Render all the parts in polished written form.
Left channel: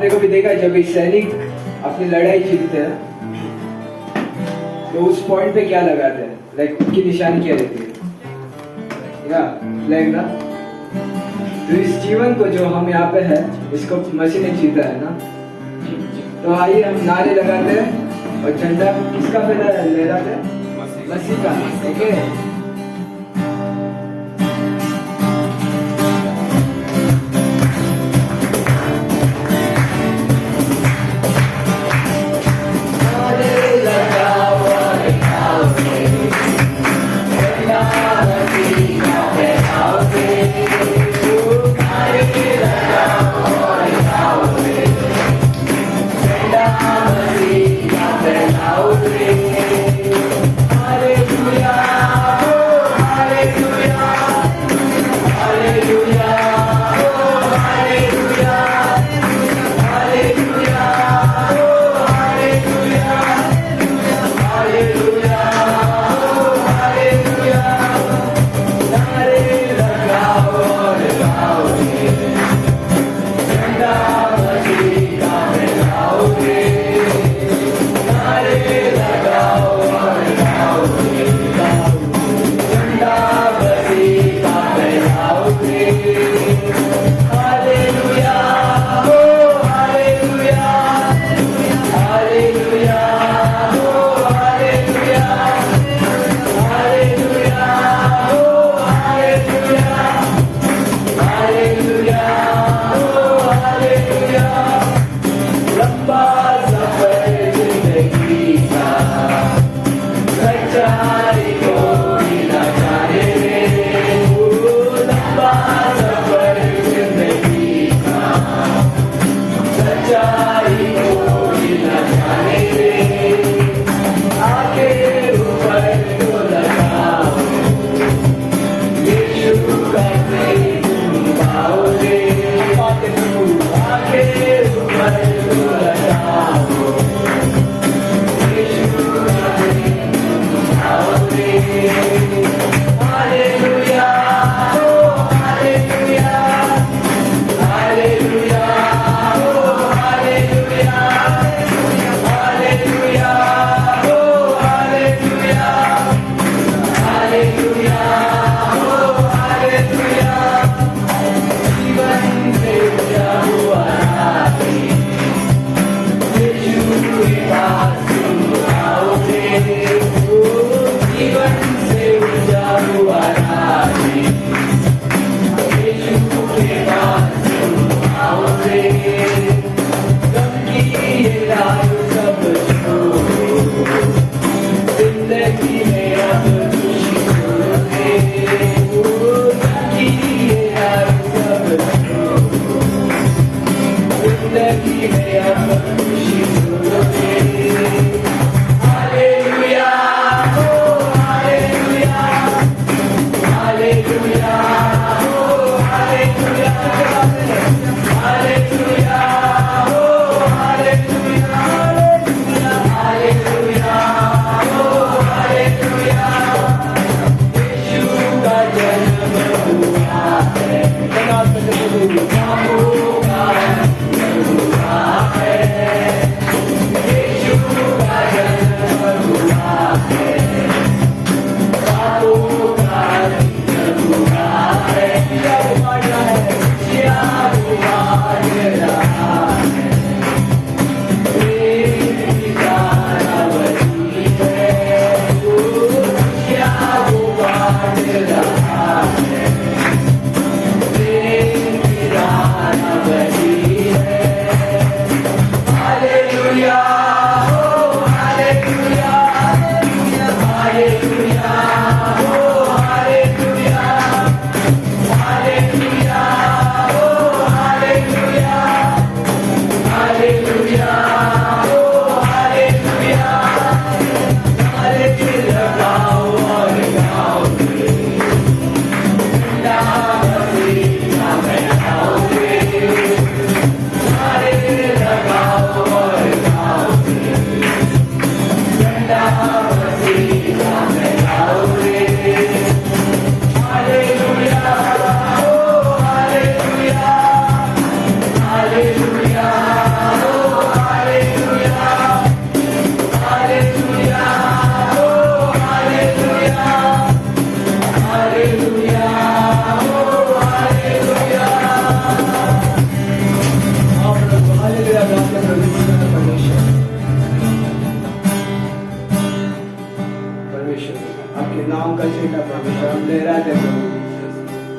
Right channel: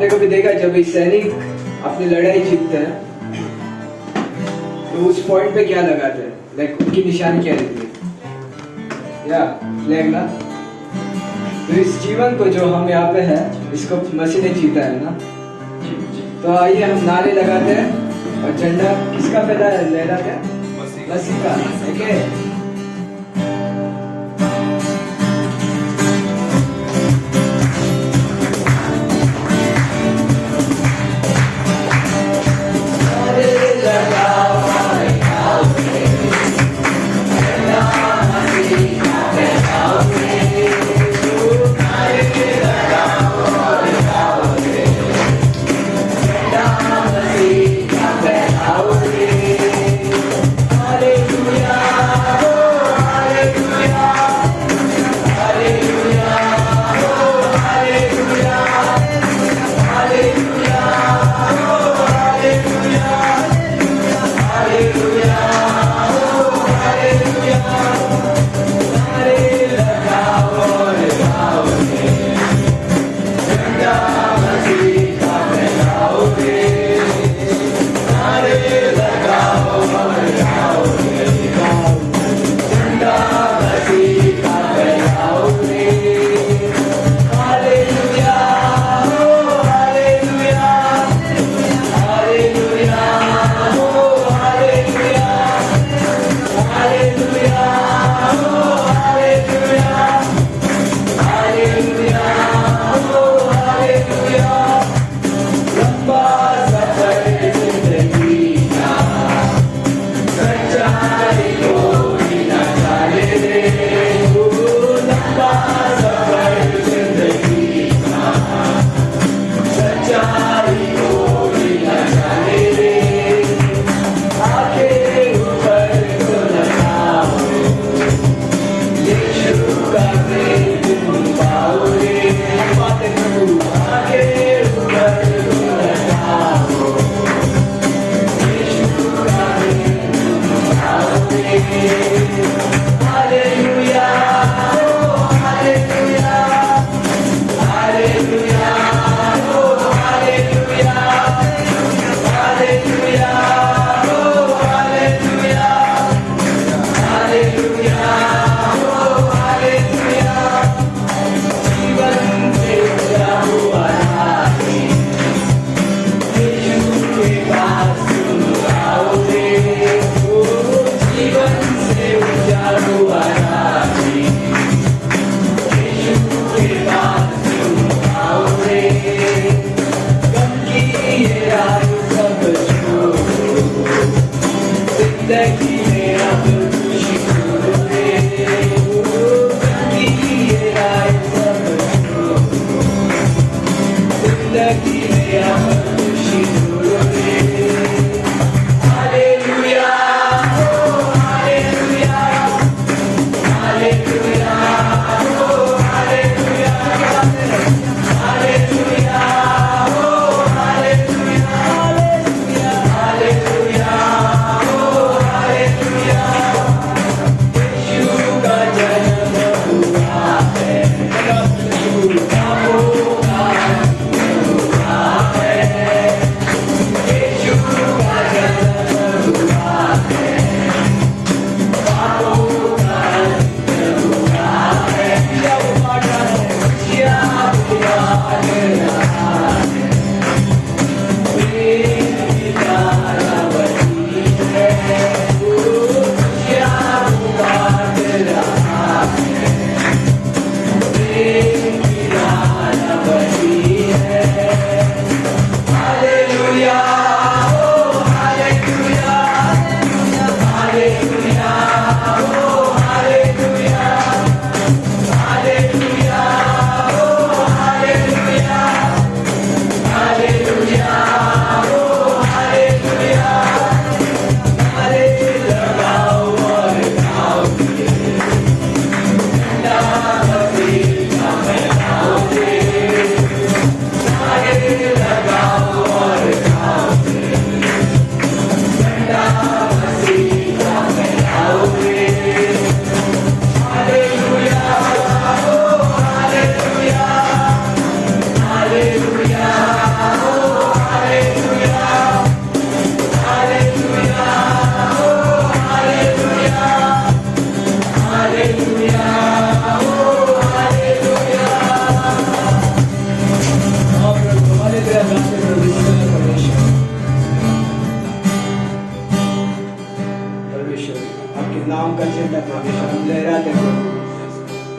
आपने कभी देखा जब एक सैनिक अपनी लड़ाई जीतते हैं तो उस पॉइंट पे क्या लगाते हैं, लाइक उनकी निशानी क्या रहती है, या फ्लैग ना। तो इस जीवन को जो हम यहाँ पे है इसको मसीह ने जीता है ना। तो आइए हम नारे लगाते हैं और झंडा किसका लहराते हैं, मसीह का। ठीक है। Hallelujah.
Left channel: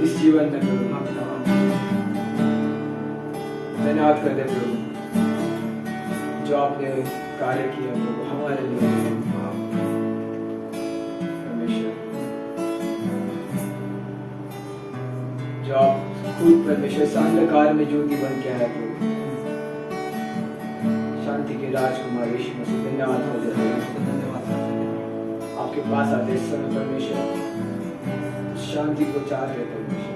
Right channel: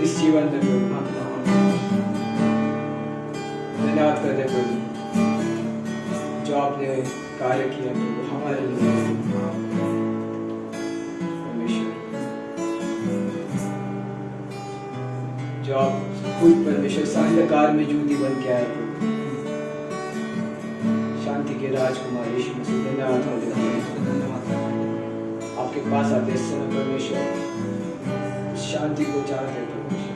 इस जीवन में प्रभु हम धन्यवाद करते प्रभु जो आपने कार्य किया प्रभु हमारे लिए परमेश्वर, जो आप खुद परमेश्वर साहित्यकार में ज्योति बन के आया प्रभु, शांति के राजकुमार यीशु मसीह धन्यवाद हो जाए। आपके पास आते समय परमेश्वर शांति को चाहते परमेश्वर,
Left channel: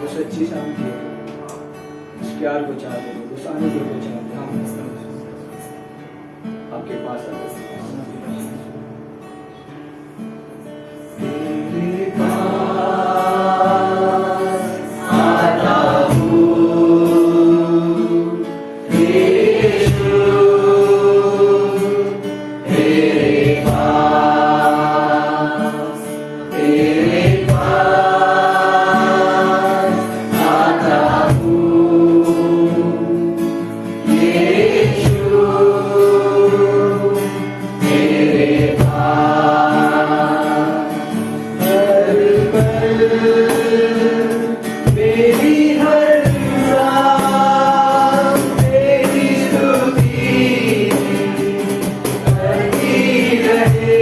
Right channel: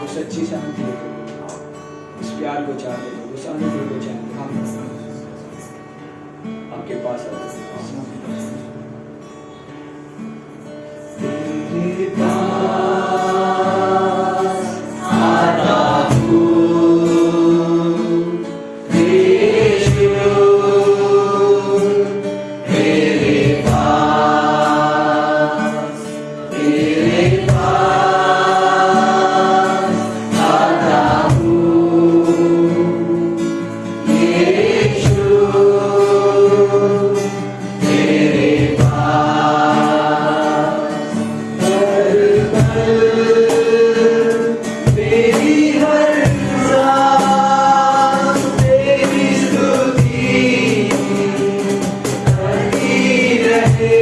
वो सच्ची शांति है, उस प्यार को चाहते, उस आनंद को चाहते, आपके पास आते तेरे पास आता हूँ यीशु, तेरे पास आता हूँ यीशु, तेरे पास हर पल मेरी हर सांस तेरी स्तुति करती रहे,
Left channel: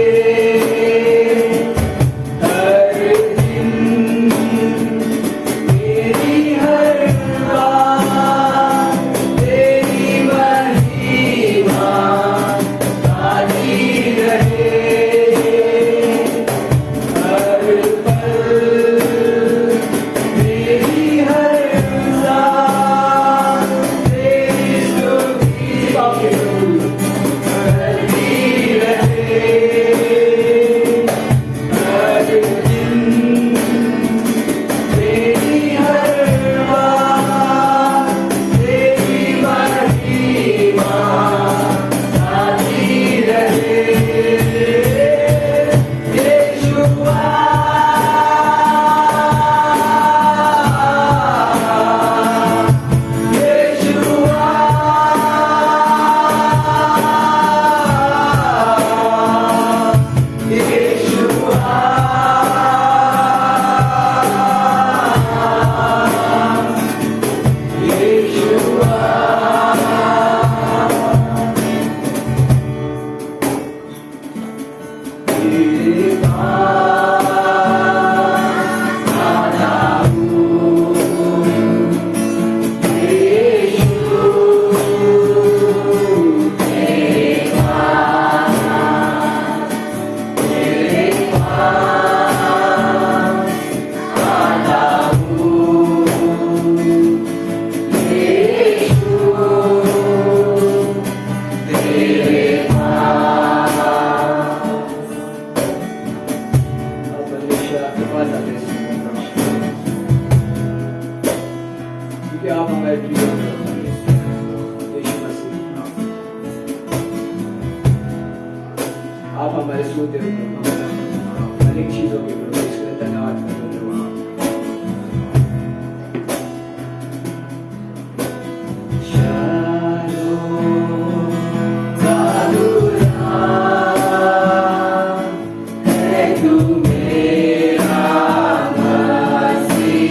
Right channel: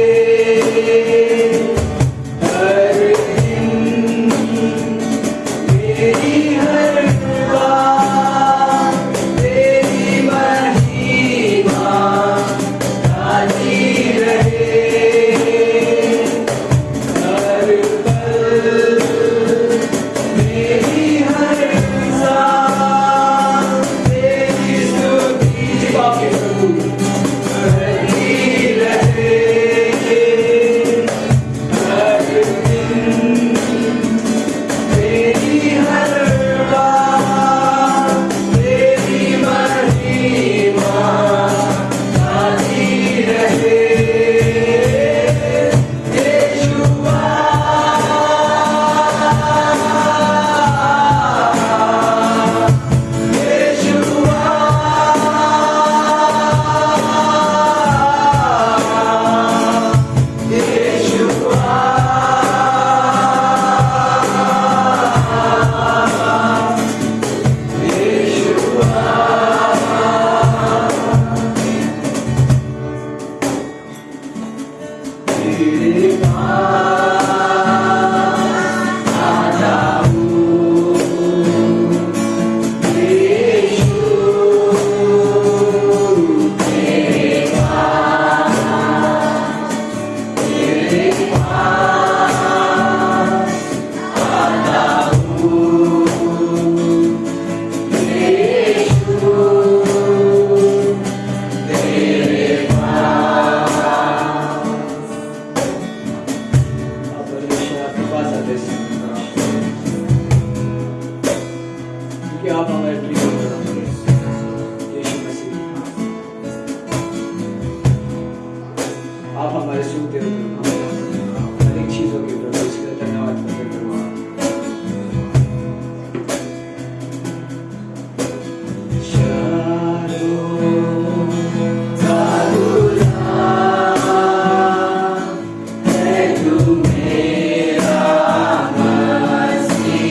हर दिन मेरी हर बात तेरी महिमा गाती रहे, हर पल मेरी हर सांस तेरी स्तुति करती रहे, हर दिन मेरी हर बात तेरी महिमा गाती रहे, यीशुआ तेरे पास आता हूँ यीशु, तेरे पास आता हूँ यीशु, तेरे परमेश्वर आपके पास आते हैं क्योंकि आप हमारे प्रिय हो यीशु मसीह, आप हमारे सूते हो हर एक चीजों के प्रभु, इसके लिए धन्यवाद करते हैं। मेरा मसीहा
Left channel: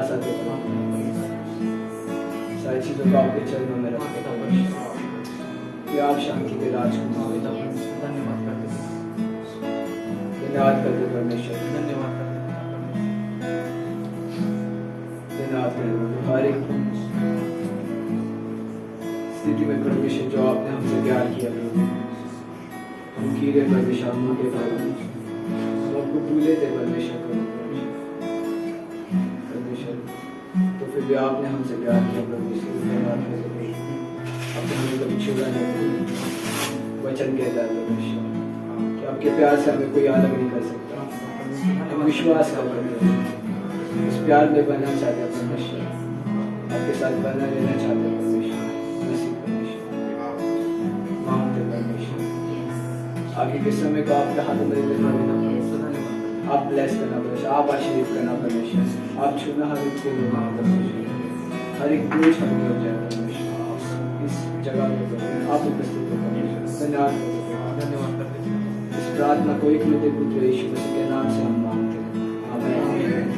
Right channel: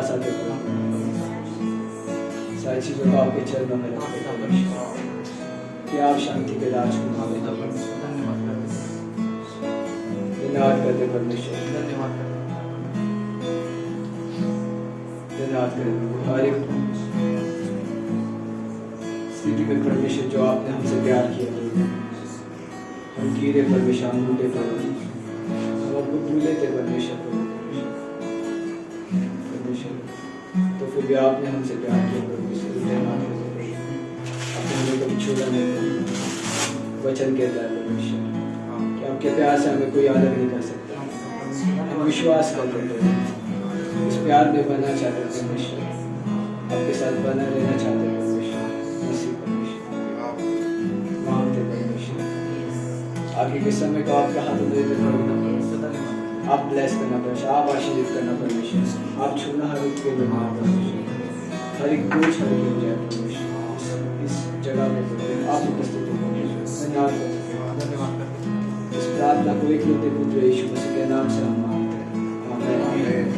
पास आते करो, सारी चीजों को आपके चरणों में रखते परमेश्वर कि आप शांति के राजकुमार हो। धन्यवाद करते परमेश्वर, धन्यवाद करते हर एक स्थिति में परमेश्वर जो आपने हमसे प्यार किया, हम गिरे परमेश्वर, हम टूटे हम आपको भूले थे परमेश्वर, तो फिर भी आपने हमसे प्यार किया परमेश्वर। धन्यवाद करते, आपने हमें कभी छोड़ा नहीं। वचन कहता है परमेश्वर कि आपके प्यार से हमें कोई अलग नहीं कर सकता। हम विश्वास करते हैं, उस प्यार में बनना चाहते हैं परमेश्वर, आपके साथ बना रहना चाहते हैं परमेश्वर। मांगते परमेश्वर, आगे के समय को आपके हाथों में देते करना, आप ब्लेस करना परमेश्वर, आप आशीर्वाद करना परमेश्वर, आप छूना हर एक के लिए हर एक बोझ हर हो जाए परमेश्वर। इस जगह में आप उपस्थित हो परमेश्वर, धन्यवाद करते हैं। इस प्रार्थना को एक लौटे पुत्र यीशु मसीह के नाम से हम मांगते हैं, आमीन।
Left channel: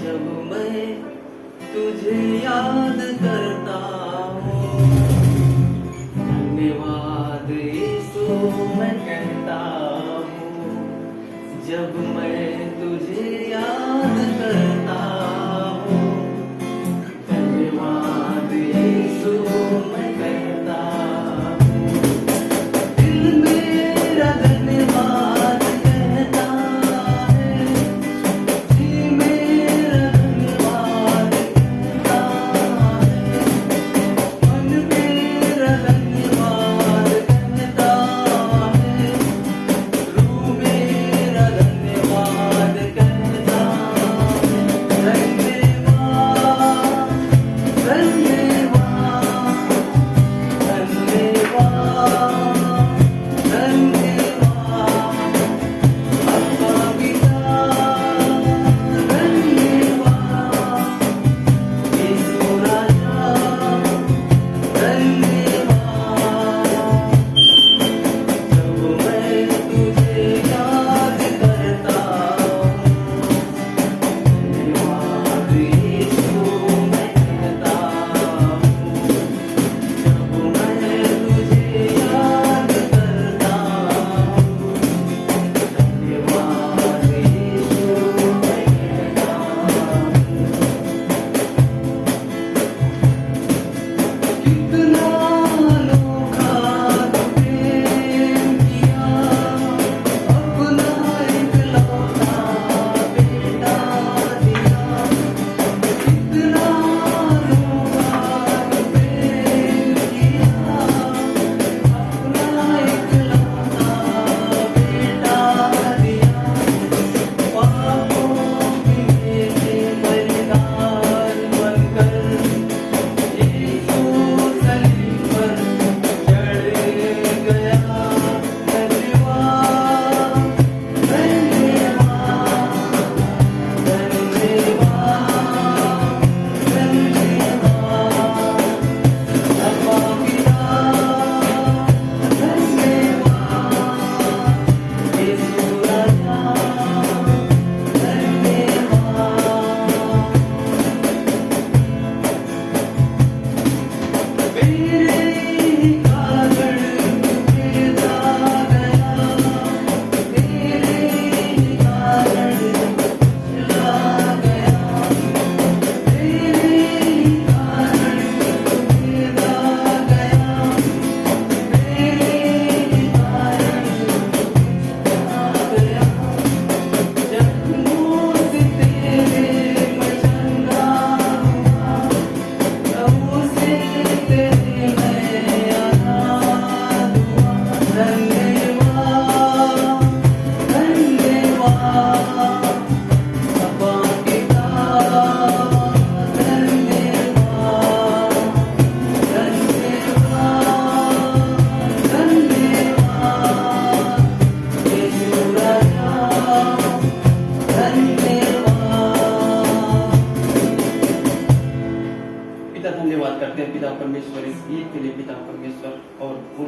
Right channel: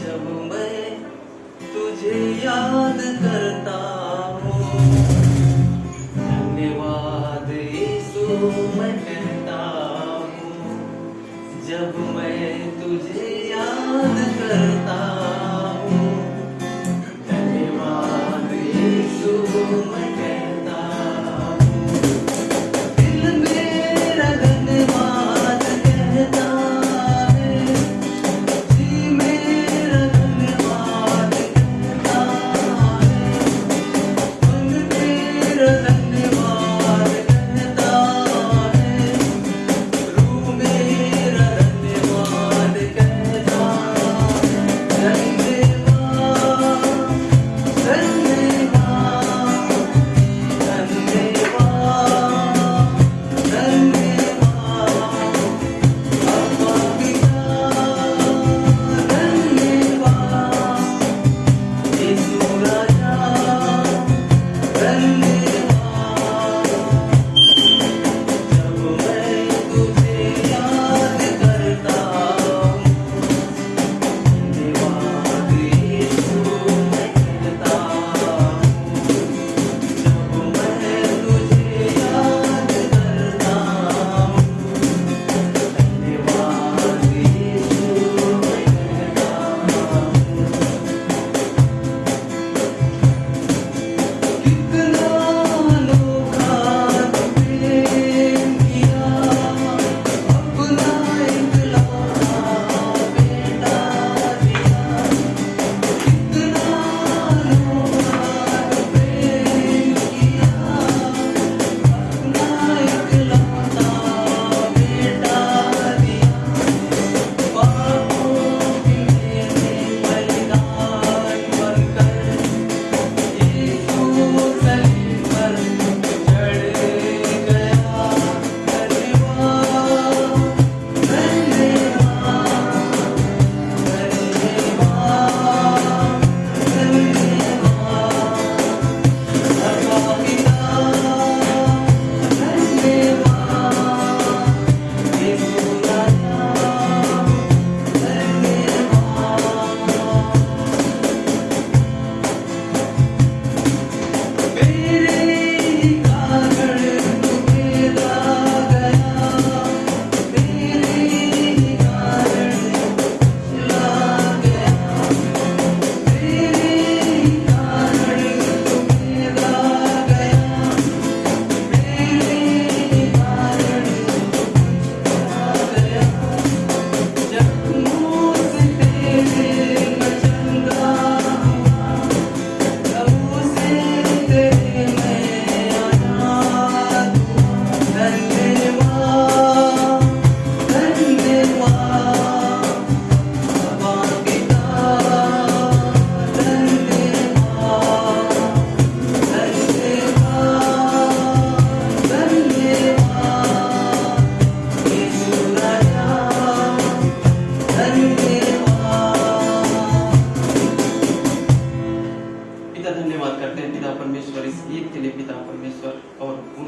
जब मैं तुझे याद करता हूँ, धन्यवाद यीशु मैं कहता हूँ। जब मैं तुझे याद करता हूँ, धन्यवाद यीशु मैं कहता हूँ। दिल मेरा धन्यवाद कहता है, जी मेरा धन्यवाद कहता है, मन मेरा धन्यवाद कहता है, रूह मेरा धन्यवाद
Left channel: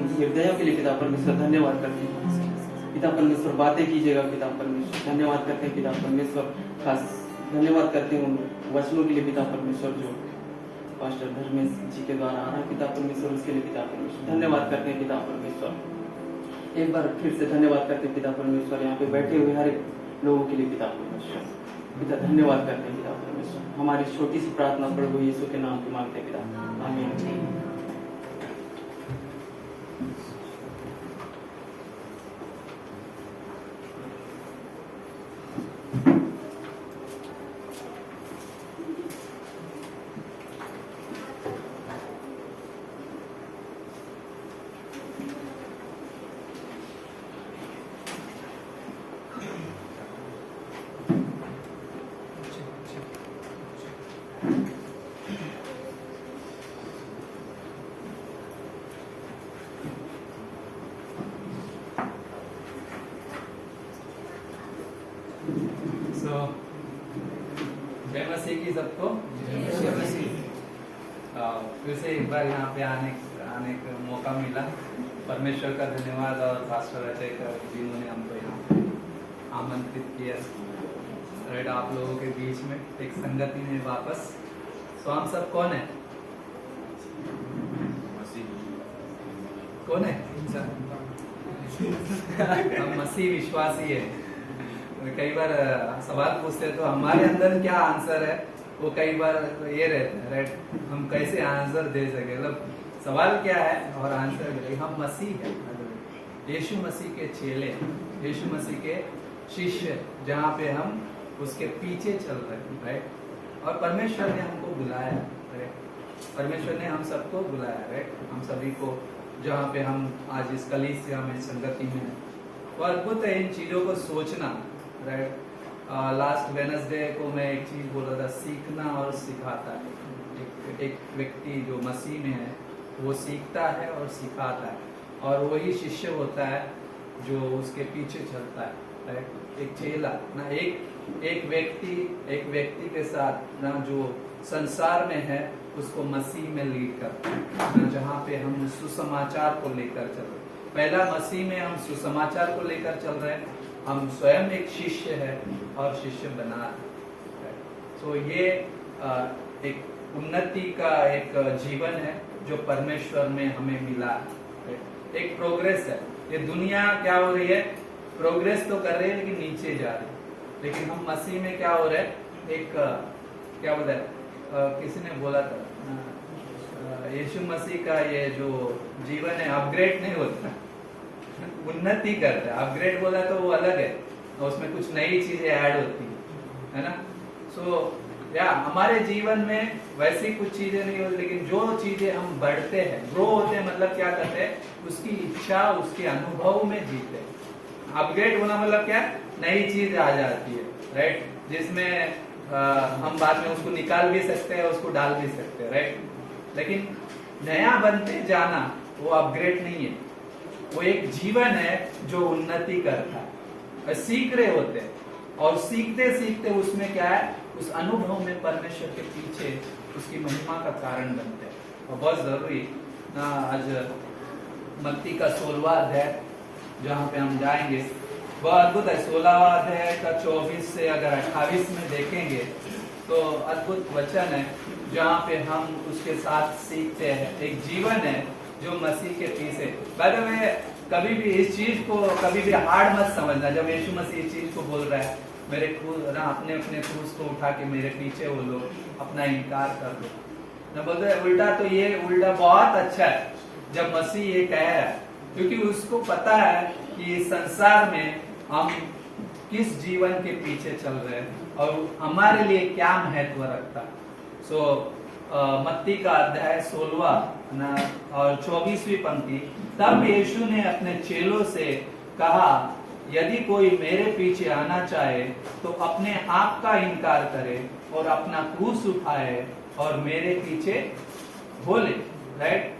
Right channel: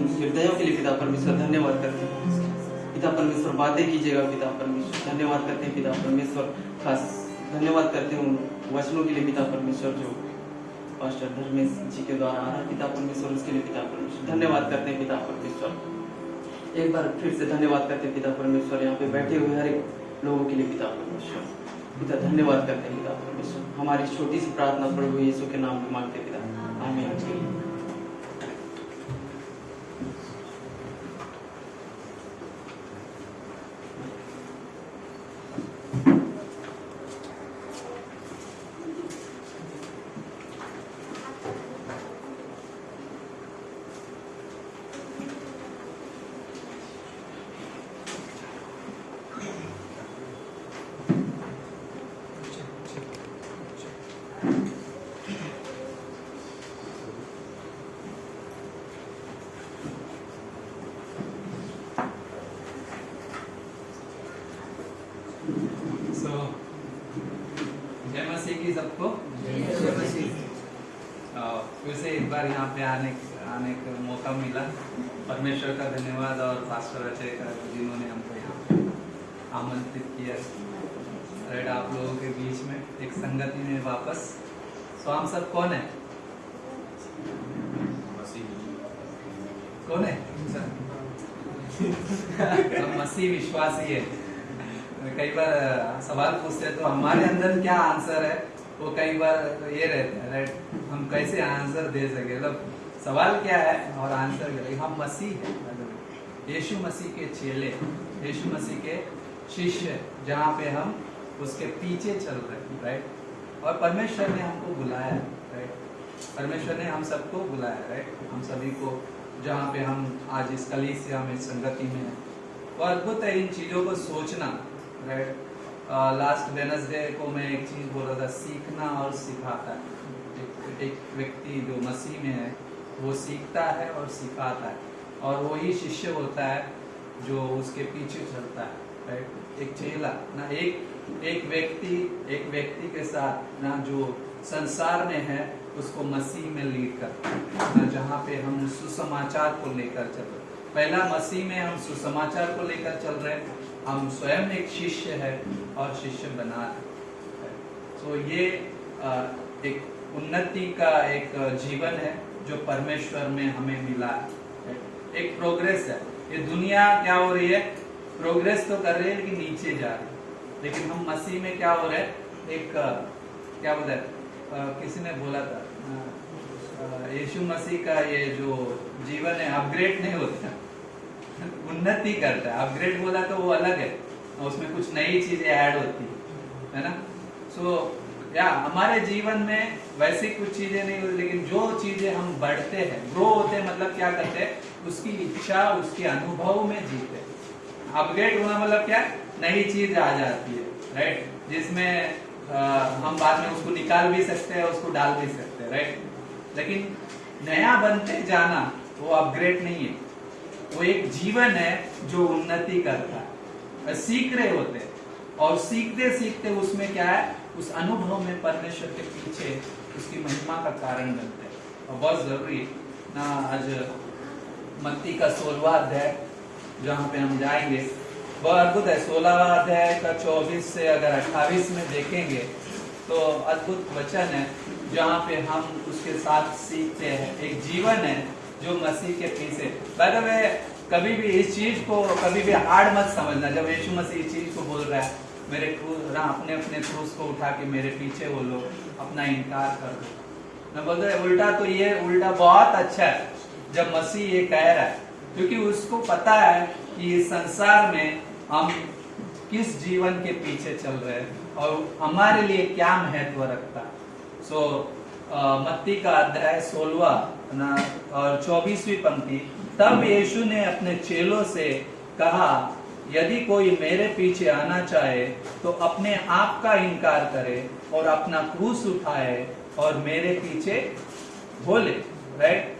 उन हृदयों के लिए पिता परमेश्वर धन्यवाद करते हैं। पिता परमेश्वर बातें कीजिएगा पिता परमेश्वर, धन्यवाद करते हैं पिता परमेश्वर। खास धन्यवाद करते हैं उन वचनों के लिए पिता परमेश्वर जो पास्टर धर्मेश जी के द्वारा आ रहा है पिता परमेश्वर, उसके लिए पिता परमेश्वर धन्यवाद करते हैं पिता परमेश्वर। एक बार फिर से धन्यवाद करते हैं पिता परमेश्वर, यहाँ पे बैठे हुए हर एक लोगों के लिए पिता परमेश्वर। पिता धन्यवाद करते हैं पिता परमेश्वर। हमारी छोटी सी प्रार्थना प्रभु यीशु के नाम में मांगते हैं पिता, आमीन। जय मसीह की सबको। फिर से एक बार यहाँ पे आने का मौका मिला। परमेश्वर का धन्यवाद और पास्टर अजय का जिन्होंने हमको यहाँ पे आमंत्रित किया। राइट, आप लोगों के बीच में एक संगति में वापस। तो हम सब कौन है? कौन है? हम मसीह विश्वासी है। कई बार सवाल पूछते हैं तो हमारे अंदर क्या आंसर है वो कई बार ये रहता है। राइट, हम कैसे आंसर दे सके, मतलब सवाल क्या है और आंसर क्या है। हम मसीह है, यीशु मसीह के चेले, यीशु मसीह के शिष्य, जहाँ पे हम उसके पीछे चल रहे हैं। राइट, और परमेश्वर ने हमको बुलाया। राइट, परमेश्वर ने हम सबको बुलाया। राइट, हम सभी को जहाँ पे हम आज इस कलीसिया में संगति में है, वो अद्भुत है इन चीजों को सोचना। राइट, लास्ट वेडनेसडे को मैं एक चीज बोल रहा था, सीखना और सिखाता है। एक व्यक्ति जो मसीह में है वो सीखता है और सिखाता है, और वही शिष्य होता है जो उसके पीछे चलता है। राइट, एक चेला ना, एक व्यक्ति के साथ ना जो संसार में है उसको मसीह में लीड करता है ना, जहाँ पे हम सुसमाचार को लेकर चल रहे हैं। पहला मसीह में हम सुसमाचार को लेकर चल रहे हैं, हम स्वयं एक शिष्य है और शिष्य बना रहे हैं। तो ये एक उन्नति का एक जीवन है जो परमेश्वर में हमें मिला है। एक प्रोग्रेस है। ये दुनिया क्या हो रही है? प्रोग्रेस तो कर रही है लेकिन नीचे जा रही है। लेकिन हम मसीह में क्या हो रहे हैं? एक क्या बोलते हैं, किसी ने बोला था, यीशु मसीह का ये जो जीवन है अपग्रेड नहीं होता, उन्नति करता है। अपग्रेड बोला तो वो अलग है, उसमें कुछ नई चीजें ऐड होती है ना। सो या हमारे जीवन में वैसी कुछ चीजें नहीं होती, लेकिन जो चीजें हम बढ़ते हैं, ग्रो होते हैं, मतलब क्या करते हैं, उसकी इच्छा, उसके अनुभव में जीते हैं। अपग्रेड होना मतलब क्या? नई चीज आ जाती है। राइट, जिसमें हम बाद में उसको निकाल भी सकते हैं, उसको डाल भी सकते हैं। राइट, लेकिन नया बनते जाना वो अपग्रेड नहीं है, वो एक जीवन है जो उन्नति करता है। सीख रहे होते हैं और सीखते सीखते उसमें क्या है, उस अनुभव में परमेश्वर के पीछे उसकी महिमा का कारण बनते हैं। और बहुत जरूरी ना, आज मत्ती का 16वां अध्याय जहाँ पे हम जाएंगे, बहुत अद्भुत है। 16वां अध्याय का 24 से अगर 28 में देखेंगे तो अद्भुत वचन है, जहाँ पे हम उसके साथ सीखते हैं। एक जीवन है जो मसीह के पीछे। बाय द वे, कभी भी इस चीज को कभी भी हार्ड मत समझना। जब यीशु मसीह इस चीज को बोल रहा है, मेरे क्रूज ना, अपने क्रूज को उठा के मेरे पीछे वो लोग अपना इनकार कर दो, मैं बोलता है उल्टा। तो ये उल्टा बहुत अच्छा है जब मसीह ये कह रहा है, क्योंकि उसको पता है कि इस संसार में हम किस जीवन के पीछे चल रहे हैं और हमारे लिए क्या महत्व रखता है। मत्ती का अध्याय 16वां ना और 24वीं पंक्ति, तब यीशु ने अपने चेलों से कहा, यदि कोई मेरे पीछे आना चाहे तो अपने आप का इनकार करे और अपना क्रूस उठाए और मेरे पीछे बोले। राइट,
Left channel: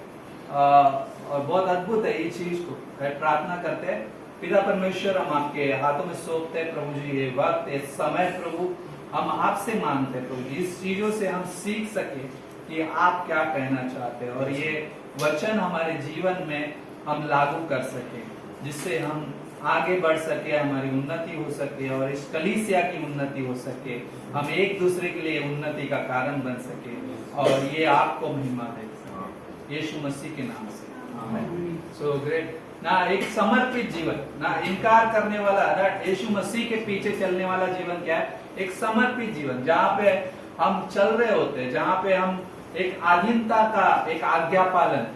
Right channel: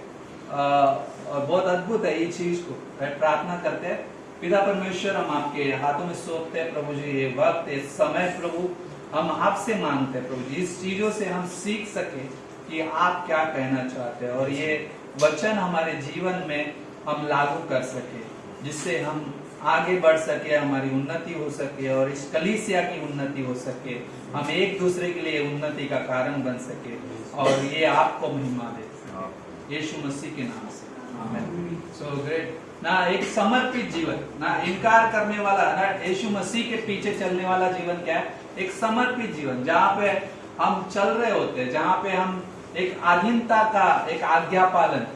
और बहुत अद्भुत है ये चीज को। प्रार्थना करते हैं, पिता परमेश्वर, हम आपके हाथों में सौंपते हैं प्रभु जी ये वक्त, ये समय प्रभु, हम आपसे मांगते हैं प्रभु जी, इस चीजों से हम सीख सके कि आप क्या कहना चाहते हैं और ये वचन हमारे जीवन में हम लागू कर सके, जिससे हम आगे बढ़ सके, हमारी उन्नति हो सके और इस कलीसिया की उन्नति हो सके, हम एक दूसरे के लिए उन्नति का कारण बन सके और ये आपको महिमा दे सके, यीशु मसीह के नाम से आमीन। सो ग्रेट ना, एक समर्पित जीवन ना, इनकार करने वाला ना, यीशु मसीह के पीछे चलने वाला जीवन क्या है? एक समर्पित जीवन, जहाँ पे हम चल रहे होते हैं, जहाँ पे हम एक अधीनता का एक आज्ञा पालन,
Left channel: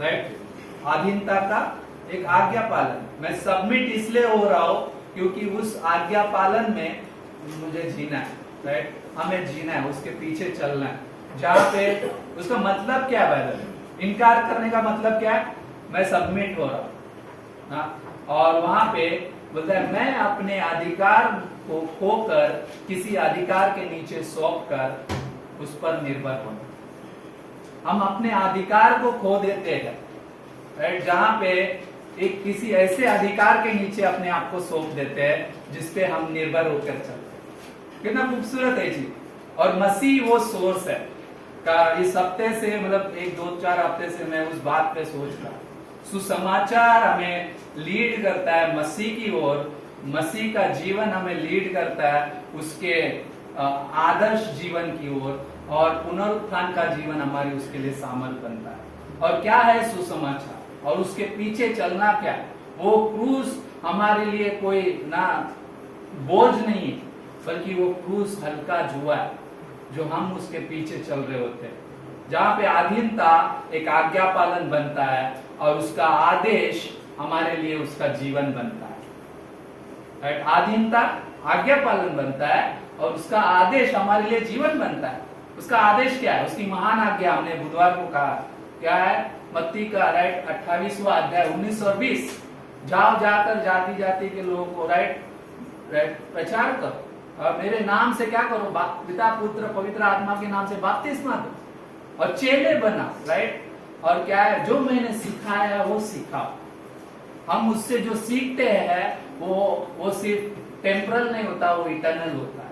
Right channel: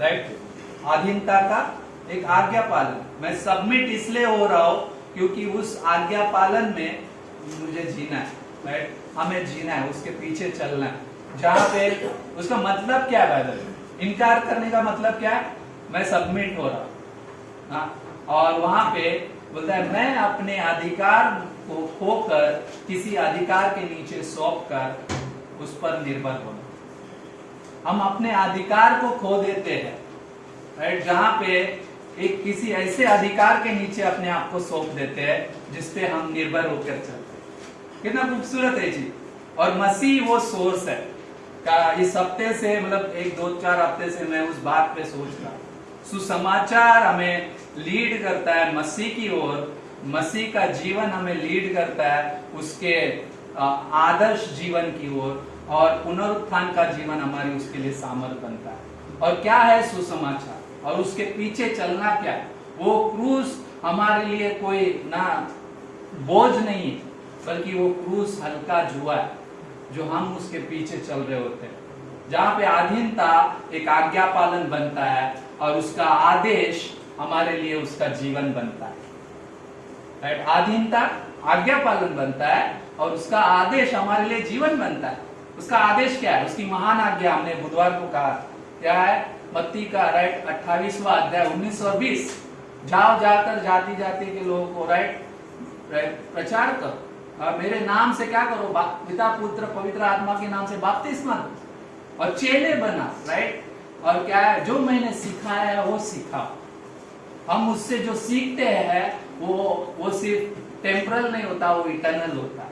राइट, अधीनता का एक आज्ञा पालन, मैं सबमिट इसलिए हो रहा हूं क्योंकि उस आज्ञा पालन में मुझे जीना है, राइट, हमें जीना है, उसके पीछे चलना है। जहाँ पे उसका मतलब क्या है? भाई इनकार करने का मतलब क्या है? मैं सबमिट हो रहा हूं, और वहां पे बोलता है मैं अपने अधिकार को खोकर किसी अधिकार के नीचे सौंप कर उस पर निर्भर हो। हम अपने अधिकार को खो देते हैं, राइट, जहां पे एक किसी ऐसे अधिकार के नीचे अपने आप को सौंप देते हैं जिसपे हम निर्भर होकर चलते हैं। कितना खूबसूरत है जी। और मसीह वो सोर्स है का इस हफ्ते से, मतलब एक 2-4 हफ्ते से मैं उस बात पे सोच रहा। सुसमाचार हमें लीड करता है मसीह की ओर, मसीह का जीवन हमें लीड करता है उसके आदर्श जीवन की ओर, और पुनरुत्थान का जीवन हमारी उसके लिए सामर्थ बनता है। और क्या है सुसमाचार और उसके पीछे चलना क्या है? वो क्रूस हमारे लिए कोई ना बोझ नहीं है, बल्कि वो क्रूस हल्का जुआ है जो हम उसके पीछे चल रहे होते हैं, जहाँ पे अधीनता एक आज्ञा पालन बनता है और उसका आदेश हमारे लिए उसका जीवन बनता है, राइट। अधीनता आज्ञा पालन बनता है और उसका आदेश हमारे लिए जीवन बनता है। उसका आदेश क्या है? उसकी महान आज्ञा हमने बुधवार को कहा क्या है? मत्ती का, राइट, 28वां अध्याय 19 और 20, जाओ जाकर जाति जाति के लोगों को, राइट, प्रचार करो और मेरे नाम से क्या करो? पिता पुत्र पवित्र आत्मा के नाम से बपतिस्मा दो और चेले बना, राइट। और क्या है? जो मैंने सिखाया है वो सिखाओ। हम उससे जो सीखते हैं वो सिर्फ टेम्परल नहीं होता, वो इटर्नल होता है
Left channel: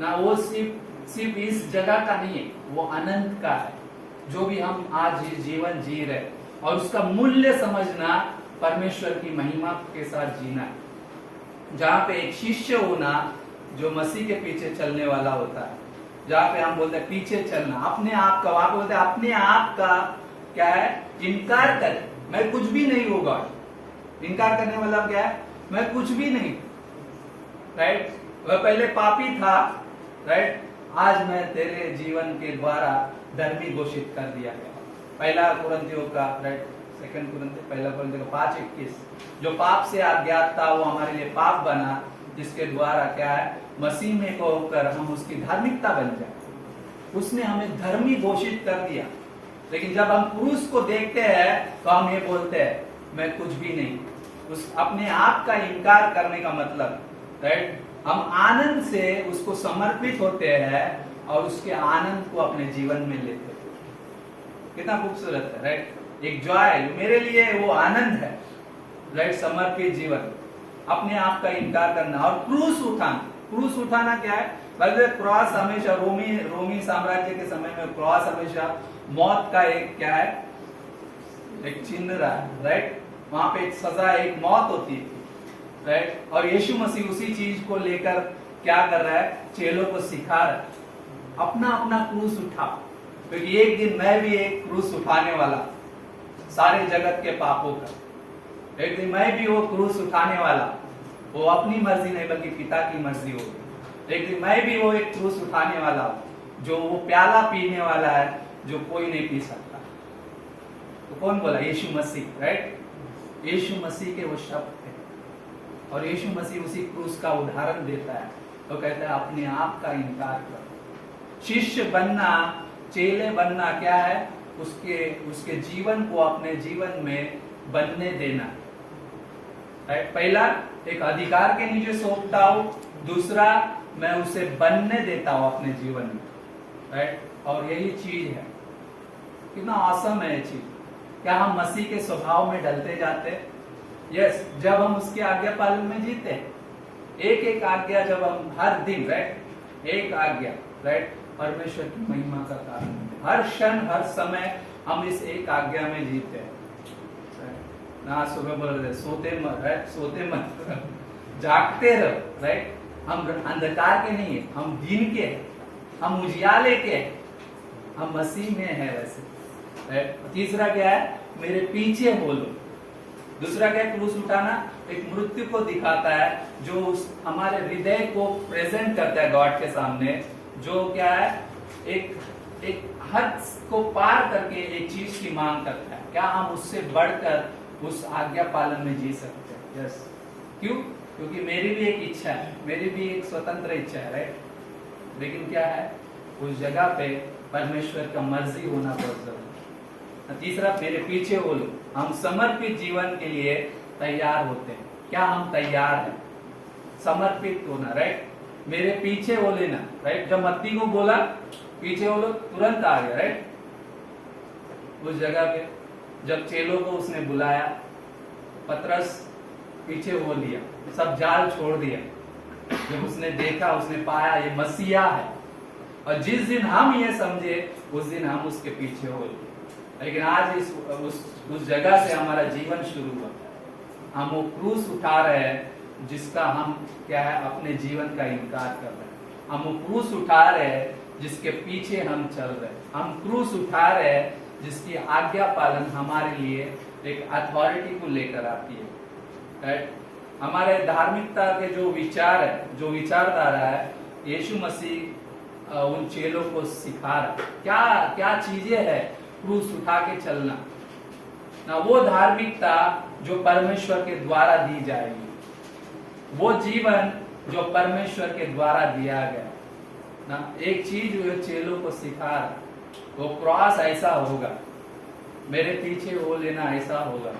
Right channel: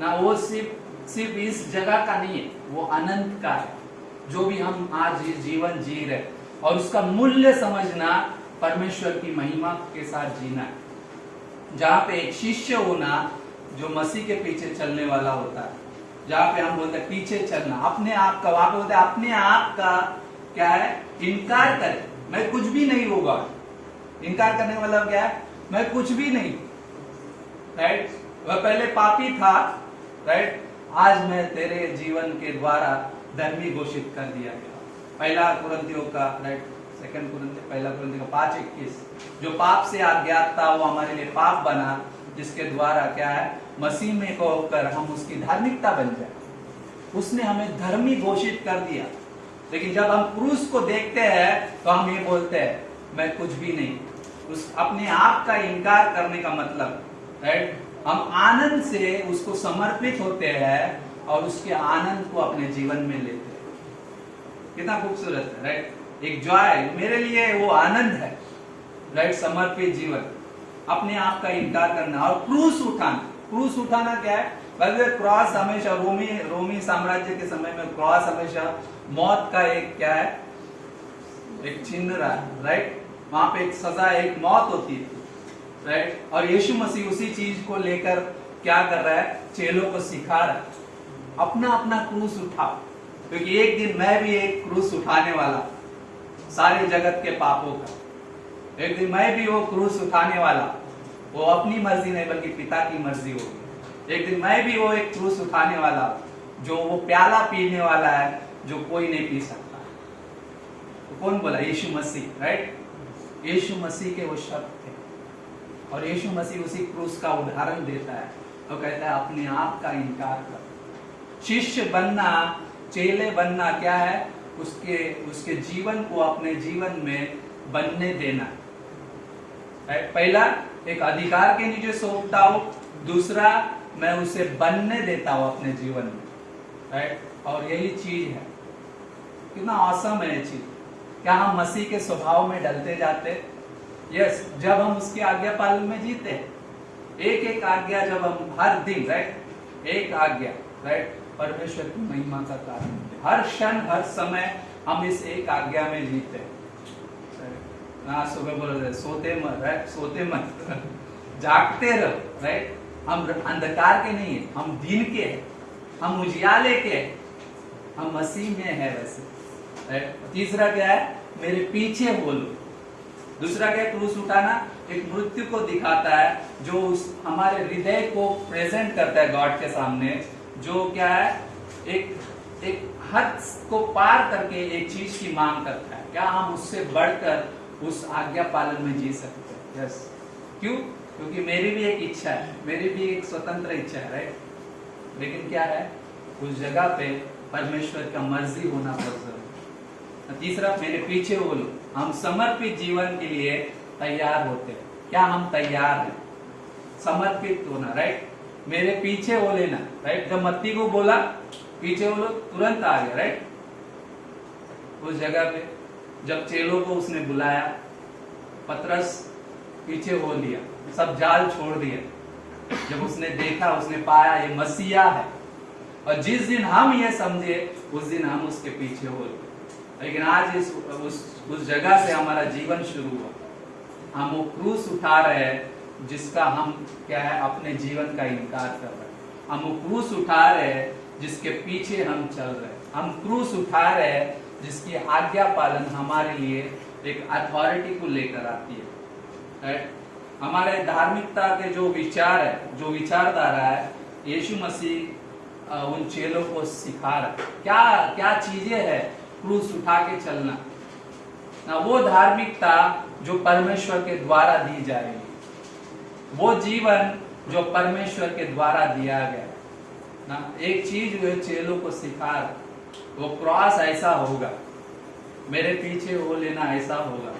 ना। वो सिर्फ इस जगह का नहीं है, वो अनंत का है। जो भी हम आज जीवन जी रहे और उसका मूल्य समझना, परमेश्वर की महिमा के साथ जीना है। जहाँ पे एक शिष्य होना जो मसीह के पीछे चलने वाला होता है, जहाँ पे हम बोलते हैं पीछे चलना, अपने आप का, वहां पे बोलते हैं अपने आप का क्या है? इनकार करें, मैं कुछ भी नहीं होगा। इनकार करने का मतलब क्या है? मैं कुछ भी नहीं, राइट। वह पहले पापी था, राइट, आज मैं तेरे जीवन के द्वारा धर्मी घोषित कर दिया गया। पहला कुरिन्थियों का, राइट, सेकंड कुरिन्थियों, पहला कुरिन्थियों का 5:21, जो पाप से अज्ञात था वो हमारे लिए पाप बना, जिसके द्वारा क्या है? मसीह में को होकर हम उसकी धार्मिकता बन जाए। उसने हमें धर्मी घोषित कर दिया। लेकिन जब हम क्रूस को देखते हैं तो हम ये बोलते हैं मैं कुछ भी नहीं। उस अपने आप का इनकार करने का मतलब, राइट, हम आनंद से उसको समर्पित होते हैं और उसके आनंद को अपने जीवन में लेते हैं। कितना खूबसूरत है, राइट। एक जॉय, मेरे लिए वो आनंद है, राइट, समर्पित जीवन, अपने आप का इनकार करना और क्रूस उठाना। क्रूस उठाना क्या है? बल्कि क्रॉस हमेशा रोमी साम्राज्य के समय में क्रॉस हमेशा मौत का एक क्या है? एक चिन्ह रहा है, राइट। वहां पे एक सजा, एक मौत होती है, राइट। और यीशु मसीह उसी चीज को लेकर क्या कर रहा है? चेलों को सिखा रहा है, अपना अपना क्रूस उठाओ, क्योंकि एक दिन मैं भी एक क्रूस उठाने वाला, सारे जगत के पापों का। एक दिन मैं भी वो क्रूस उठाने वाला, वो अपनी मर्जी नहीं बल्कि पिता की मर्जी होगी। एक दिन मैं भी वो एक क्रूस उठाने वाला, जो वो प्याला पीने वाला है जो कोई नहीं पी सकता। तो कौन बोला? यीशु मसीह, राइट। यीशु मसीह के वो शब्द थे और यीशु मसीह उसी क्रूस का उदाहरण देता है। तो कहता है अपने आप का इनकार कर। शिष्य बनना, चेले बनना क्या है? उसके जीवन को अपने जीवन में बनने देना, राइट। पहला एक अधिकार के नीचे सौंपता हूं, दूसरा मैं उसे बनने देता हूं अपने जीवन में, राइट। और यही चीज है, कितना ऑसम है ये चीज। क्या हम मसीह के स्वभाव में ढलते जाते? यस, जब हम उसके आज्ञा पालन में जीते हैं। एक एक आज्ञा जब हम हर दिन, राइट, एक आज्ञा, राइट, परमेश्वर की महिमा का कारण है। हर क्षण हर समय हम इस एक आज्ञा में जीते हैं। ना सुबह बोल रहे सोते मत, राइट, सोते मत, जागते रहो, राइट। हम अंधकार के नहीं है, हम दिन के हैं, हम उजियाले के हैं, हम मसीह में है वैसे, राइट। तीसरा क्या है, मेरे पीछे बोलो। दूसरा क्या है, क्रूस उठाना एक मृत्यु को दिखाता है, जो हमारे हृदय को प्रेजेंट करता है गॉड के सामने, जो क्या है, एक हद को पार करके एक चीज की मांग करता है। क्या हम उससे बढ़कर उस आज्ञा पालन में जी सकते हैं? यस। क्यों? क्योंकि मेरी भी एक इच्छा है, मेरी भी एक स्वतंत्र इच्छा है, राइट। लेकिन क्या है, उस जगह पे परमेश्वर का मर्जी होना बहुत जरूरी है। तीसरा, मेरे पीछे बोलो। हम समर्पित जीवन के लिए तैयार होते हैं। क्या हम तैयार हैं समर्पित होना, राइट। मेरे पीछे वो लेना, राइट। जब मत्ती को बोला पीछे बोलो, तुरंत आ गया, राइट। उस जगह पे जब चेलों को उसने बुलाया, पतरस पीछे हो लिया, सब जाल छोड़ दिया। जब उसने देखा, उसने पाया ये मसीहा है, और जिस दिन हम ये समझे उस दिन हम उसके पीछे हो लिए। लेकिन आज उस जगह से हमारा जीवन शुरू हुआ। हम वो क्रूस उठा रहे हैं जिसका हम क्या है, अपने जीवन का इनकार कर रहे हैं। हम वो क्रूस उठा रहे हैं जिसके पीछे हम चल रहे हैं। हम क्रूस उठा रहे हैं जिसकी आज्ञा पालन हमारे लिए एक अथॉरिटी को लेकर आती है, राइट। हमारे धार्मिकता के जो विचार है, जो विचारधारा है, यीशु मसीह उन चेलों को सिखा रहा है। क्या क्या चीजें है क्रूस उठा के चलना ना, वो धार्मिकता जो परमेश्वर के द्वारा दी जाएगी, वो जीवन जो परमेश्वर के द्वारा दिया गया ना। एक चीज वो चेलों को सिखा रहा, वो क्रॉस ऐसा होगा, मेरे पीछे वो लेना ऐसा होगा,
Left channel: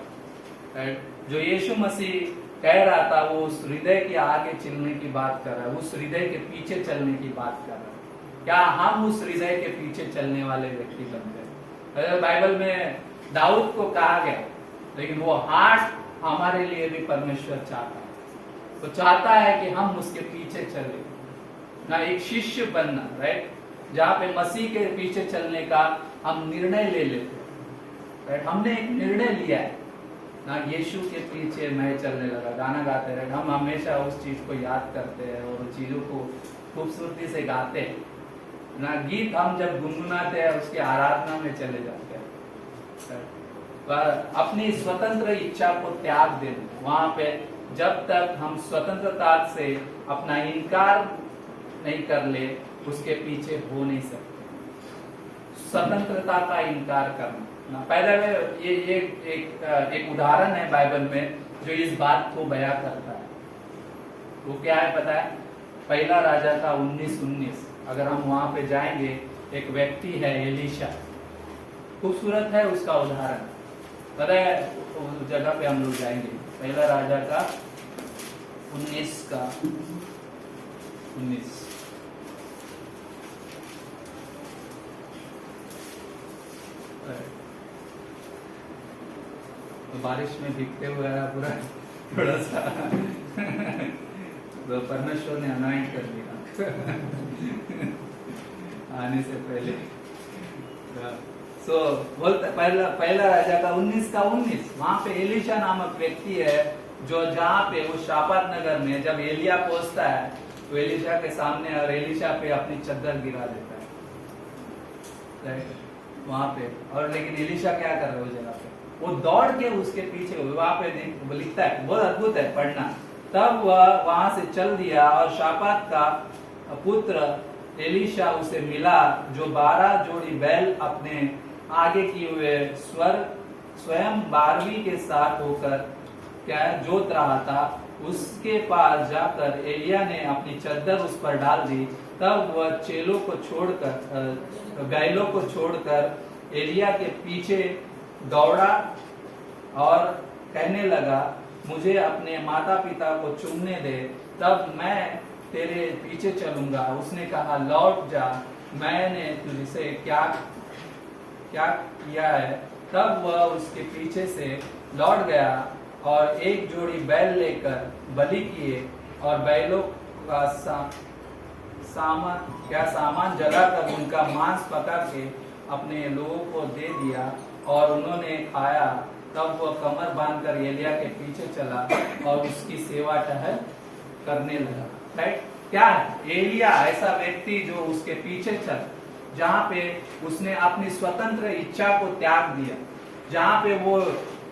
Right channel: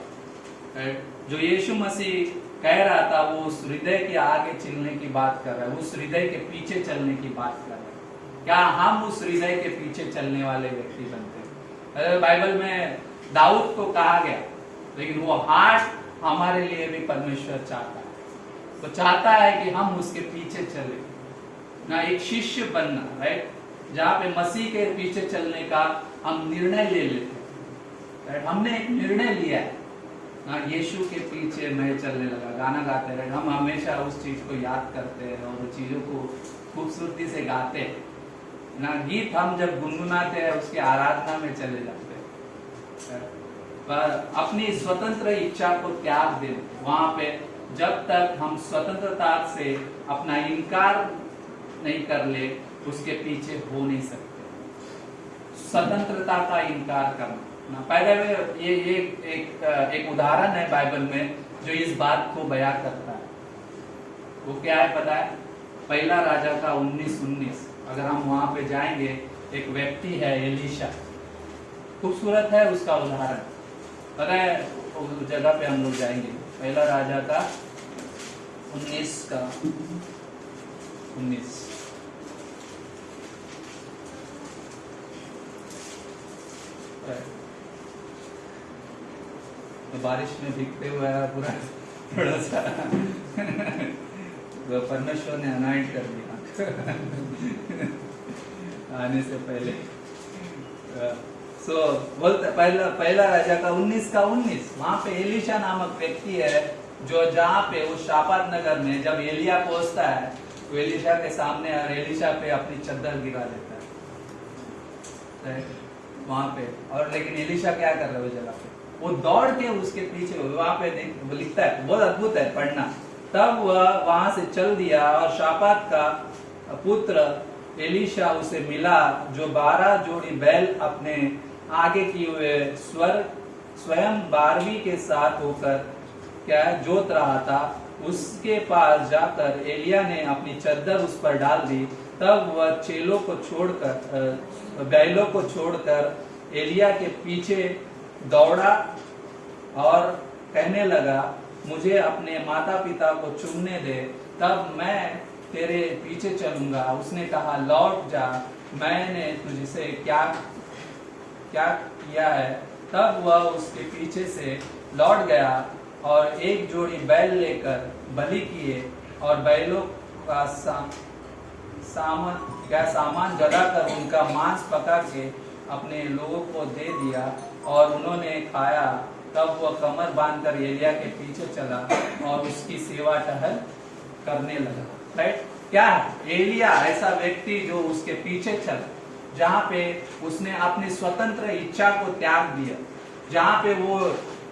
राइट। जो यीशु मसीह कह रहा था, वो उस हृदय के आगे चलने की बात कर रहा है, उस हृदय के पीछे चलने की बात कर रहा है। क्या हम उस हृदय के पीछे चलने वाले व्यक्ति बनते हैं? बाइबल में दाऊद को कहा गया, लेकिन वो हार्ट हमारे लिए भी परमेश्वर चाहता है। तो चाहता है कि हम उसके पीछे चले ना, एक शिष्य बनना, राइट। जहाँ पे मसीह के पीछे चलने का हम निर्णय ले लेते, राइट। हमने एक निर्णय लिया है ना, यीशु के पीछे मैं चलने लगा, गाना गाते रहे। हम हमेशा उस चीज को याद करते हैं और उन चीजों को खूबसूरती से गाते हैं ना। गीत हम जब गुनगुनाते हैं उसके आराधना में चले जाते हैं। पर अपनी स्वतंत्र इच्छा को त्याग देना, वहां पे जब तक हम स्वतंत्रता से अपना इनकार नहीं कर ले, उसके पीछे हो नहीं सकते। स्वतंत्रता का इनकार करना ना, पहले में ये एक उदाहरण है बाइबल में जो इस बात को बयां करता है। वो क्या है पता है? पहला राजा का 19:19। अगर हम वहां पे जाएंगे, एक व्यक्ति है एलीशा, खूबसूरत है उसका उदाहरण। अरे उस जगह पे हम लोग जाएंगे, पहला राजा का 19:19। तो बारिश में भीगते हुए पूरा थोड़ा सा तो परमेश्वर ने अनॉइंट कर दिया आने से पहले। सो बोलते पहला राजा का 19:19। वहां पे एलीशा नामक व्यक्ति है, जो जहाँ पे उस शापात नगर में जब एलिया पहुंचता है, तो एलीशा के सामने और एलीशा पे अपनी चद्दर गिरा लेता है वहां पे। और लेकिन एलीशा क्या कर रहे हैं उस जगह पे? वो दौड़ के उसके पीछे, वहां पे लिखता है, बहुत अद्भुत है पढ़ना। तब वह वहां से चल दिया और शापात का पुत्र एलीशा उसे मिला, जो 12 जोड़ी बैल अपने आगे किए हुए स्वयं 12वीं के साथ होकर क्या जोत रहा था। उसके पास जाकर एलिया ने अपनी चद्दर उस पर डाल दी। तब वह चेलों को छोड़कर, बैलों को छोड़कर एलिया के पीछे दौड़ा और कहने लगा, मुझे अपने माता पिता को चुनने दे, तब मैं तेरे पीछे चलूंगा। उसने कहा, लौट जा, मैंने तुझसे क्या किया है। तब वह उसके पीछे से लौट गया और एक जोड़ी बैल लेकर बलि किए और बैलों का सामान जलाकर उनका मांस पका के अपने लोगों को दे दिया और उन्होंने खाया। तब वह कमर बांधकर एलिया के पीछे चला और उसकी सेवा टहल करने लगा। राइट, क्या है एलिया ऐसा व्यक्ति जो उसके पीछे चला, जहां पे उसने अपनी स्वतंत्र इच्छा को त्याग दिया, जहां पे वो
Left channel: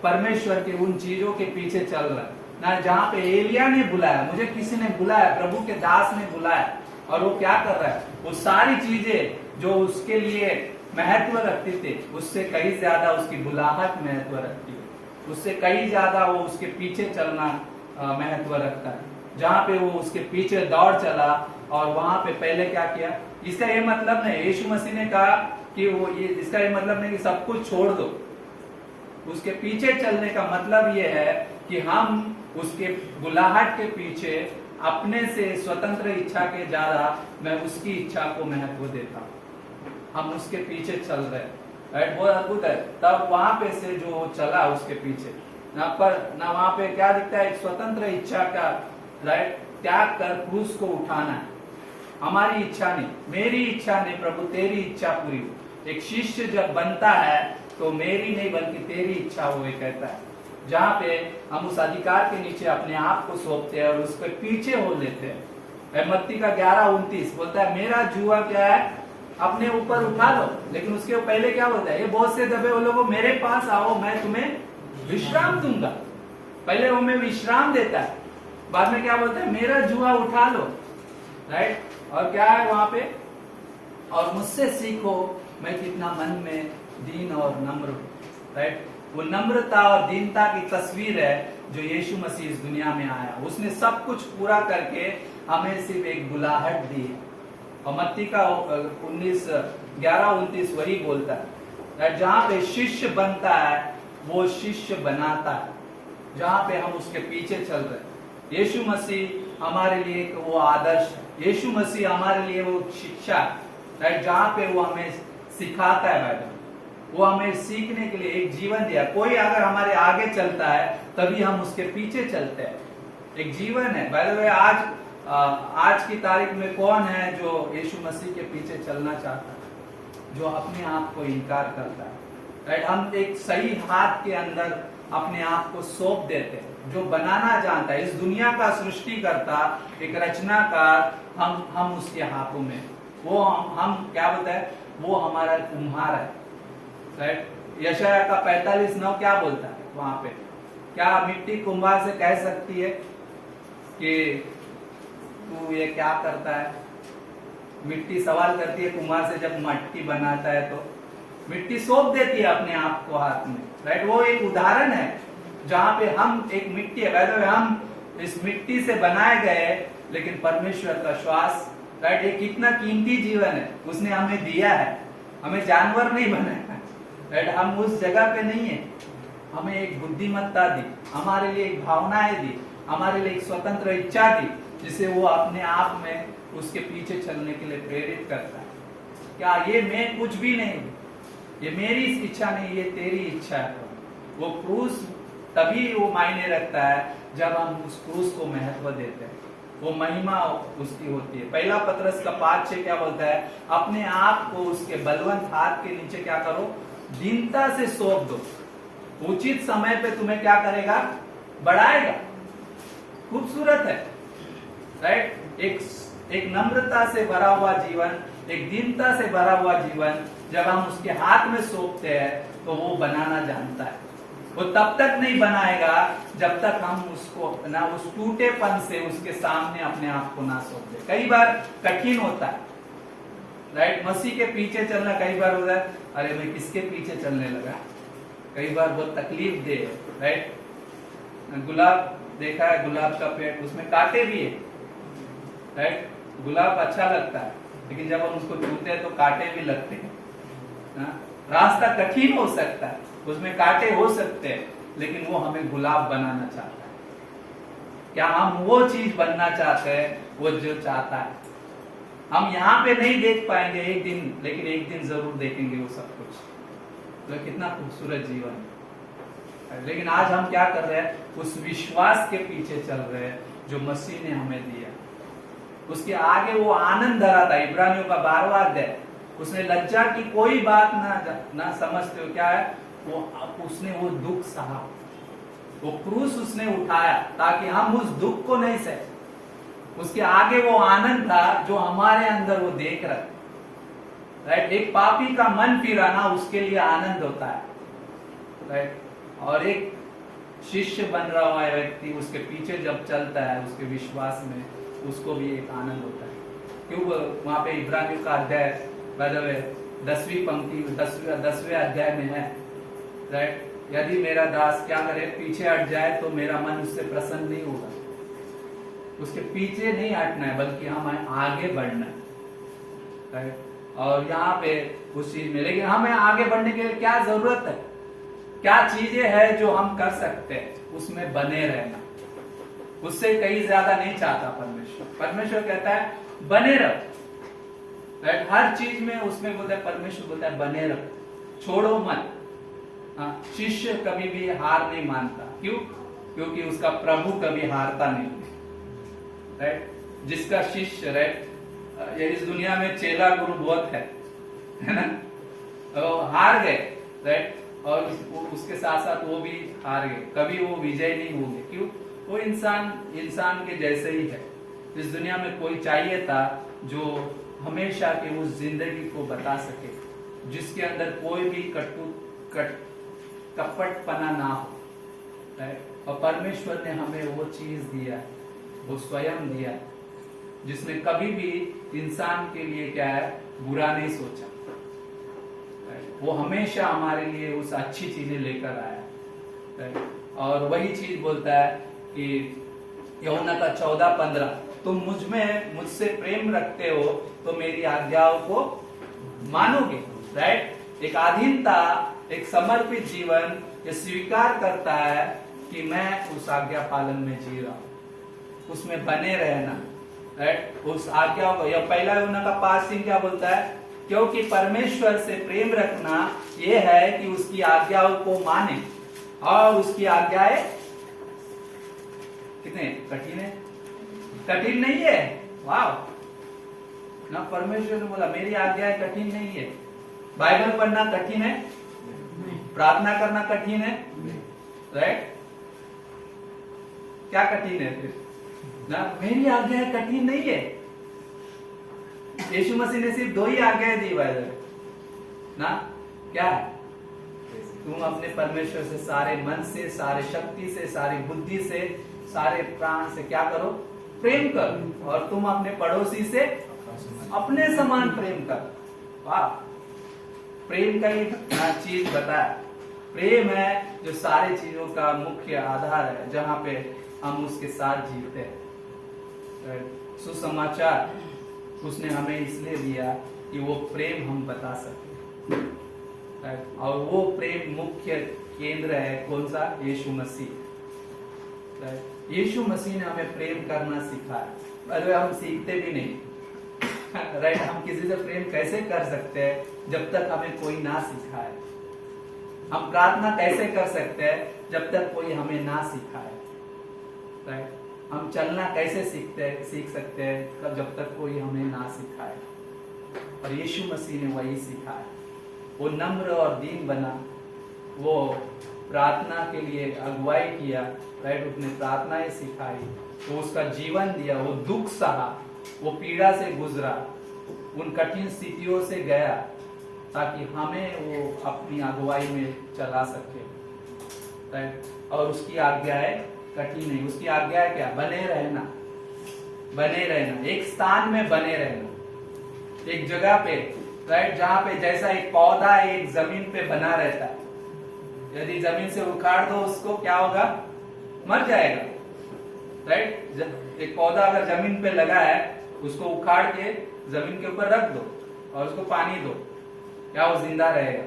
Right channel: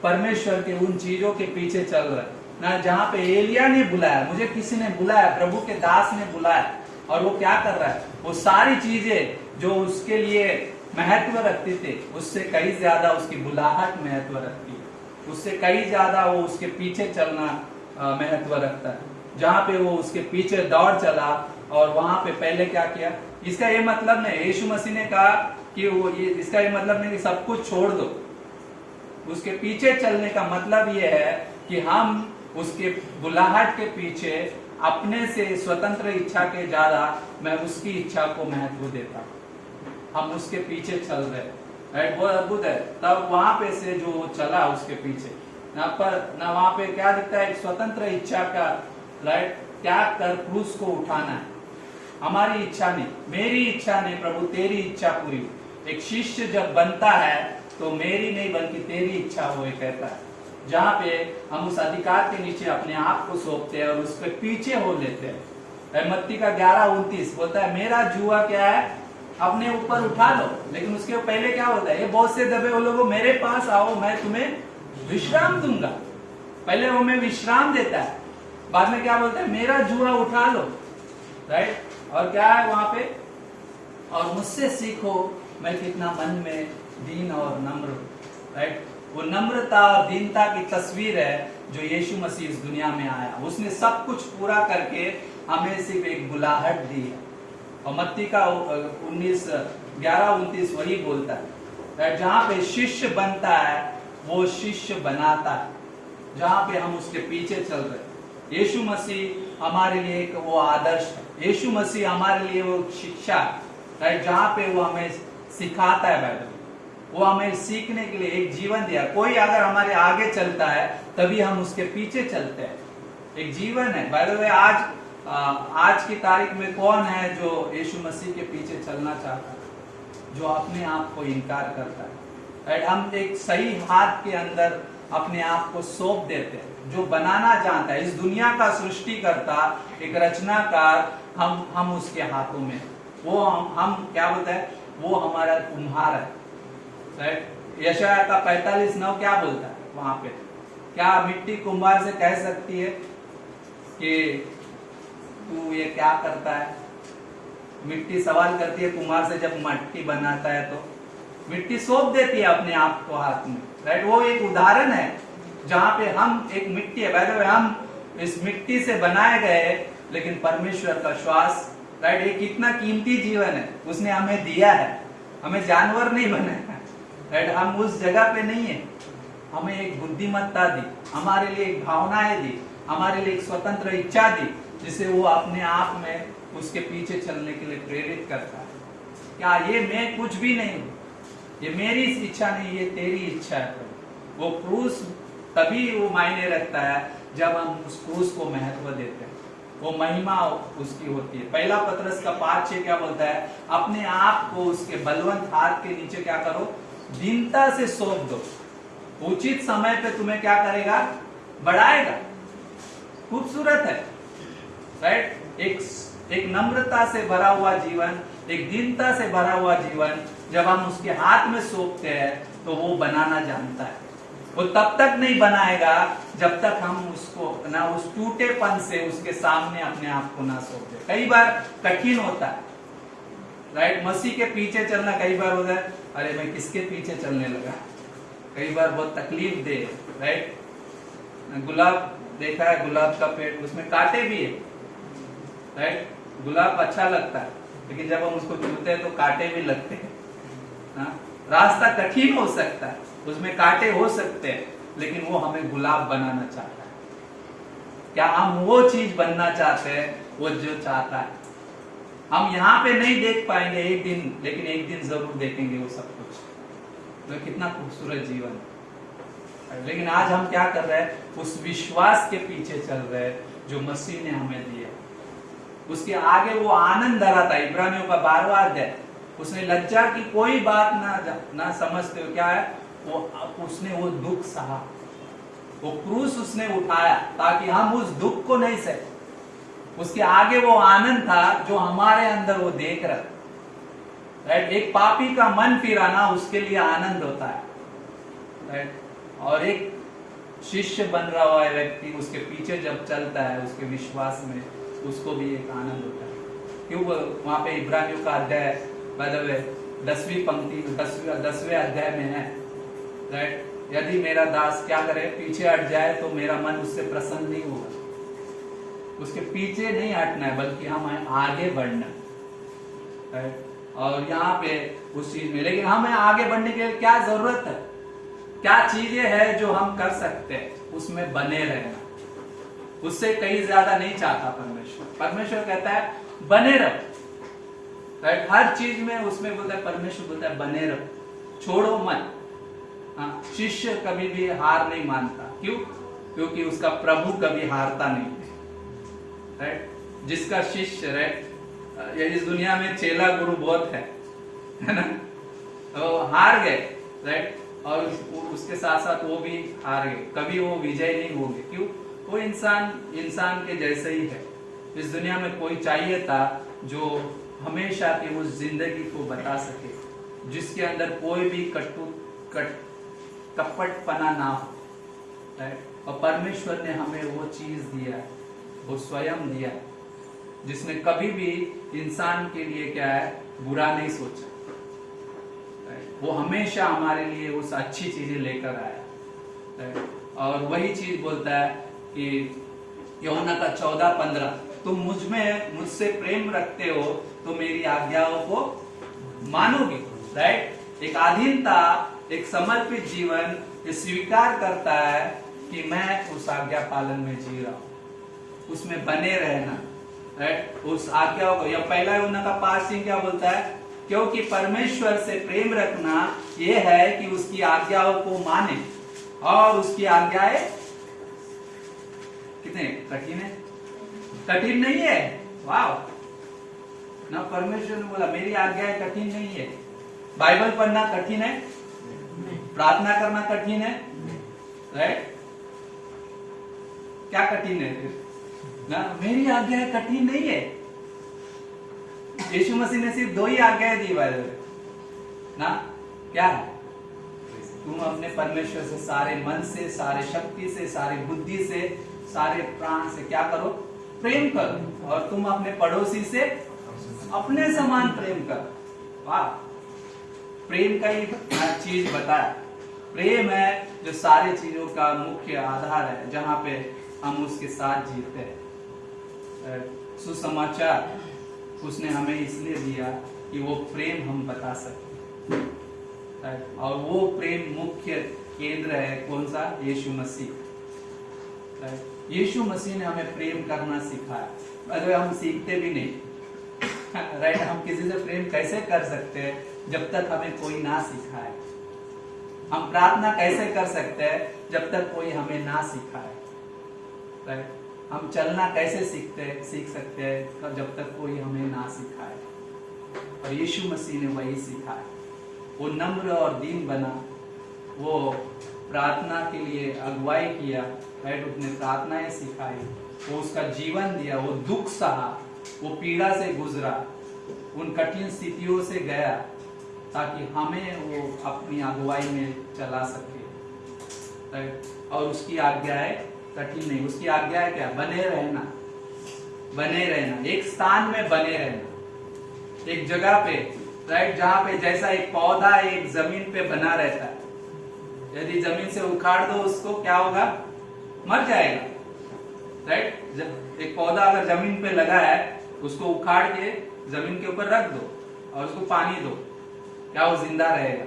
परमेश्वर के उन चीजों के पीछे चल रहा है ना, जहां पे एलिया ने बुलाया, मुझे किसी ने बुलाया, प्रभु के दास ने बुलाया, और वो क्या कर रहा है, वो सारी चीजें जो उसके लिए महत्व रखती थे उससे कई ज्यादा उसकी बुलाहट महत्व रखती है, उससे कई ज्यादा वो उसके पीछे चलना महत्व रखता है। जहां पे वो उसके पीछे दौड़ चला और वहां पे पहले क्या किया, इसका ये मतलब नहीं, यीशु मसीह ने कहा कि वो ये, इसका ये मतलब नहीं कि सब कुछ छोड़ दो। उसके पीछे चलने का मतलब ये है कि हम उसके बुलाहट के पीछे अपने से स्वतंत्र इच्छा के ज्यादा मैं उसकी इच्छा को महत्व देता हूं। हम उसके पीछे चल रहे हैं, राइट, बहुत अद्भुत है। तब वहां पे से जो चला उसके पीछे ना वहां पे क्या दिखता है, एक स्वतंत्र इच्छा का, राइट, त्याग कर क्रूस को उठाना है। हमारी इच्छा नहीं, मेरी इच्छा नहीं, प्रभु तेरी इच्छा पूरी हो। एक शिष्य जब बनता है तो मेरी नहीं बल्कि तेरी इच्छा हो, कहता है, जहां पे हम उस अधिकार के नीचे अपने आप को सौंपते हैं और उसके पीछे हो लेते हैं। मत्ती का 11:29 बोलता है, मेरा जुआ क्या है, अपने ऊपर उठा लो। लेकिन उसके पहले क्या बोलता है, ये बहुत से दबे हो लोगों, मेरे पास आओ, मैं तुम्हें विश्राम दूंगा। पहले वो हमें विश्राम देता है, बाद में क्या बोलता है, मेरा जुआ उठा लो, राइट। और क्या है वहां पे, और मुझसे सीखो मैं कितना मन में दीन और नम्र हूं, राइट। वो नम्रता और दीनता की तस्वीर है जो यीशु मसीह इस दुनिया में आया। उसने सब कुछ पूरा करके हमें सिर्फ एक बुलाहट दी है। और मत्ती का 11:29 वही बोलता है, राइट, जहां पे शिष्य बनता है वो शिष्य बनाता है, जहां पे हम उसके पीछे चल रहे हैं। यीशु मसीह हमारे लिए एक वो आदर्श है, यीशु मसीह हमारे लिए वो शिक्षा, राइट, जहां पे वो हमें सिखाता है। बाइबल वो हमें सीखने के लिए एक जीवन दिया। कोई अगर हमारे आगे चलता है तभी हम उसके पीछे चलते हैं, एक जीवन है। बाय द वे आज की तारीख में कौन है जो यीशु मसीह के पीछे चलना चाहता है, जो अपने आप को इनकार करता है, राइट। हम एक सही हाथ के अंदर अपने आप को सौंप देते हैं, जो बनाना जानता है, इस दुनिया का सृष्टिकर्ता, एक रचनाकार, हम उसके हाथों में, वो हम क्या बोलते हैं, वो हमारा कुम्हार है, राइट। यशाया का 45:9 क्या बोलता है वहां पे, क्या मिट्टी कुम्हार से कह सकती है कि तू ये क्या करता है। मिट्टी सवाल करती है कुम्हार से, जब मटकी बनाता है तो मिट्टी सौंप देती है अपने आप को हाथ में, राइट। वो एक उदाहरण है जहां पे हम एक मिट्टी है, बाय द वे हम इस मिट्टी से बनाए गए, लेकिन परमेश्वर का श्वास, राइट, ये कितना कीमती जीवन है उसने हमें दिया है। हमें जानवर नहीं बनाया, राइट, हम उस जगह पे नहीं है। हमें एक बुद्धिमत्ता दी, हमारे लिए एक भावनाएं दी, हमारे लिए एक स्वतंत्र इच्छा दी, जिसे वो अपने आप में उसके पीछे चलने के लिए प्रेरित करता है। क्या ये मैं कुछ भी नहीं हूं, ये मेरी इच्छा नहीं, ये तेरी इच्छा है। वो क्रूस तभी वो मायने रखता है जब हम उस क्रूस को महत्व देते हैं, वो महिमा उसकी होती है। पहला पतरस का 5:6 क्या बोलता है, अपने आप को उसके बलवंत हाथ के नीचे क्या करो, दीनता से सौंप दो, उचित समय पे तुम्हें क्या करेगा, बढ़ाएगा। खूबसूरत है, राइट। एक नम्रता से भरा हुआ जीवन, एक दीनता से भरा हुआ जीवन जब हम उसके हाथ में सौंपते हैं तो वो बनाना जानता है। वो तब तक नहीं बनाएगा जब तक हम उसको ना उस टूटेपन से उसके सामने अपने आप को ना सौंपे। कई बार कठिन होता है, राइट। मसीह के पीछे चलना कई बार होता है, अरे मैं किसके पीछे चलने लगा, कई बार बहुत तकलीफ दे, राइट। गुलाब देखा है, गुलाब का पेड़, उसमें कांटे भी है, राइट। गुलाब अच्छा लगता है लेकिन जब हम उसको छूते हैं तो कांटे भी लगते हैं ना? रास्ता कठिन हो सकता है, उसमें कांटे हो सकते हैं, लेकिन वो हमें गुलाब बनाना चाहता है। क्या हम वो चीज बनना चाहते हैं वो जो चाहता है? हम यहाँ पे नहीं देख पाएंगे एक दिन, लेकिन एक दिन जरूर देखेंगे वो सब कुछ। तो कितना खूबसूरत जीवन है। लेकिन आज हम क्या कर रहे हैं, उस विश्वास के पीछे चल रहे हैं जो मसीह ने हमें दिया। उसके आगे वो आनंद धरा था। इब्रानियों का 12वां अध्याय, उसने लज्जा की कोई बात ना समझते हो, क्या है, उसने वो दुख सहा, वो क्रूस उसने उठाया ताकि हम उस दुख को नहीं सहे। उसके आगे वो आनंद था जो हमारे अंदर वो देख रहा, राइट। एक पापी का मन फिराना उसके लिए आनंद होता है, राइट। और एक शिष्य बन रहा हुआ व्यक्ति उसके पीछे जब चलता है उसके विश्वास में, उसको भी एक आनंद होता है। क्यों वहां पे इब्रानियों का अध्याय 10वीं पंक्ति 10वें अध्याय में है, राइट। यदि मेरा दास क्या करे, पीछे हट जाए तो मेरा मन उससे प्रसन्न नहीं होगा। उसके पीछे नहीं हटना है बल्कि हमें आगे बढ़ना है, राइट। और यहाँ पे उस चीज में, लेकिन हमें आगे बढ़ने के लिए क्या जरूरत है, क्या चीजें हैं जो हम कर सकते हैं, उसमें बने रहना। उससे कहीं ज्यादा नहीं चाहता परमेश्वर कहता है बने रहो, राइट। हर चीज में उसमें बोलता है, परमेश्वर बोलता है बने रहो, छोड़ो मत। शिष्य कभी भी हार नहीं मानता, क्यों? क्योंकि उसका प्रभु कभी हारता नहीं, राइट। जिसका शिष्य, राइट, इस दुनिया में चेला गुरु बहुत है ना, तो हार गए, राइट। और उसके साथ साथ वो भी हार गए, कभी वो विजय नहीं होंगे। क्यों? वो इंसान के जैसे ही है। इस दुनिया में कोई चाहिए था जो हमेशा की उस जिंदगी को बता सके, जिसके अंदर कोई भी कपटपना ना हो, राइट। और परमेश्वर ने हमें वो चीज दिया, वो स्वयं दिया, जिसने कभी भी इंसान के लिए क्या है, बुरा नहीं सोचा, राइट। वो हमेशा हमारे लिए उस अच्छी चीजें लेकर आया, राइट। और वही चीज बोलता है कि यूहन्ना का 14:15, तुम मुझसे प्रेम रखते हो तो मेरी आज्ञाओं को मानोगे, राइट। एक अधीनता, एक समर्पित जीवन ये स्वीकार करता है कि मैं उस आज्ञा पालन में जी रहा हूं, उसमें बने रहना, राइट। उस आज्ञाओं को, यह पहला यूहन्ना का 5 क्या बोलता है, क्योंकि परमेश्वर से प्रेम रखना यह है कि उसकी आज्ञाओं को माने, और उसकी आज्ञाएं कितने कठिन है, कठिन नहीं है, वाह ना। परमेश्वर ने बोला मेरी आज्ञाएं कठिन नहीं है। बाइबल पढ़ना कठिन है, प्रार्थना करना कठिन है, राइट। क्या कठिन है फिर ना? मेरी आज्ञाएं कठिन नहीं है। यीशु मसीह ने सिर्फ 2 ही आज्ञाएं दी बाइबल में ना, क्या है? तुम अपने परमेश्वर से सारे मन से, सारे शक्ति से, सारी बुद्धि से, सारे प्राण से क्या करो, प्रेम करो, और तुम अपने पड़ोसी से अपने समान प्रेम करो। वाह, प्रेम का ही चीज बताया। प्रेम है जो सारी चीजों का मुख्य आधार है, जहां पे हम उसके साथ जीते हैं। सुसमाचार उसने हमें इसलिए दिया कि वो प्रेम हम बता सके, और वो प्रेम मुख्य केंद्र है कौन सा? यीशु मसीह। यीशु मसीह ने हमें प्रेम करना सिखाया, अरे हम सीखते भी नहीं राइट। हम किसी से प्रेम कैसे कर सकते हैं जब तक हमें कोई ना सिखाए? हम प्रार्थना कैसे कर सकते हैं जब तक कोई हमें ना सिखाए? राइट। हम चलना कैसे सीख सकते हैं जब तक कोई हमें ना सिखाए? और यीशु मसीह ने वही सिखाया। वो नम्र और दीन बना, वो प्रार्थना के लिए अगुवाई किया, राइट। उसने प्रार्थनाएं सिखाई, वो उसका जीवन दिया, वो दुख सहा, वो पीड़ा से गुजरा, उन कठिन स्थितियों से गया, ताकि हमें वो अपनी अगुवाई में चला सके, राइट। और उसकी आज्ञाएं कठिन नहीं, उसकी आज्ञाएं क्या? बने रहना, बने रहना, एक स्थान में बने रहना, एक जगह पे, राइट, जहां पे जैसा एक पौधा एक जमीन पे बना रहता है, यदि जमीन से उखाड़ दो उसको, क्या होगा? मर जाएगा, राइट। एक पौधा अगर जमीन पे लगा है, उसको उखाड़ के जमीन के ऊपर रख दो और उसको पानी दो, क्या वो जिंदा रहेगा?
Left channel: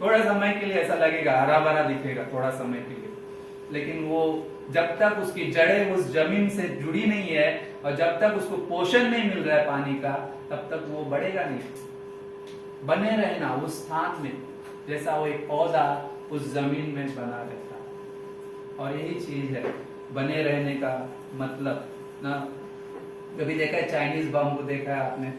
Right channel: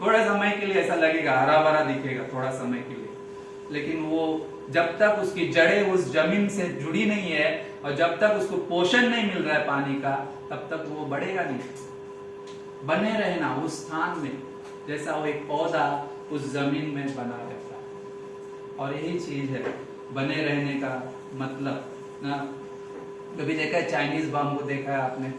थोड़ा समय के लिए ऐसा लगेगा, हरा भरा दिखेगा थोड़ा समय के लिए, लेकिन वो जब तक उसकी जड़ें उस जमीन से जुड़ी नहीं है और जब तक उसको पोषण नहीं मिल रहा है पानी का, तब तक वो बढ़ेगा नहीं। बने रहना उस स्थान में, जैसा वो एक पौधा उस जमीन में बना रहता है। और यही चीज है बने रहने का मतलब ना। कभी देखा है चाइनीज बम को? देखा है आपने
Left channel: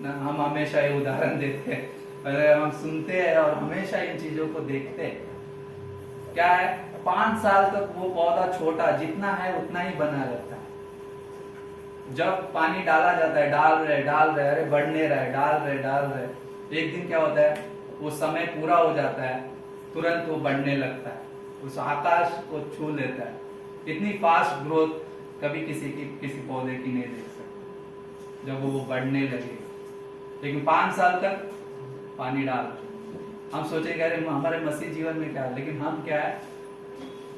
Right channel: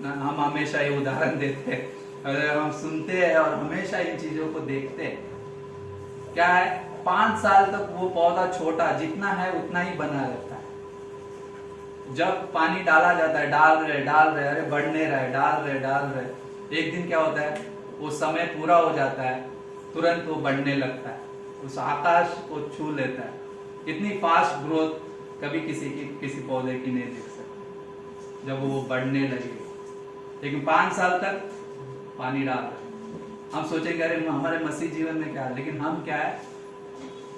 ना? हम हमेशा ये उदाहरण देते हैं, अरे हम सुनते हैं और हमेशा इन चीजों को देखते हैं। क्या है, 5 साल तक वो पौधा छोटा जितना है उतना ही बना रहता है। जब पानी डाला जाता है, डाल रहे, अरे बढ़ नहीं रहा है, डाल रहे, एक दिन क्या होता है, वो समय पूरा हो जाता है, तुरंत वो बढ़ने लगता है, उस आकाश को छू लेता है। इतनी फास्ट ग्रोथ कभी किसी पौधे की नहीं देख सकते जब वो बढ़ने लगेगा। लेकिन 5 साल तक पानी डाल रहे, हम सोचेंगे अरे हमारे मसीह जीवन में क्या है, लेकिन हम क्या है,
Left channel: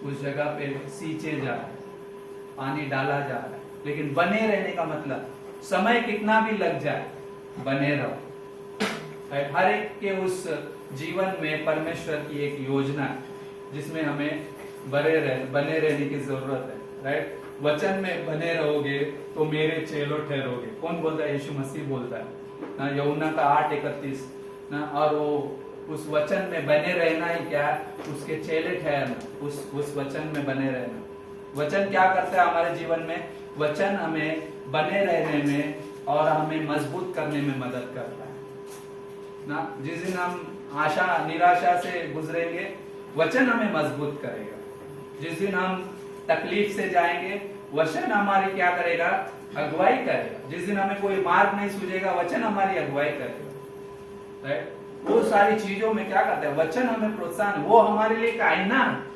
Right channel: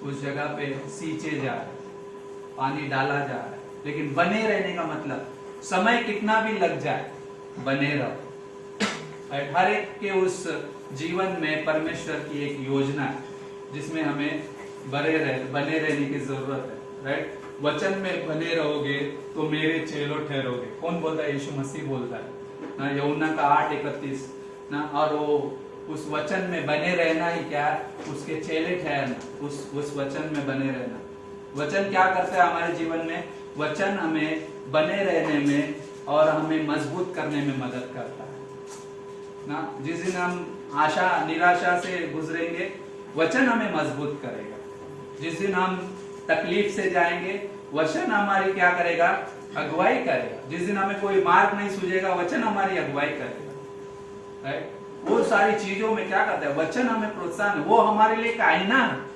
उस जगह पे सींचे जा रहे, पानी डाला जा रहा है। लेकिन बने रहने का मतलब समय कितना भी लग जाए, बने रहो। हर एक के उस जीवन में परमेश्वर की एक योजना है जिसमें हमें बने रहने की जरूरत है, राइट। वचन में बने रहोगे तो मेरे चेलों ठहरोगे। कौन बोलता है? यीशु मसीह बोलता है ना, यूहन्ना का 8:31 ना। और वो उस वचन में बने रहना ही क्या है, उसके चेले ठहरना, उस वचन में बने रहना। वचन क्या करता है हमारे जीवन में? वचन हमें बने रहने में और हमें मजबूत करने में मदद करता है ना। जिस दिन हम आशा निराशा से गुजरेंगे, वचन हमें मजबूत करेगा। जिस दिन हम तकलीफ से जाएंगे, वचन हमारी क्या करेगा? अगुवाई करेगा। जिस दिन हमें कोई मार्ग नहीं सूझेगा, वचन हमारी अगुवाई करेगा, राइट। वो सारी चीजों में क्या करता है? वचन हमें प्रोत्साहन, वो हमारे लिए एक आईना है।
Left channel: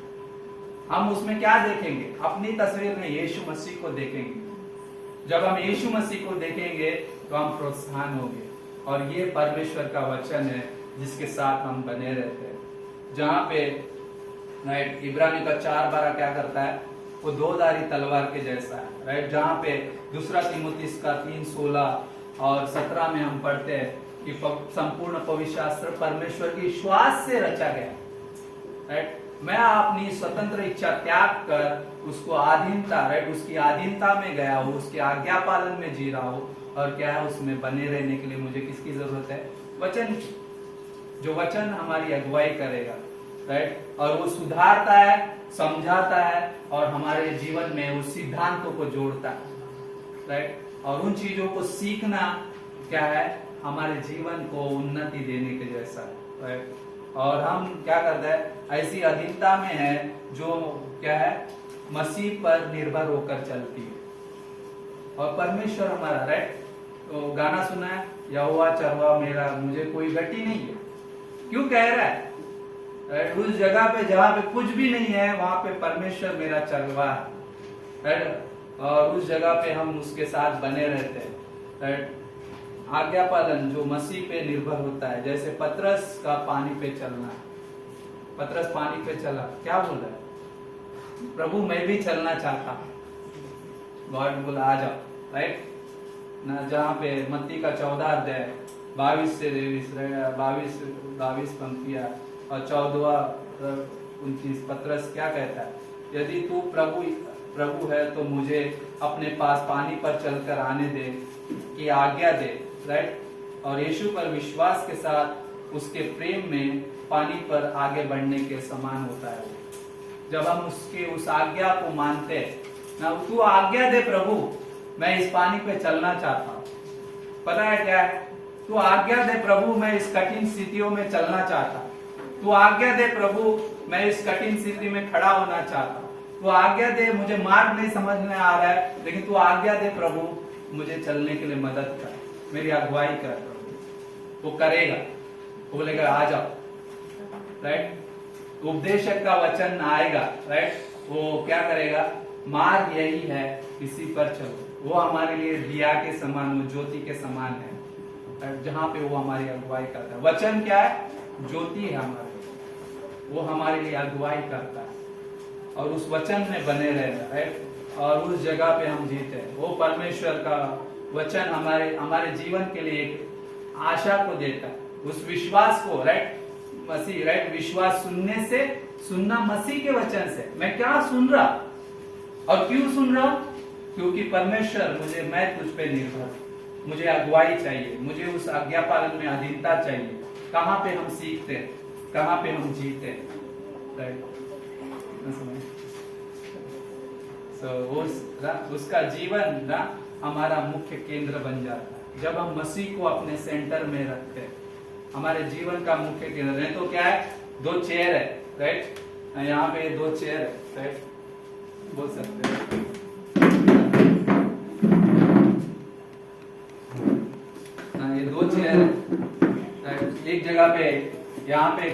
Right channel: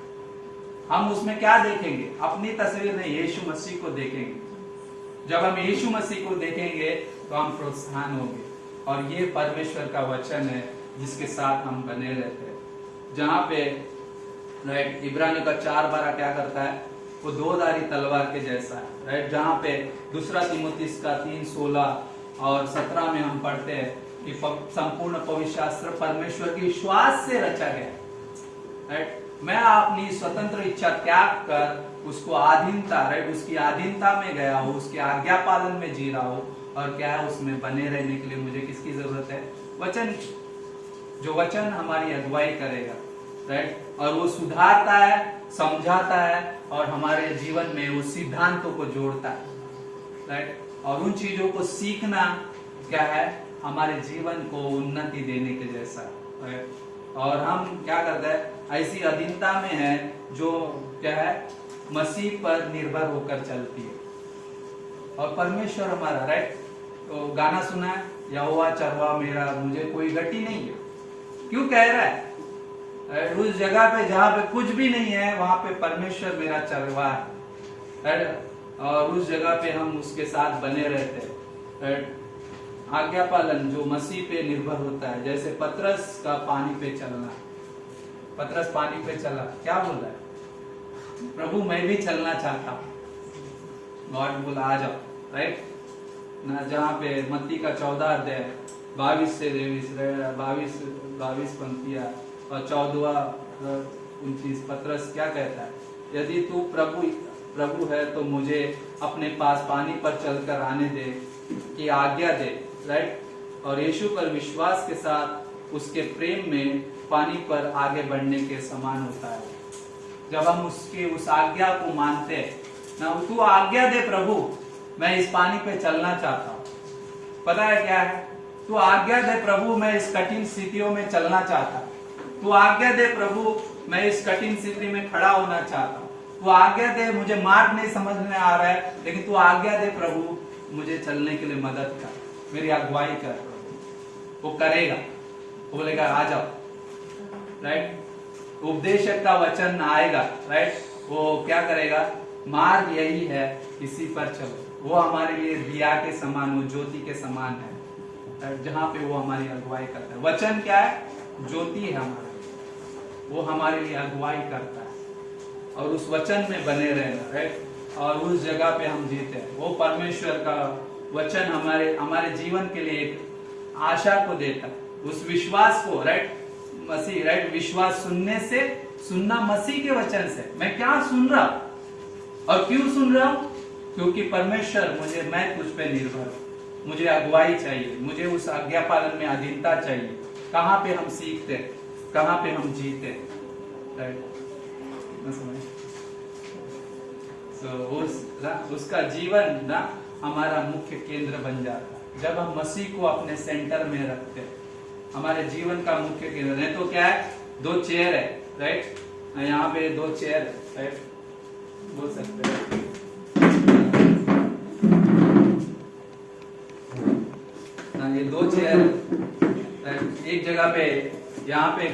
हम उसमें क्या देखेंगे? अपनी तस्वीर नहीं, यीशु मसीह को देखेंगे। जब हम यीशु मसीह को देखेंगे तो हम प्रोत्साहन होंगे। और ये परमेश्वर का वचन है जिसके साथ हम बने रहते हैं। जहां पे राइट इब्रानियों का 4:12 क्या करता है? वो 2-धारी तलवार के जैसा है, राइट। जहां पे 2 तीमुथियुस का 3:16 और 17 में हम पढ़ते हैं कि संपूर्ण पवित्र शास्त्र परमेश्वर की श्वास से रचा गया, राइट। मैं अपनी स्वतंत्र इच्छा त्याग कर उसको अधीनता, राइट, उसकी अधीनता में गया हूँ, उसके आज्ञा पालन में जी रहा हूँ। और क्या है, उसमें बने रहने के लिए मुझे किसकी जरूरत है? वचन की। जो वचन हमारी अगुवाई करेगा, राइट। और वो सुधारता है, समझाता है और हमारे जीवन में उस सिद्धांतों को जोड़ता है, राइट। और उन चीजों को सीखना क्या है, हमारे जीवन को उन्नति देने के जैसा, राइट। और हम क्या करते हैं? ऐसी अधीनता में है जो क्या है, मसीह पर निर्भर होकर चलती है। और परमेश्वर हमारा, राइट। तो गाना सुना है, यहोवा चरवाहा मेरा, मुझे कोई गति नहीं है। क्यों कह रहा है? उस जगह पे जहां पे कुछ भी नहीं है, वहां पे परमेश्वर मेरा चरवाहा है। और उस जगह पे हम उसके साथ बने रहते हैं। आज्ञा पालन जो मसीह पे निर्भर होता है, जैसे पतरस का पानी पे चलना। पतरस पानी पे चला, क्या बोल रहा है? प्रभु मैं भी चलना चाहता हूं। गॉड बोला आ जाओ, राइट ना। जहाँ पे मत्ती का 14 22 से 22 पंक्तियां और 14-29 पतरस क्या कहता है? यदि तू प्रभु है तो मुझे अपने पास पानी पर चलकर आने दे की आज्ञा दे, राइट। और यीशु पर विश्वास के साथ उसके प्रेम में पानी पर आगे बढ़ने के समान होता है। जब हम उसकी उस आज्ञा को मानते हैं ना, तू आज्ञा दे प्रभु, मैं इस पानी पे चलना चाहता हूँ। पता है क्या है? तू आज्ञा दे प्रभु, मैं इस कठिन स्थितियों में चलना चाहता हूँ। तू आज्ञा दे प्रभु, मैं इस कठिन स्थिति में खड़ा होना चाहता हूँ। तू आज्ञा दे, मुझे मार्ग नहीं समझ में आ रहा है, लेकिन तू आज्ञा दे प्रभु, मुझे चलने के लिए मदद कर, मेरी अगुवाई कर प्रभु। वो करेगा, वो बोलेगा आ जाओ, राइट। उपदेशक का वचन आएगा, राइट। वो क्या करेगा? मार्ग यही है, इसी पर चलो। वो हमारे लिए दिया के समान, वो ज्योति के समान है, जहां पे वो हमारी अगुवाई करता है। वचन क्या है? ज्योति है हमारे लिए, वो हमारे लिए अगुवाई करता है। और उस वचन में बने रहना, राइट। और उस जगह पे हम जीते हैं। वो परमेश्वर का वचन हमारे जीवन के लिए एक आशा को देता है, उस विश्वास को, राइट। मसीह, राइट। विश्वास सुनने से, सुनना मसीह के वचन से। मैं क्या सुन रहा और क्यों सुन रहा हूं? क्योंकि परमेश्वर मैं तुझ पे निर्भर, मुझे अगुवाई चाहिए, मुझे उस आज्ञा पालन में अधीनता चाहिए। कहाँ पे हम सीखते, कहाँ पे हम जीते, राइट। उसका जीवन ना हमारा मुख्य केंद्र बन जाता है जब हम मसीह को अपने सेंटर में रखते हैं। हमारे जीवन का मुख्य केंद्र है। तो क्या है, 2 चेयर है, राइट, यहाँ पे 2 चेयर है, राइट, बोल सकते हैं। ये 2 चेयर है, राइट, एक जगह पे यहाँ पे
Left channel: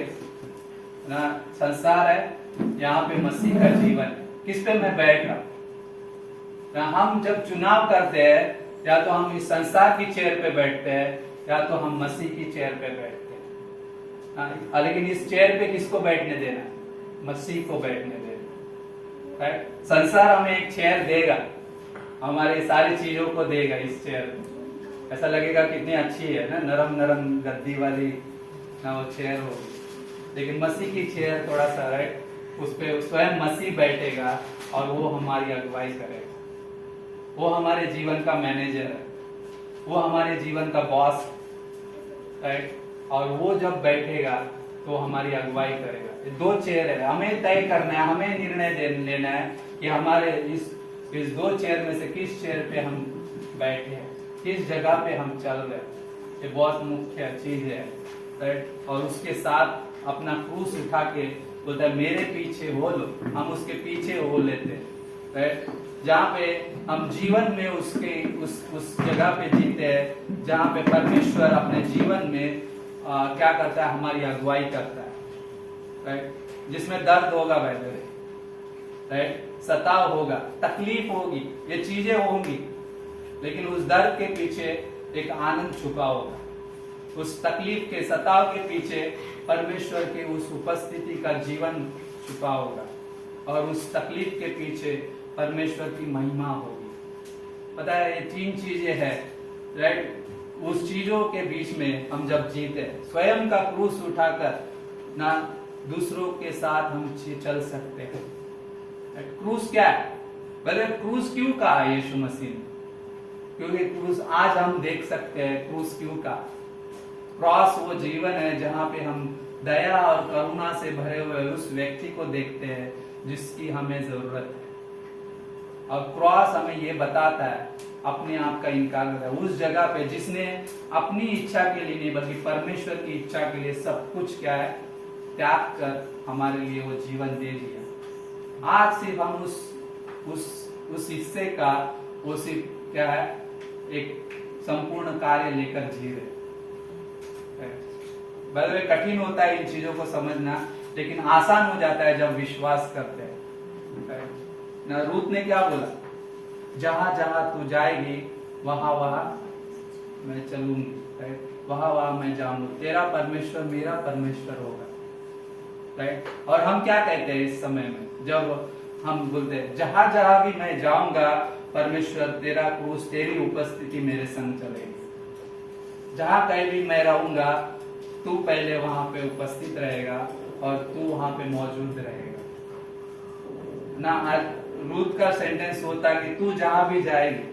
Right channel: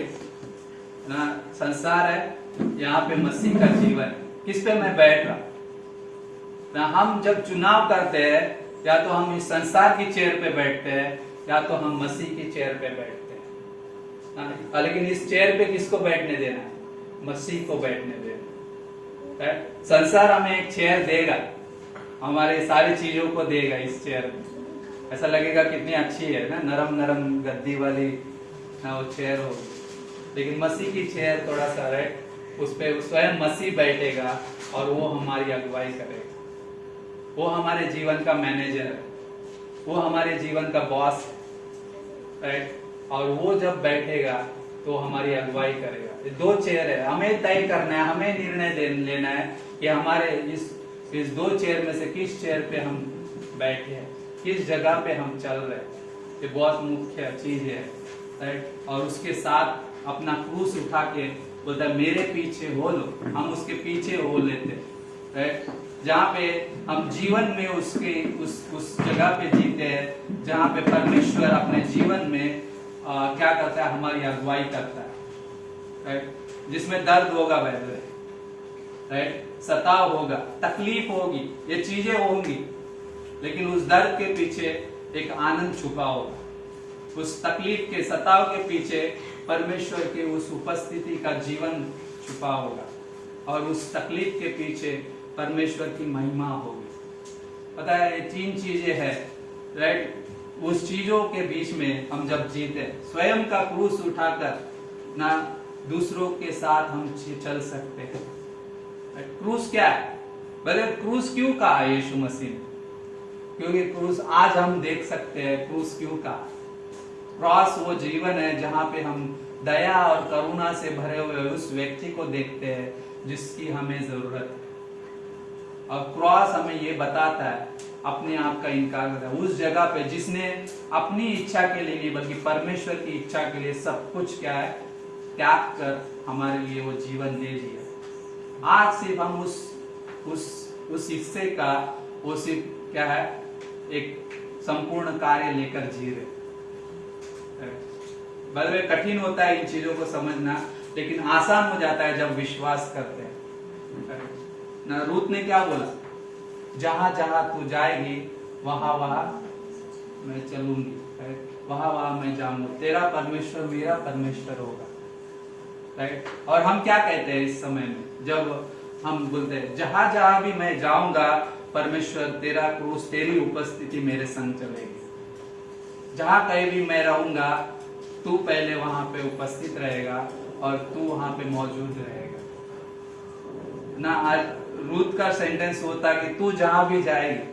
ना संसार है, यहाँ पे मसीह का जीवन। किस पे मैं बैठ रहा, ना हम जब चुनाव करते हैं या तो हम इस संसार की चेयर पे बैठते हैं या तो हम मसीह की चेयर पे बैठते हैं। लेकिन इस चेयर पे किसको बैठने देना है, मसीह को बैठने देना है। संसार हमें एक चेयर देगा, हमारे सारी चीजों को देगा इस चेयर पे, ऐसा लगेगा कितनी अच्छी है ना, नरम नरम गद्दी वाली ना वो चेयर हो। लेकिन मसीह की चेयर थोड़ा सा, राइट, उस पे स्वयं मसीह बैठेगा और वो हमारी अगुवाई करेगा। वो हमारे जीवन का मैनेजर है, वो हमारे जीवन का बॉस है, राइट, और वो जब बैठेगा तो हमारी अगुवाई करेगा। 2 चेयर है, हमें तय करना है, हमें निर्णय लेना है कि हमारे इस 2 चेयर में से किस चेयर पे हम बैठे हैं, किस जगह पे हम चल रहे हैं। ये बहुत मुख्य चीज है, राइट। और उसके साथ अपना क्रूस उठा के बोलता है मेरे पीछे हो लो, हम उसके पीछे हो लेते, राइट। जहाँ पे हम जीवन में उसके उस जगह पे जीते हैं जहाँ पे परमेश्वर अपने जीवन में क्या करता है, हमारी अगुवाई करता है, राइट। जिसमें दर्द होगा वैसे, राइट, सताव होगा, तकलीफ होगी, ये चीजें होंगी, लेकिन उस दर्द के पीछे एक आनंद छुपा होगा। उस तकलीफ के सताव के पीछे परमेश्वर के उस उपस्थिति का जीवन छुपा होगा और उस तकलीफ के पीछे परमेश्वर की महिमा होगी। पता है, ये 3 चीजें हैं, राइट। उस चीजों के बीच में हम जब जीते, स्वयं का क्रूस उठाकर ना दूसरों के साथ हम चल सकते हैं। क्रूस क्या है, भले क्रूस क्यों कहा यीशु मसीह ने, क्योंकि क्रूस आज हम देख सकते हैं क्रूस क्यों कहा। क्रॉस वो जीवन है जहाँ पे हम दया और करुणा से भरे हुए उस व्यक्ति को देखते हैं जिसकी हमें जरूरत है। और क्रॉस हमें ये बताता है अपने आप का इनकार करता है उस जगह पे जिसने अपनी इच्छा के लिए नहीं बल्कि परमेश्वर की इच्छा के लिए सब कुछ क्या है त्याग कर हमारे लिए वो जीवन दे दिया। आज सिर्फ हम उस हिस्से का वो सिर्फ क्या है एक संपूर्ण कार्य लेकर जी रहे। भले कठिन होता है इन चीजों को समझना, लेकिन आसान हो जाता है जब विश्वास करते हैं। ना रूत ने क्या बोला, जहां जहां तू जाएगी वहां वहां मैं चलूंगी, वहां वहां मैं जाऊंगा, तेरा परमेश्वर मेरा परमेश्वर होगा, राइट। और हम क्या कहते हैं इस समय में जब हम बोलते हैं जहां जहां भी मैं जाऊंगा परमेश्वर तेरा क्रूस तेरी उपस्थिति मेरे संग चलेगी। जहां कहीं भी मैं रहूंगा तू पहले वहां पे उपस्थित रहेगा और तू वहां पे मौजूद रहेगा ना। आज रूत का सेंटेंस होता कि तू जहां भी जाएगी,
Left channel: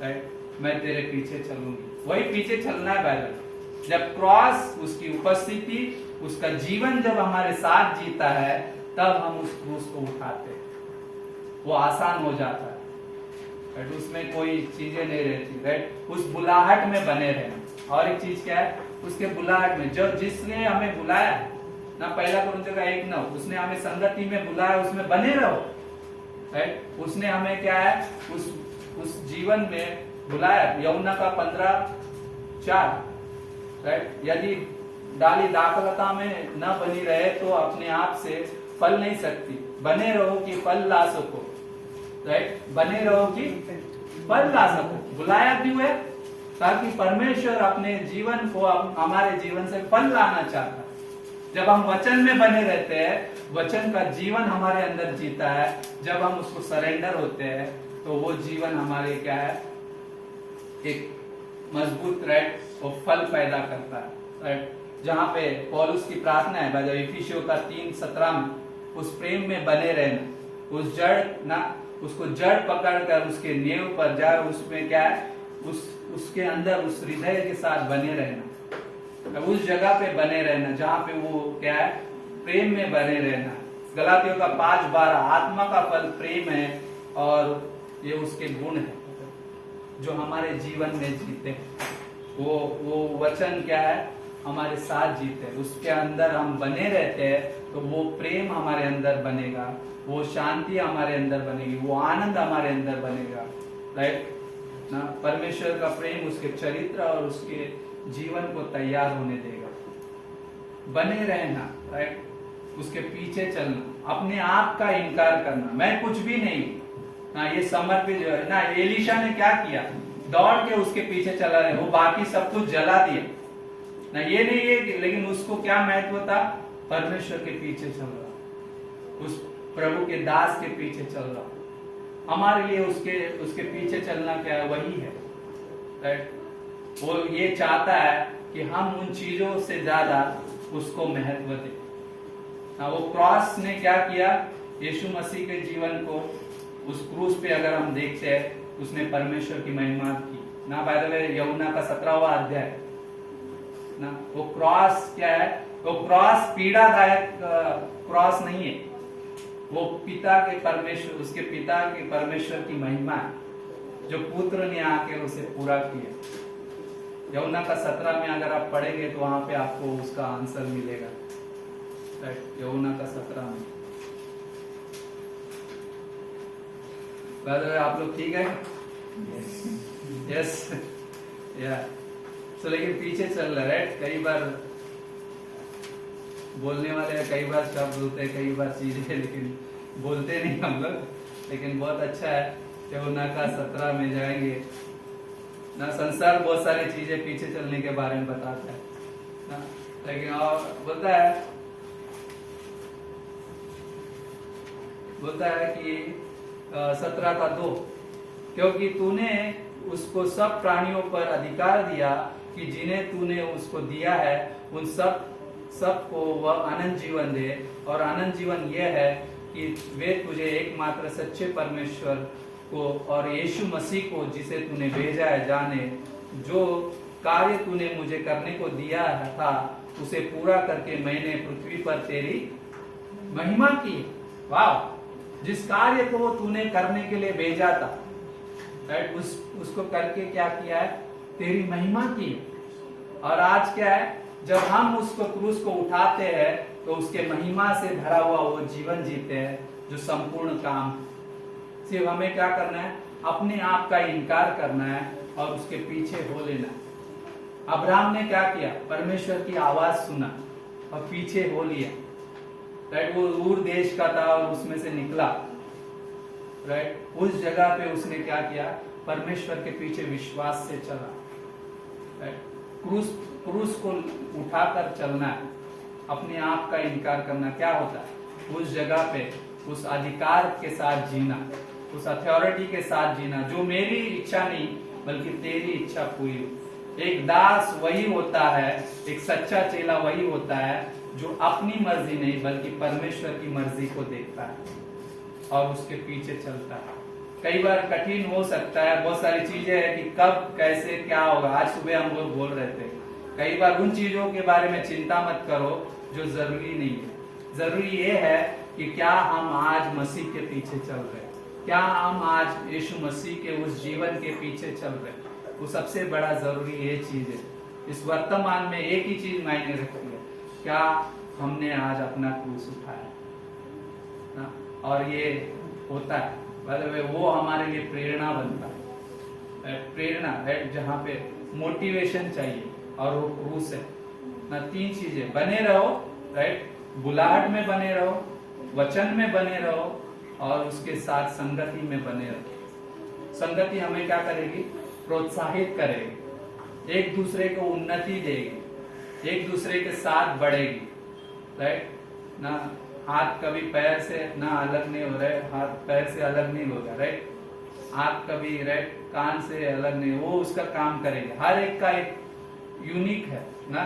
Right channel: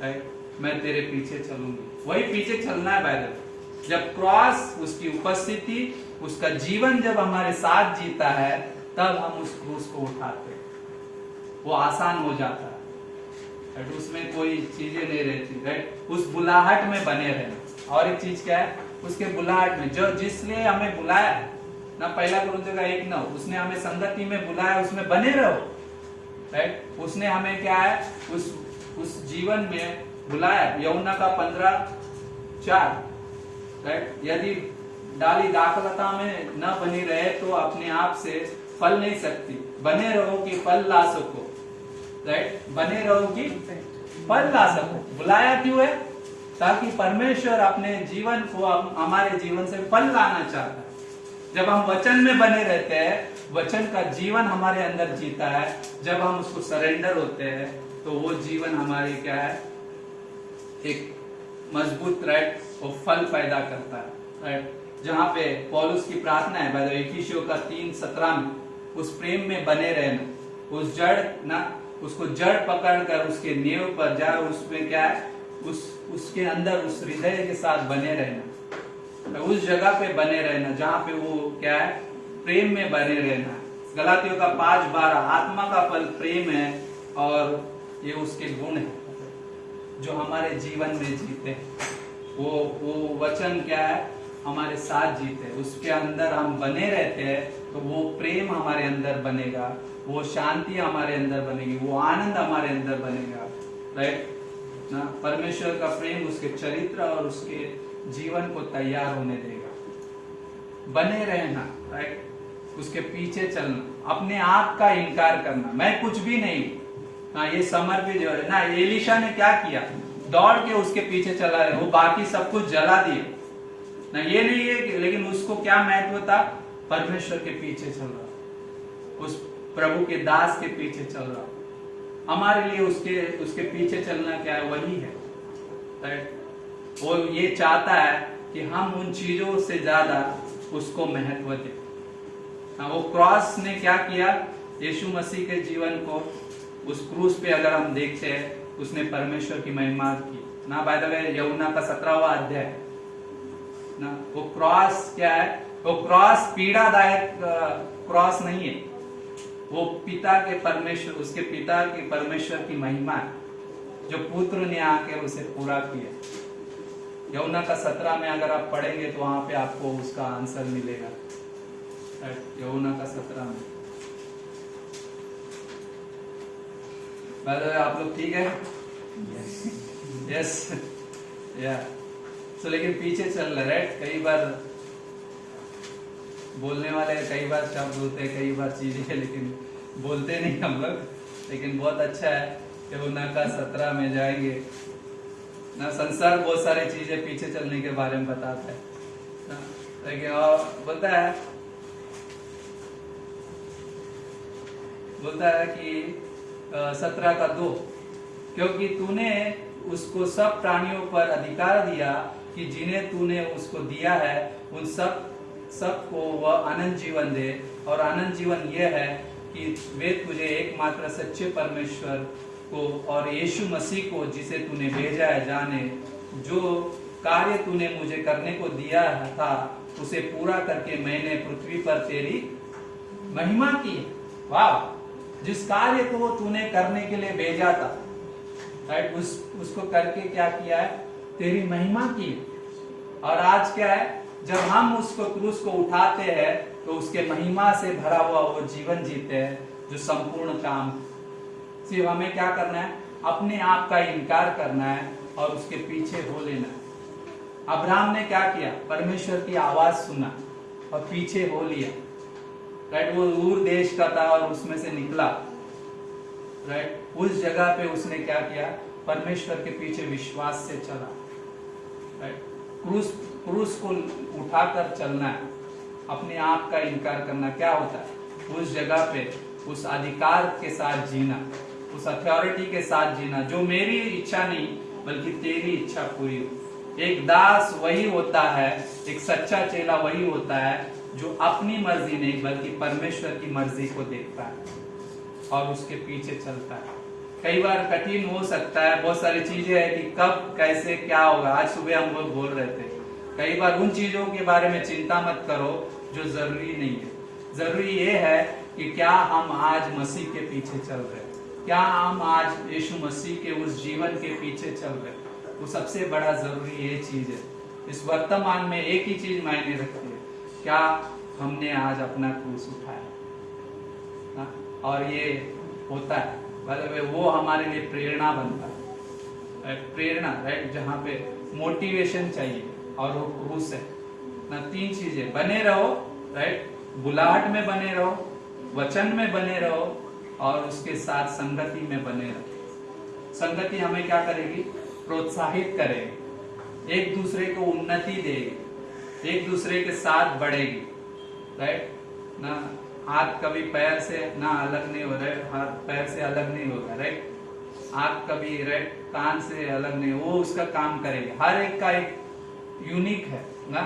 राइट, मैं तेरे पीछे चलूंगी। वही पीछे चलना है पैदल। जब क्रॉस उसकी उपस्थिति उसका जीवन जब हमारे साथ जीता है तब हम उस क्रूस को उठाते हैं, वो आसान हो जाता है, राइट। उसमें कोई चीजें नहीं रहती, राइट। उस बुलाहट में बने रहना। और एक चीज क्या है, उसके बुलाहट में जो जिसने हमें बुलाया ना, पहला कुरिन्थियों का 1:9, उसने हमें संगति में बुलाया, उसमें बने रहो, राइट। उसने हमें क्या है उस जीवन में बुलाया। यूहन्ना का 15:4, राइट। यदि डाली दाखलता में न बनी रहे तो अपने आप से फल नहीं सकती, बने रहो कि फल ला सको, राइट। बने रहो कि फल ला सको। बुलाया क्यों है, ताकि परमेश्वर अपने जीवन को हमारे जीवन से फल लाना चाहता है। जब हम वचन में बने रहते हैं, वचन का जीवन हमारे अंदर जीता है, जब हम उसको सरेंडर होते हैं तो वो जीवन हमारे क्या है एक मजबूत, राइट, वो फल पैदा करता है, राइट। जहाँ पे पौलुस की प्रार्थना है इफिसियों का 3:17 में, उस प्रेम में बने रहना, उस जड़ ना उसको जड़ पकड़कर उसके नींव पर जाए, उसमें क्या है उसके अंदर उस हृदय के साथ बने रहना, उस जगह पे बने रहना जहाँ पे वो क्या है प्रेम में बने रहना। गलातियों का 5:12, आत्मा का फल प्रेम है और ये उसके गुण है जो हमारे जीवन में जीते हैं। वो वचन क्या है हमारे साथ जीते, उसके अंदर हम बने रहते हैं, तो वो प्रेम हमारे अंदर बनेगा, वो शांति हमारे अंदर बनेगी, वो आनंद हमारे अंदर बनेगा। राइट ना, परमेश्वर का प्रेम उसके चरित्र और उसके जीवन को तैयार होने देगा। बने रहना, राइट, उसके पीछे चलना, अपने आप का इनकार करना, मैं कुछ भी नहीं ना, ये समर्पित जो है ना, एलीशा ने क्या किया, दौड़ के उसके पीछे चला है, वो बाकी सब कुछ जला दिए ना, ये नहीं है कि, लेकिन उसको क्या महत्व था, परमेश्वर के पीछे चल रहा, उस प्रभु के दास के पीछे चल रहा। हमारे लिए उसके पीछे चलना क्या है, वही है। राइट, वो ये चाहता है कि हम उन चीजों से ज्यादा उसको महत्व दें। वो क्रॉस ने क्या किया, यीशु मसीह के जीवन को, उस क्रूस पे अगर हम देखते हैं, उसने परमेश्वर की महिमा की ना। बाय द वे, यूहन्ना का 17वां अध्याय ना, वो क्रॉस क्या है, वो क्रॉस पीड़ादायक क्रॉस नहीं है, वो पिता के परमेश्वर, उसके पिता के परमेश्वर की महिमा है, जो पुत्र ने आके उसे पूरा किया। यूहन्ना का 17 में अगर आप पढ़ेंगे तो वहां पे आपको उसका आंसर मिलेगा। यूहन्ना का 17 में। आप लोग ठीक है? यस या तो, लेकिन पीछे चल रहा है। कई बार बोलने वाले, कई बार शब्द होते हैं, कई बार चीजें, लेकिन बोलते नहीं हम लोग। लेकिन बहुत अच्छा है, यूहन्ना का 17 में जाएंगे ना, संसार बहुत सारी चीजें पीछे चलने के बारे में बताता है ना, लेकिन और बोलता है कि 17:2, क्योंकि तूने उसको सब प्राणियों पर अधिकार दिया कि जिन्हें तूने उसको दिया है उन सबको वह अनंत जीवन दे, और अनंत जीवन यह है कि वे तुझे एकमात्र सच्चे परमेश्वर को और यीशु मसीह को जिसे तूने भेजा है जाने। जो कार्य तूने मुझे करने को दिया था उसे पूरा करके मैंने पृथ्वी पर तेरी महिमा की। वाह, जिस कार्य को तूने करने के लिए भेजा था, राइट, उसको करके क्या किया है, तेरी महिमा की। और आज क्या है, जब हम उसको क्रूस को उठाते हैं तो उसके महिमा से भरा हुआ वो जीवन जीते हैं, जो संपूर्ण काम। सिर्फ हमें क्या करना है, अपने आप का इनकार करना है और उसके पीछे हो लेना है। अब्राहम ने क्या किया, परमेश्वर की आवाज सुना और पीछे हो लिया। राइट, वो ऊर देश का था और उसमें से निकला। राइट, उस जगह पे उसने क्या किया, परमेश्वर के पीछे विश्वास से चला। राइट, क्रूस को उठाकर चलना है, अपने आप का इनकार करना। क्या होता है, उस जगह पे उस अधिकार के साथ जीना, उस अथॉरिटी के साथ जीना, जो मेरी इच्छा नहीं बल्कि तेरी इच्छा पूरी हो। एक दास वही होता है, एक सच्चा चेला वही होता है जो अपनी मर्जी नहीं बल्कि परमेश्वर की मर्जी को देखता है और उसके पीछे चलता है। कई बार कठिन हो सकता है, बहुत सारी चीजें हैं कि कब कैसे क्या होगा। आज सुबह हम लोग बोल रहे थे, कई बार उन चीजों के बारे में चिंता मत करो जो जरूरी नहीं है। जरूरी ये है कि क्या हम आज मसीह के पीछे चल रहे हैं, क्या हम आज यीशु मसीह के उस जीवन के पीछे चल रहे हैं। वो सबसे बड़ा जरूरी ये चीज है। इस वर्तमान में एक ही चीज मायने रखती है, क्या हमने आज अपना क्रूस उठाया ना। और ये होता है, वो हमारे लिए प्रेरणा बनता है। प्रेरणा, राइट, जहाँ पे मोटिवेशन चाहिए, और वो क्रूस है ना। 3 चीजें, बने रहो, राइट, बुलाहट में बने रहो, वचन में बने रहो, और उसके साथ संगति में बने रहो। संगति हमें क्या करेगी, प्रोत्साहित करेगी, एक दूसरे को उन्नति देगी, एक दूसरे के साथ बढ़ेगी। राइट ना, हाथ कभी पैर से ना अलग नहीं हो रहा है, हाथ पैर से अलग नहीं होगा। राइट, आंख कभी, राइट, कान से अलग नहीं, वो उसका काम करेगी। हर एक का एक यूनिक है ना,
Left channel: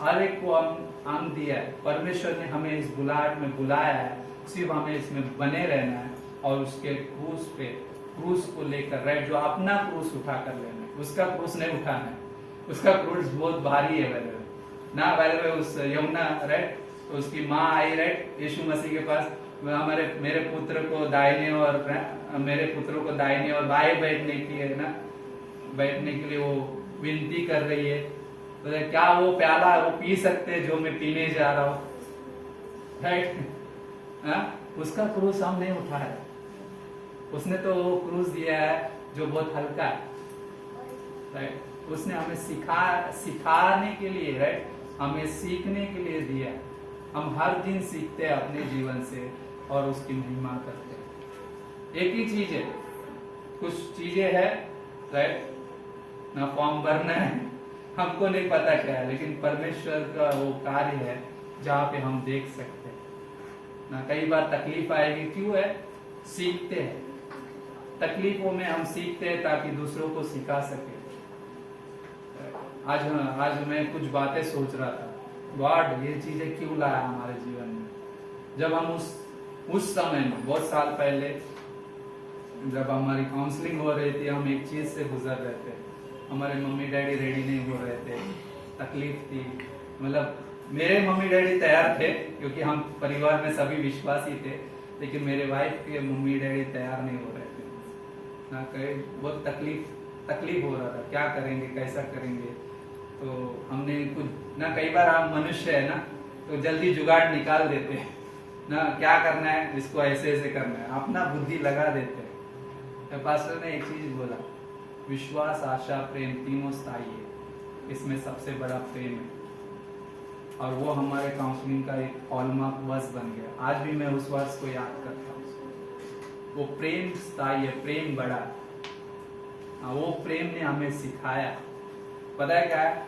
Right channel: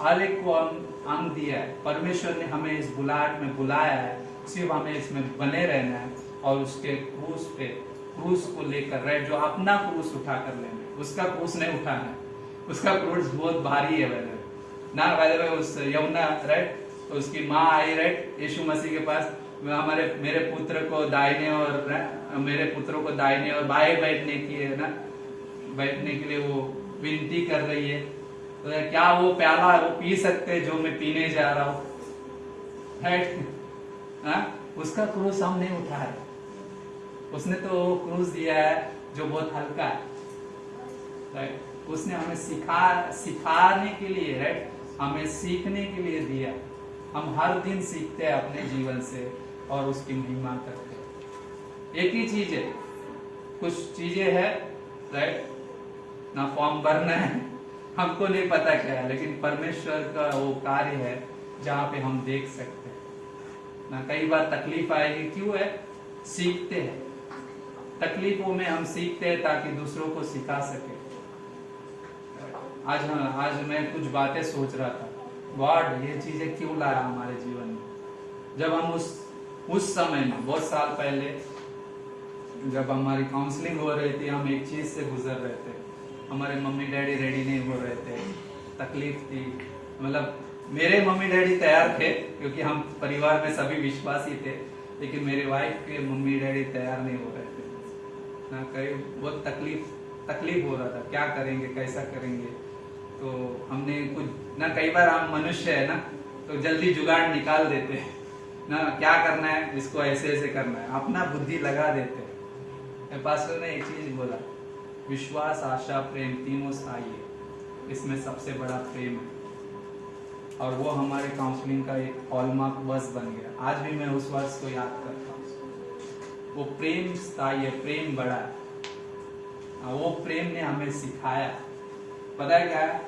हर एक को अंग दिया है। परमेश्वर ने हमें इस बुलाहट में बुलाया है, सिर्फ हमें इसमें बने रहना है और उसके क्रूस को लेकर, राइट, जो अपना क्रूस उठा कर लेना है। उसका क्रूस नहीं उठाना है, उसका क्रूस बहुत भारी है ना। उस यूहन्ना, राइट, तो उसकी माँ आई, राइट, यीशु मसीह के पास, मेरे पुत्र को दाहिने और मेरे पुत्रों को दाहिने और बाएं बैठने की है ना, बैठने के लिए वो विनती कर रही है तो क्या वो प्याला वो पी सकते जो मैं पीने जा रहा हूं, राइट? उसका क्रूस हम नहीं उठा रहे, उसने तो वो क्रूस दिया है जो बहुत हल्का है, राइट? उसने हमें सिखाने के लिए, राइट, हमें सीखने के लिए दिया। हम हर दिन सीखते हैं अपने जीवन से और उसकी महिमा करते हैं। एक ही चीज है, कुछ चीजें है, राइट, ना फॉर्म भरना है, हमको नहीं पता क्या है, लेकिन परमेश्वर का वो कार्य है जहाँ पे हम देख सकते हैं ना। कई बार तकलीफ आएगी, क्यों है? सीखते हैं, तकलीफों में हम सीखते हैं ताकि दूसरों को सिखा सके। आज मैं कुछ बातें सोच रहा था, गॉड ये चीजें क्यों लाया हमारे जीवन में। जब हम उस समय में बहुत साल पहले जब हमारी काउंसलिंग हो रही थी, हम एक चीज से गुजर रहे थे, हमारे मम्मी डैडी रेडी नहीं हो रहे थे, तकलीफ थी। मतलब मेरे मम्मी डैडी तैयार थे क्योंकि हम परिवार में सभी विश्वासी थे, लेकिन मेरे वाइफ के मम्मी डैडी तैयार नहीं हो रहे थे ना। कई बहुत तकलीफ हो रहा था, क्या करेंगे, कैसा करेंगे। तो हमने कुछ ना, कई बार हम मनुष्य है ना, तो जल्दी जुगाड़ निकाल देते हैं ना, क्या करना है, इसको ऐसे ऐसे करना है, अपना बुद्धि लगा देते हैं। पास्टर ने एक चीज बोला, विश्वास, आशा, प्रेम तीनों स्थायी है, इसमें सबसे बड़ा प्रेम है। और वो हमारे काउंसलिंग का एक हॉलमार्क वर्स बन गया। आज भी मैं उस वर्स को याद करता हूँ। वो प्रेम स्थायी है, प्रेम बड़ा है। वो प्रेम ने हमें सिखाया। पता है क्या है?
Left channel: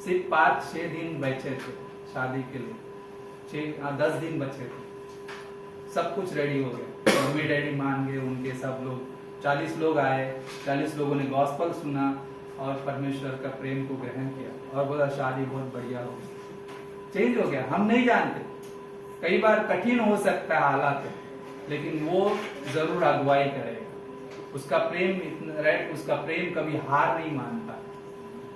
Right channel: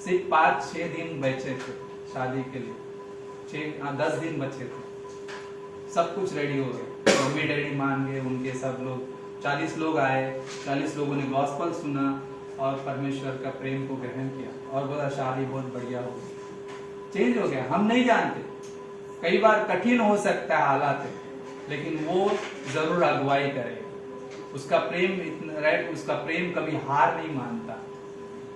सिर्फ 5-6 दिन बचे थे शादी के लिए, 10 दिन बचे थे, सब कुछ रेडी हो गया, मम्मी डैडी मान गए, उनके सब लोग 40 लोग आए, 40 लोगों ने गॉस्पल सुना और परमेश्वर का प्रेम को ग्रहण किया और बोला शादी बहुत बढ़िया हो गई, चेंज हो गया। हम नहीं जानते, कई बार कठिन हो सकता है हालात, लेकिन वो जरूर अगुवाई करेगा। उसका प्रेम इतना, राइट, उसका प्रेम कभी हार नहीं मानता।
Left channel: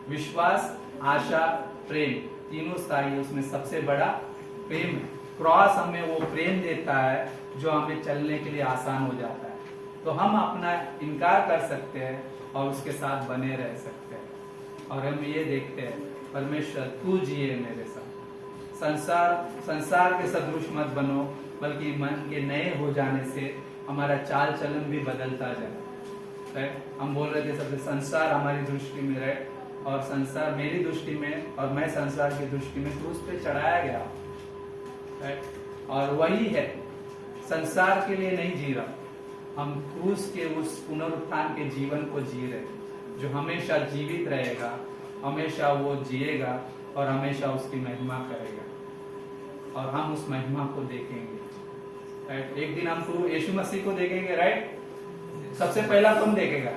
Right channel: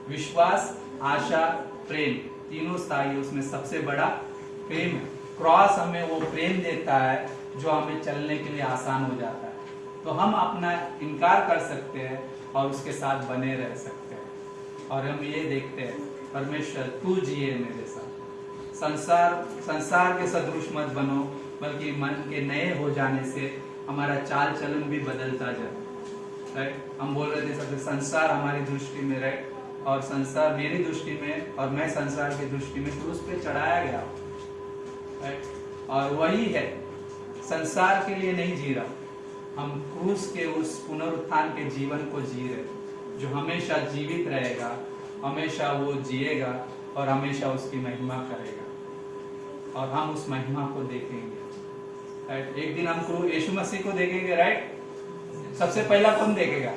विश्वास, आशा, प्रेम तीनों स्थायी है, उसमें सबसे बड़ा प्रेम है। क्रॉस हमें वो प्रेम देता है जो हमें चलने के लिए आसान हो जाता है। तो हम अपना इनकार कर सकते हैं और उसके साथ बने रह सकते हैं। और हम ये देखते हैं, परमेश्वर तू जिए मेरे साथ। संसार के सदृश मत बनो, बल्कि मन के नए हो जाने से हमारा चाल चलन भी बदलता जाए, राइट? हम बोल रहे थे सबसे, संसार हमारी दृष्टि में, राइट, और संसार मेरी दृष्टि में और मैं संसार की दृष्टि में क्रूस पे चढ़ाया गया, राइट? और वही है, संसार के लिए नहीं जी रहा, हम क्रूस के उस पुनरुत्थान के जीवन को जी रहे, जो हमेशा जीवित रहेगा, हमेशा वो जिएगा और हमेशा उसकी महिमा करेगा और हम उस महिमा को देखेंगे, राइट? एक दिन हम यीशु मसीह को देखेंगे, राइट? सबसे पहला कौन देखेगा?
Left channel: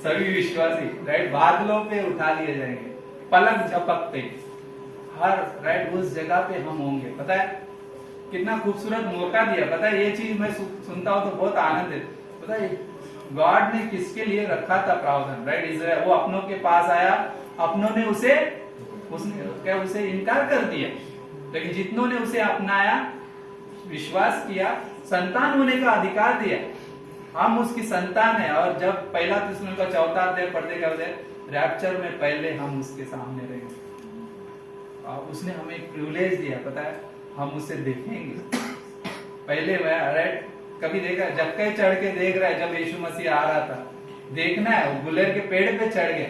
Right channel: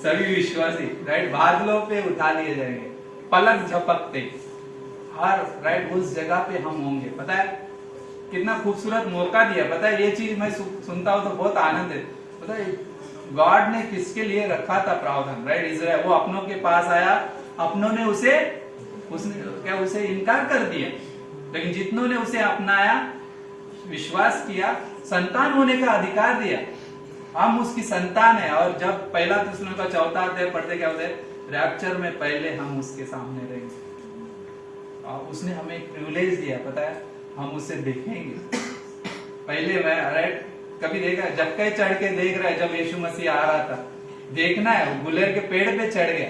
सभी विश्वासी, राइट? बादलों पे उठा लिए जाएंगे, पलक झपकते हर, राइट, उस जगह पे हम होंगे। पता है कितना खूबसूरत मौका दिया। पता है ये चीज मैं सुनता हूँ तो बहुत आनंद है। पता है गॉड ने किसके लिए रखा था प्रावधान, राइट? इजराइल, वो अपनों के पास आया, अपनों ने उसे इनकार कर दिया, लेकिन जितनों ने उसे अपनाया, विश्वास किया, संतान होने का अधिकार दिया। हम उसकी संतान है। और जब पहला थिस्सलुनीके का 4 अध्याय पढ़ते क्या होते, रैप्चर में पहले हम उसके सामने रहेंगे और उसने हमें एक प्रिविलेज दिया। पता है हम उसे देखेंगे पहले, राइट? कभी देखा जक्के चढ़ के देख रहा है, जब यीशु मसीह आ रहा था, देखना है, गुलेर के पेड़ पे चढ़ गया,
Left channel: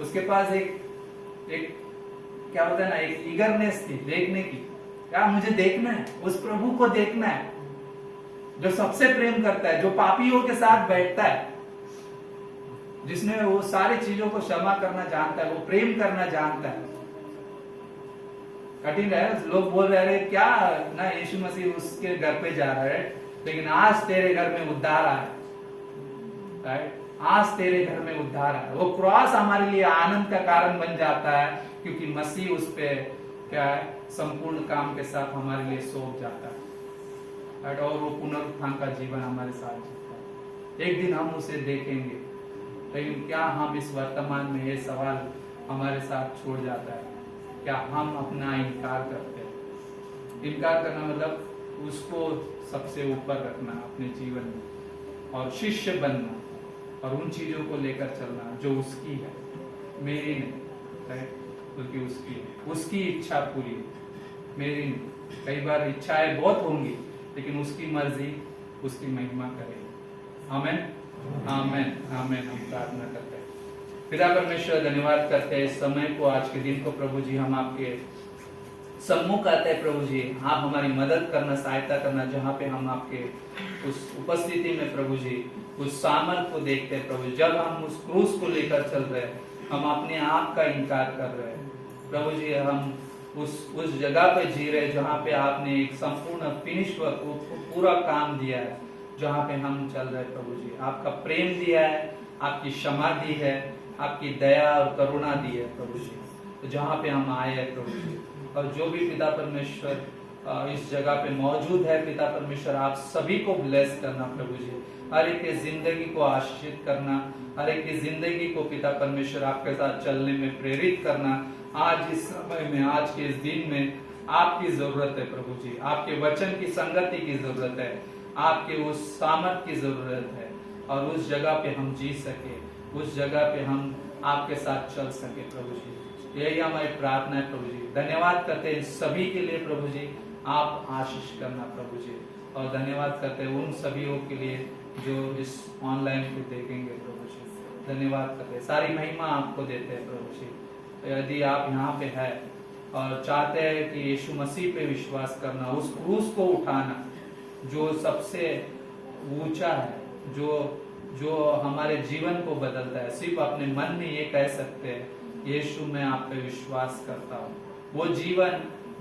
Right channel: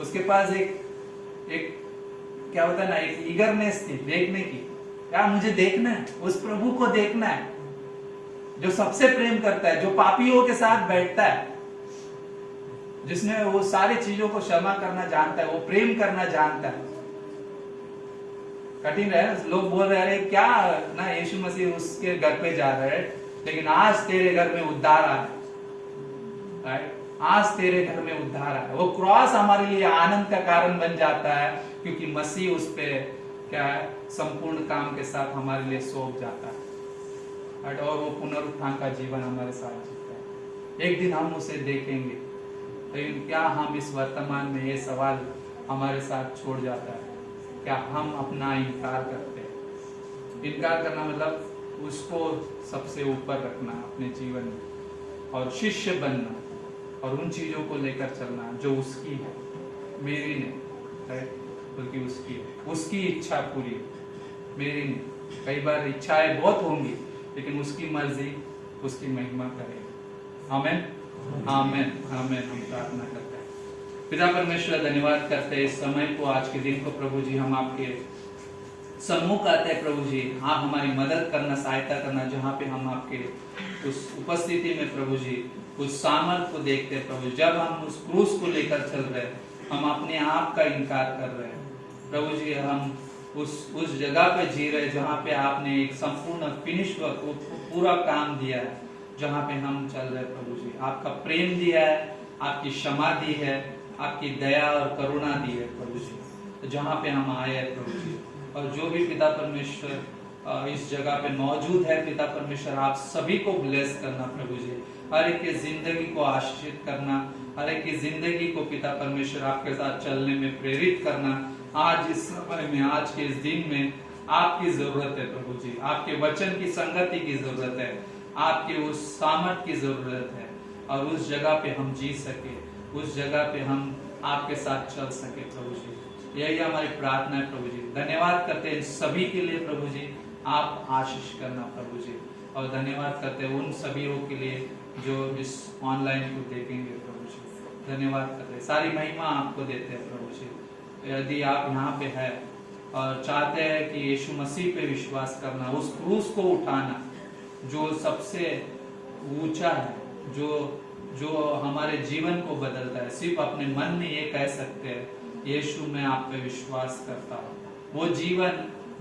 उसके पास एक क्या होता है ना, एक ईगरनेस थी देखने की, क्या मुझे देखना है, उस प्रभु को देखना है जो सबसे प्रेम करता है, जो पापियों के साथ बैठता है, जिसने वो सारी चीजों को क्षमा करना जानता है, वो प्रेम करना जानता है। कठिन है, लोग बोल रहे हैं क्या ना, यीशु मसीह उसके घर पे जा रहा है, लेकिन आज तेरे घर में उद्धार आया, राइट? आज तेरे घर में उद्धार आया। वो क्रॉस हमारे लिए आनंद का कारण बन जाता है, क्योंकि मसीह उस पे क्या है, संपूर्ण काम के साथ हमारे लिए सौंप जाता है, राइट? और वो पुनरुत्थान का जीवन हमारे साथ जीता है। एक दिन हम उसे देखेंगे, लेकिन क्या हम इस वर्तमान में ये सवाल हमारे साथ छोड़ जाता है, क्या हम अपना इनकार करते हैं? इनकार करना मतलब उसको सबसे ऊपर रखना अपने जीवन में और शिष्य बनना, और उन चीजों को लेकर चलना जो उसकी है, मेरी नहीं, राइट, बल्कि उसकी है। उसकी इच्छा पूरी हो, मेरी नहीं। कई बार इच्छाएं बहुत होंगी लेकिन उसकी मर्जी, उसकी महिमा करेगी। आमेन, आमेन, आमेन। हम प्रार्थना करते हैं। पिता परमेश्वर, धन्यवाद करते हैं इस समय को, आज के दिन को प्रभु जी हम आपके सम्मुख आते हैं प्रभु जी। आप हमारी मदद करना, सहायता करना, जहाँ पे हम आपके उस उपस्थिति में प्रभु जी उस सामर्थ को देखते हैं प्रभु। जब हम उस क्रूस को लेकर चल रहे हैं, हम अपने आप का इनकार कर रहे हैं प्रभु जी। हम उस जगह पे जी रहे हैं जहाँ पे आपने एक संपूर्ण फिनिश वर्क, पूरा काम दिया है, जहाँ पे हम चल रहे हैं प्रभु जी। आपका प्रेम दिया है, आपकी क्षमा दी है, आपकी दया और करुणा दी है प्रभु जी। तो जहाँ पे हम आए हैं प्रभु जी, और जो भी पिता परमेश्वर इस जगह पे मौजूद है पिता परमेश्वर, आप सभी को ब्लेस करना प्रभु जी। हर एक की जिंदगी को आशीषित करना, हर एक की जिंदगी को पिता परमेश्वर आपके साथ चलने में प्रेरित करना। आज इस समय में, आज के इस दिन में आपकी जरूरत है प्रभु जी। आपके वचन की संगति की जरूरत है, आपके उस सामर्थ की जरूरत है, और उस जगह पे हम जी सके, उस जगह पे हम आपके साथ चल सके प्रभु जी। यही हमारी प्रार्थना है प्रभु जी। धन्यवाद करते हैं सभी के लिए प्रभु जी, आप आशीष करना प्रभु जी। और धन्यवाद करते हैं उन सभी के लिए जो इस ऑनलाइन को देखेंगे प्रभु जी। धन्यवाद करते हैं, सारी महिमा आपको देते हैं प्रभु जी। यदि आप यहाँ पे है और चाहते हैं कि यीशु मसीह पे विश्वास करना, उस क्रूस को उठाना जो सबसे ऊंचा है, जो हमारे जीवन को बदलता है, सिर्फ अपने मन में ये कह सकते हैं यीशु मैं आप पे विश्वास करता हूँ, वो जीवन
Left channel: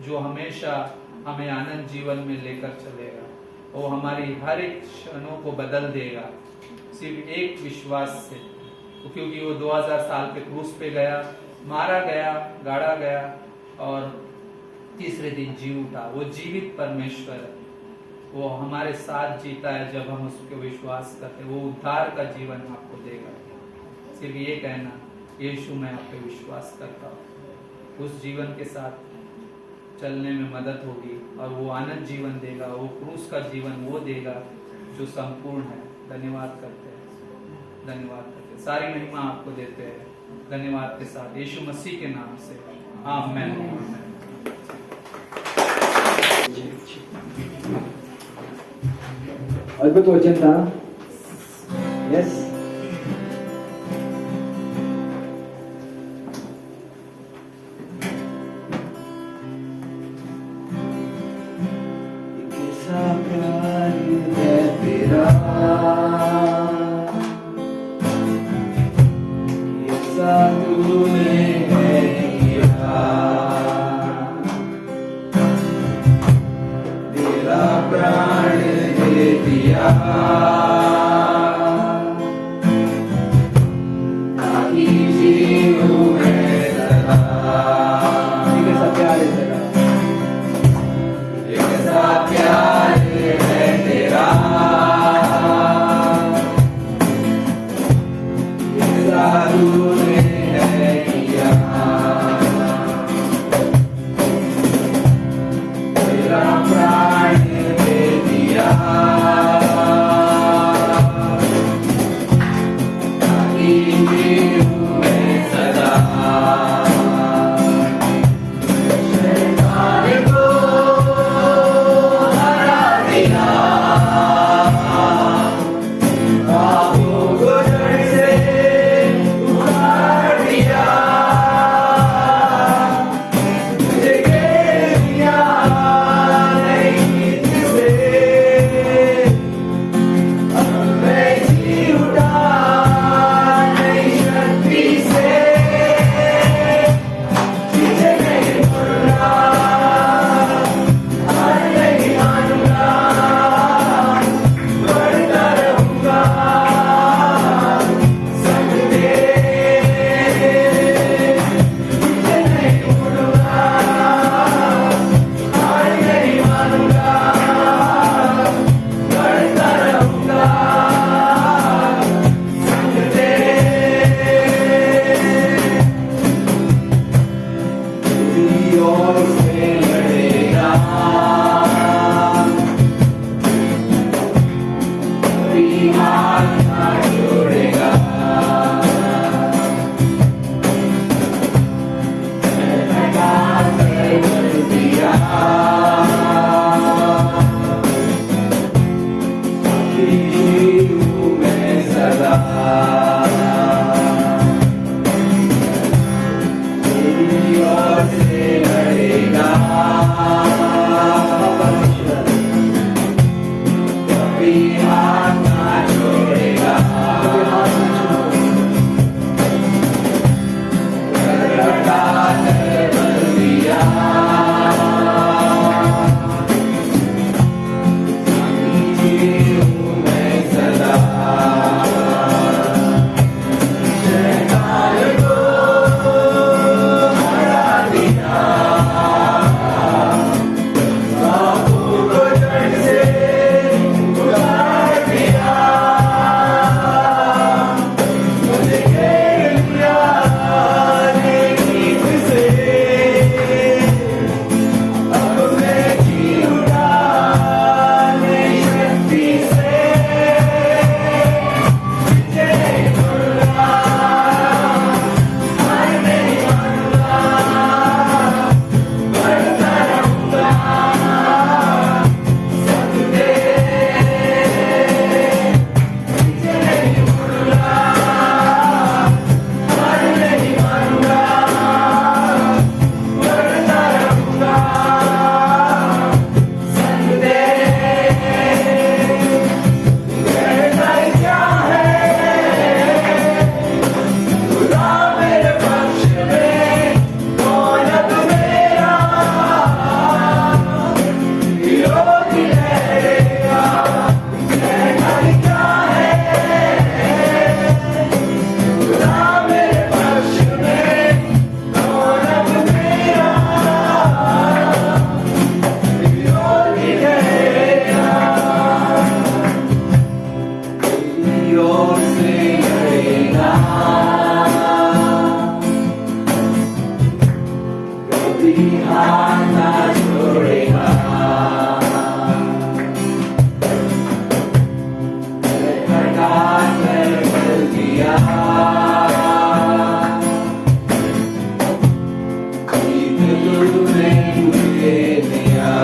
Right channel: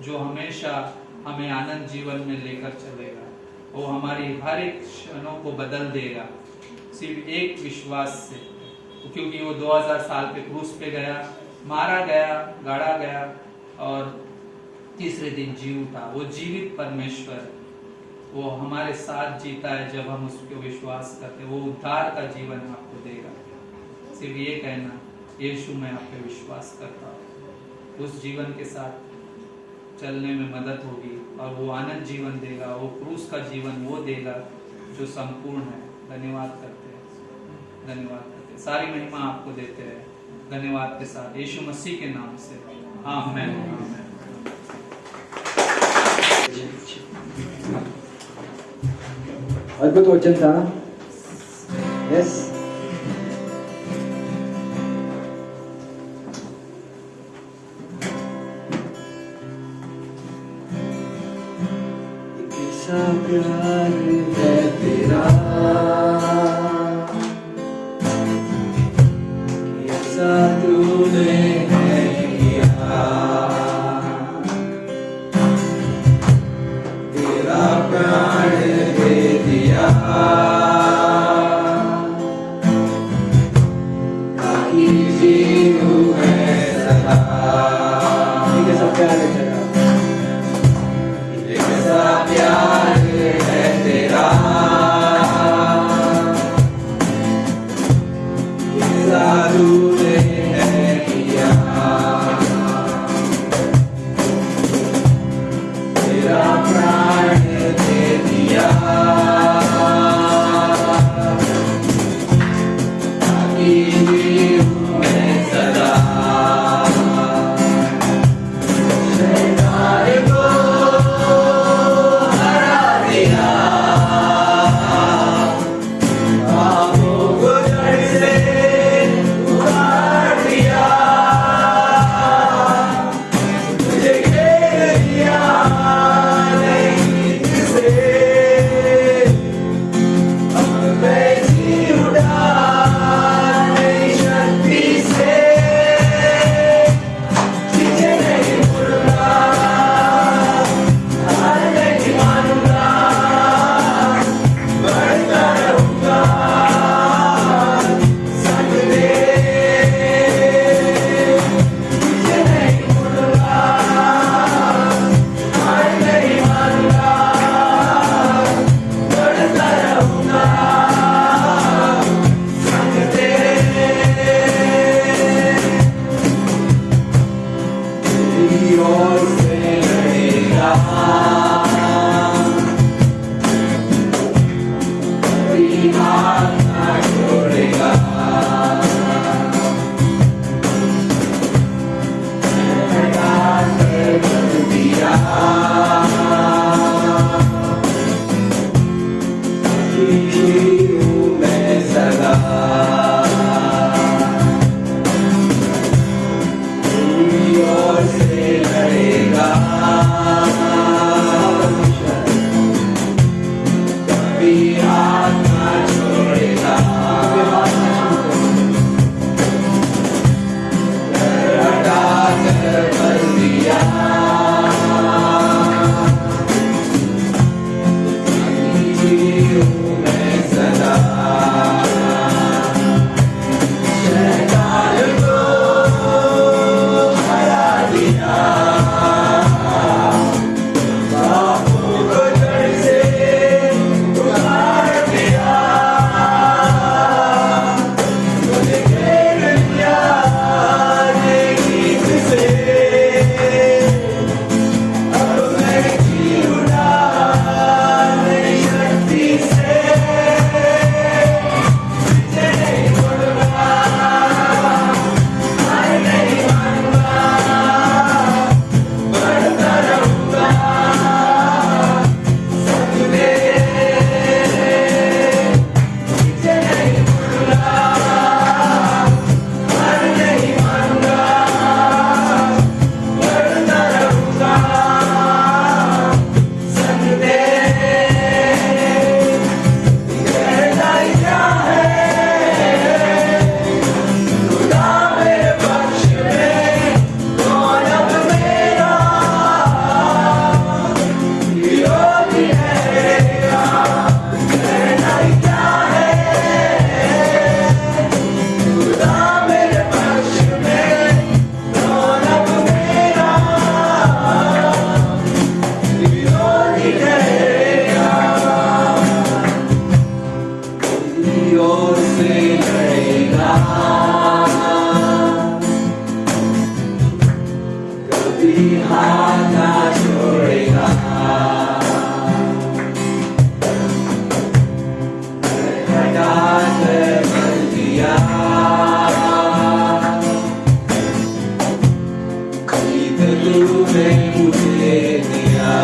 जो हमेशा हमें आनंद जीवन में लेकर चलेगा, वो हमारी हर एक क्षणों को बदल देगा सिर्फ एक विश्वास से। क्योंकि वो 2000 साल के क्रूस पे गया, मारा गया, गाड़ा गया और तीसरे दिन जी उठा। वो जीवित परमेश्वर है, वो हमारे साथ जीता है। जब हम उसके विश्वास करते हैं, वो उद्धार का जीवन आपको देगा। सिर्फ ये कहना यीशु मैं आप पे विश्वास करता हूँ, उस जीवन के साथ चलने में मदद होगी और वो आनंद जीवन देगा, वो क्रूस का जीवन वो देगा जो संपूर्ण है। धन्यवाद करते हैं, धन्यवाद करते हैं, सारी महिमा आपको देते हैं धन्यवाद के साथ, यीशु मसीह के नाम से, आमीन, आमीन। अद्भुत वचन था। यस, प्यार है तेरा, कैसा तूने है किया, तेरा प्राण दे दिया ताकि जीऊं मैं सदा। कैसा प्यार है तेरा, कैसा प्यार है तेरा, कैसा तूने है किया, तेरा प्राण दे दिया ताकि जीऊं मैं सदा। शैतान को हरा दिया, पापों को जड़ से उखाड़ दिया, मुझे घेर लिया नई नींद से, अब मैं जी उठा नई शक्ति से, पीछे नहीं मुड़ना, हार नहीं मानूंगा, बढ़ता रहूंगा संग तेरे, पीछे नहीं मुड़ूंगा, हार नहीं मानूंगा, बढ़ता रहूंगा संग तेरे, तेरी ओर से लड़ेगा, कभी हाथ ना छोड़ेगा, हूँ मैं सदा तेरी ओर से लड़ेगा कभी हाथ ना छोड़ेगा लड़ा कर बंदियां हूँ मैं सदा शैतान को हरा दिया पापों को जड़ से उखाड़ दिया तुझे घेर लिया ये गीत से अब मैं जी उठा नई शक्ति से तुझे नहीं छोड़ूंगा हार नहीं मानूंगा बढ़ता रहूंगा संग तेरे तुझे नहीं छोड़ूंगा हार नहीं मानूंगा बढ़ता रहूंगा संग तेरे कहना क्या है खुदा मेरे पक्ष में कौन अब मेरा विरोधी ठहरेगा कहना क्या है खुदा मेरे पक्ष में कौन अब मेरा विरोधी ठहरेगा तेरी ओर से लड़ेगा कभी हाथ ना छोड़ेगा हटा कर बदल दिया जीत तूने मुझे दिया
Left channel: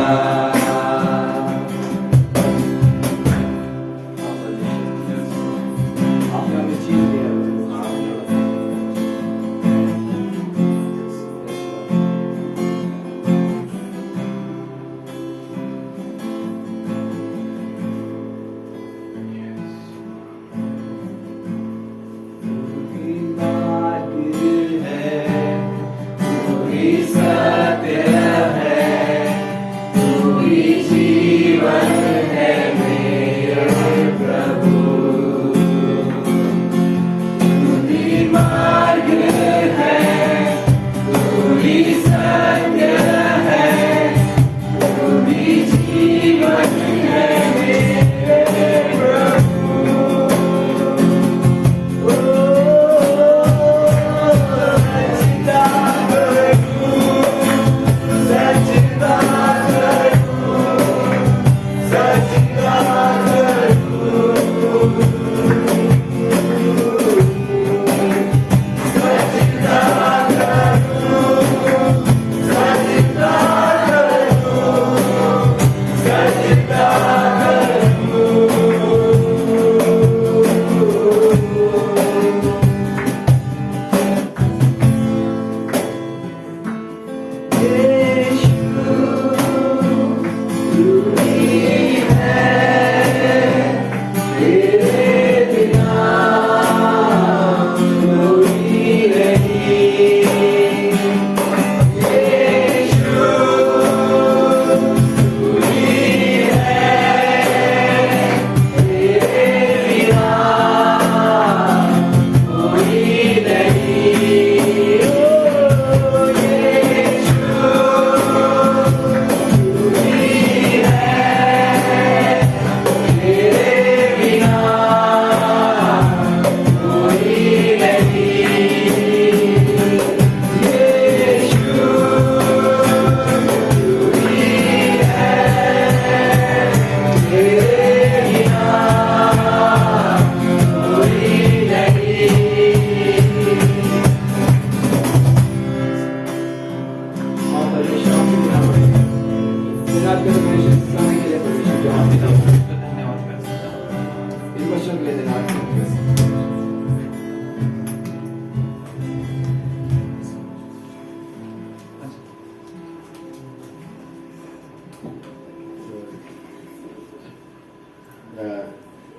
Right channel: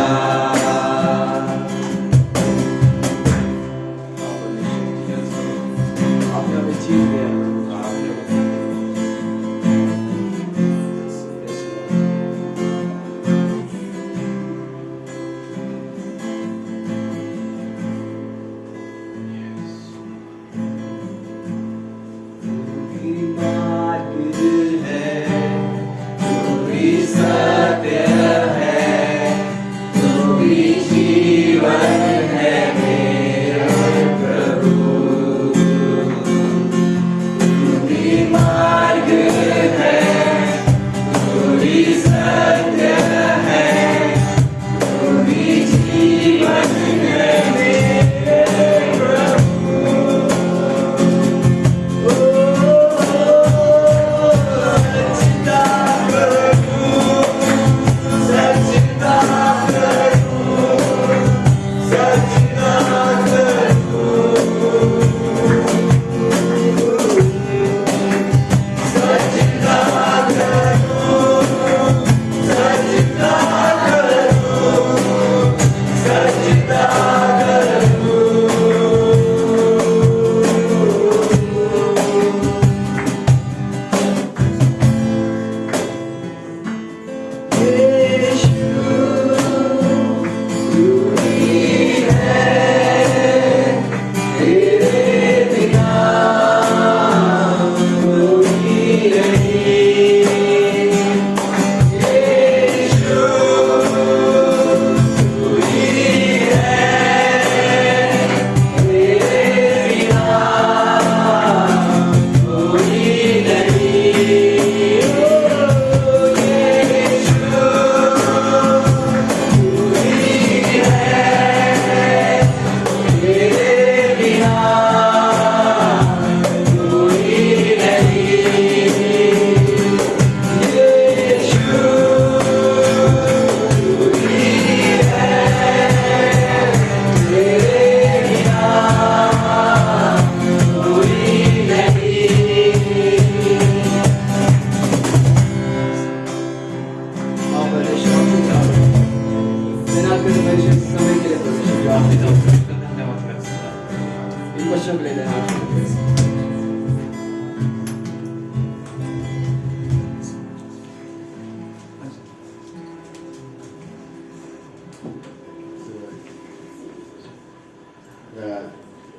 बच्चों को ले लेना।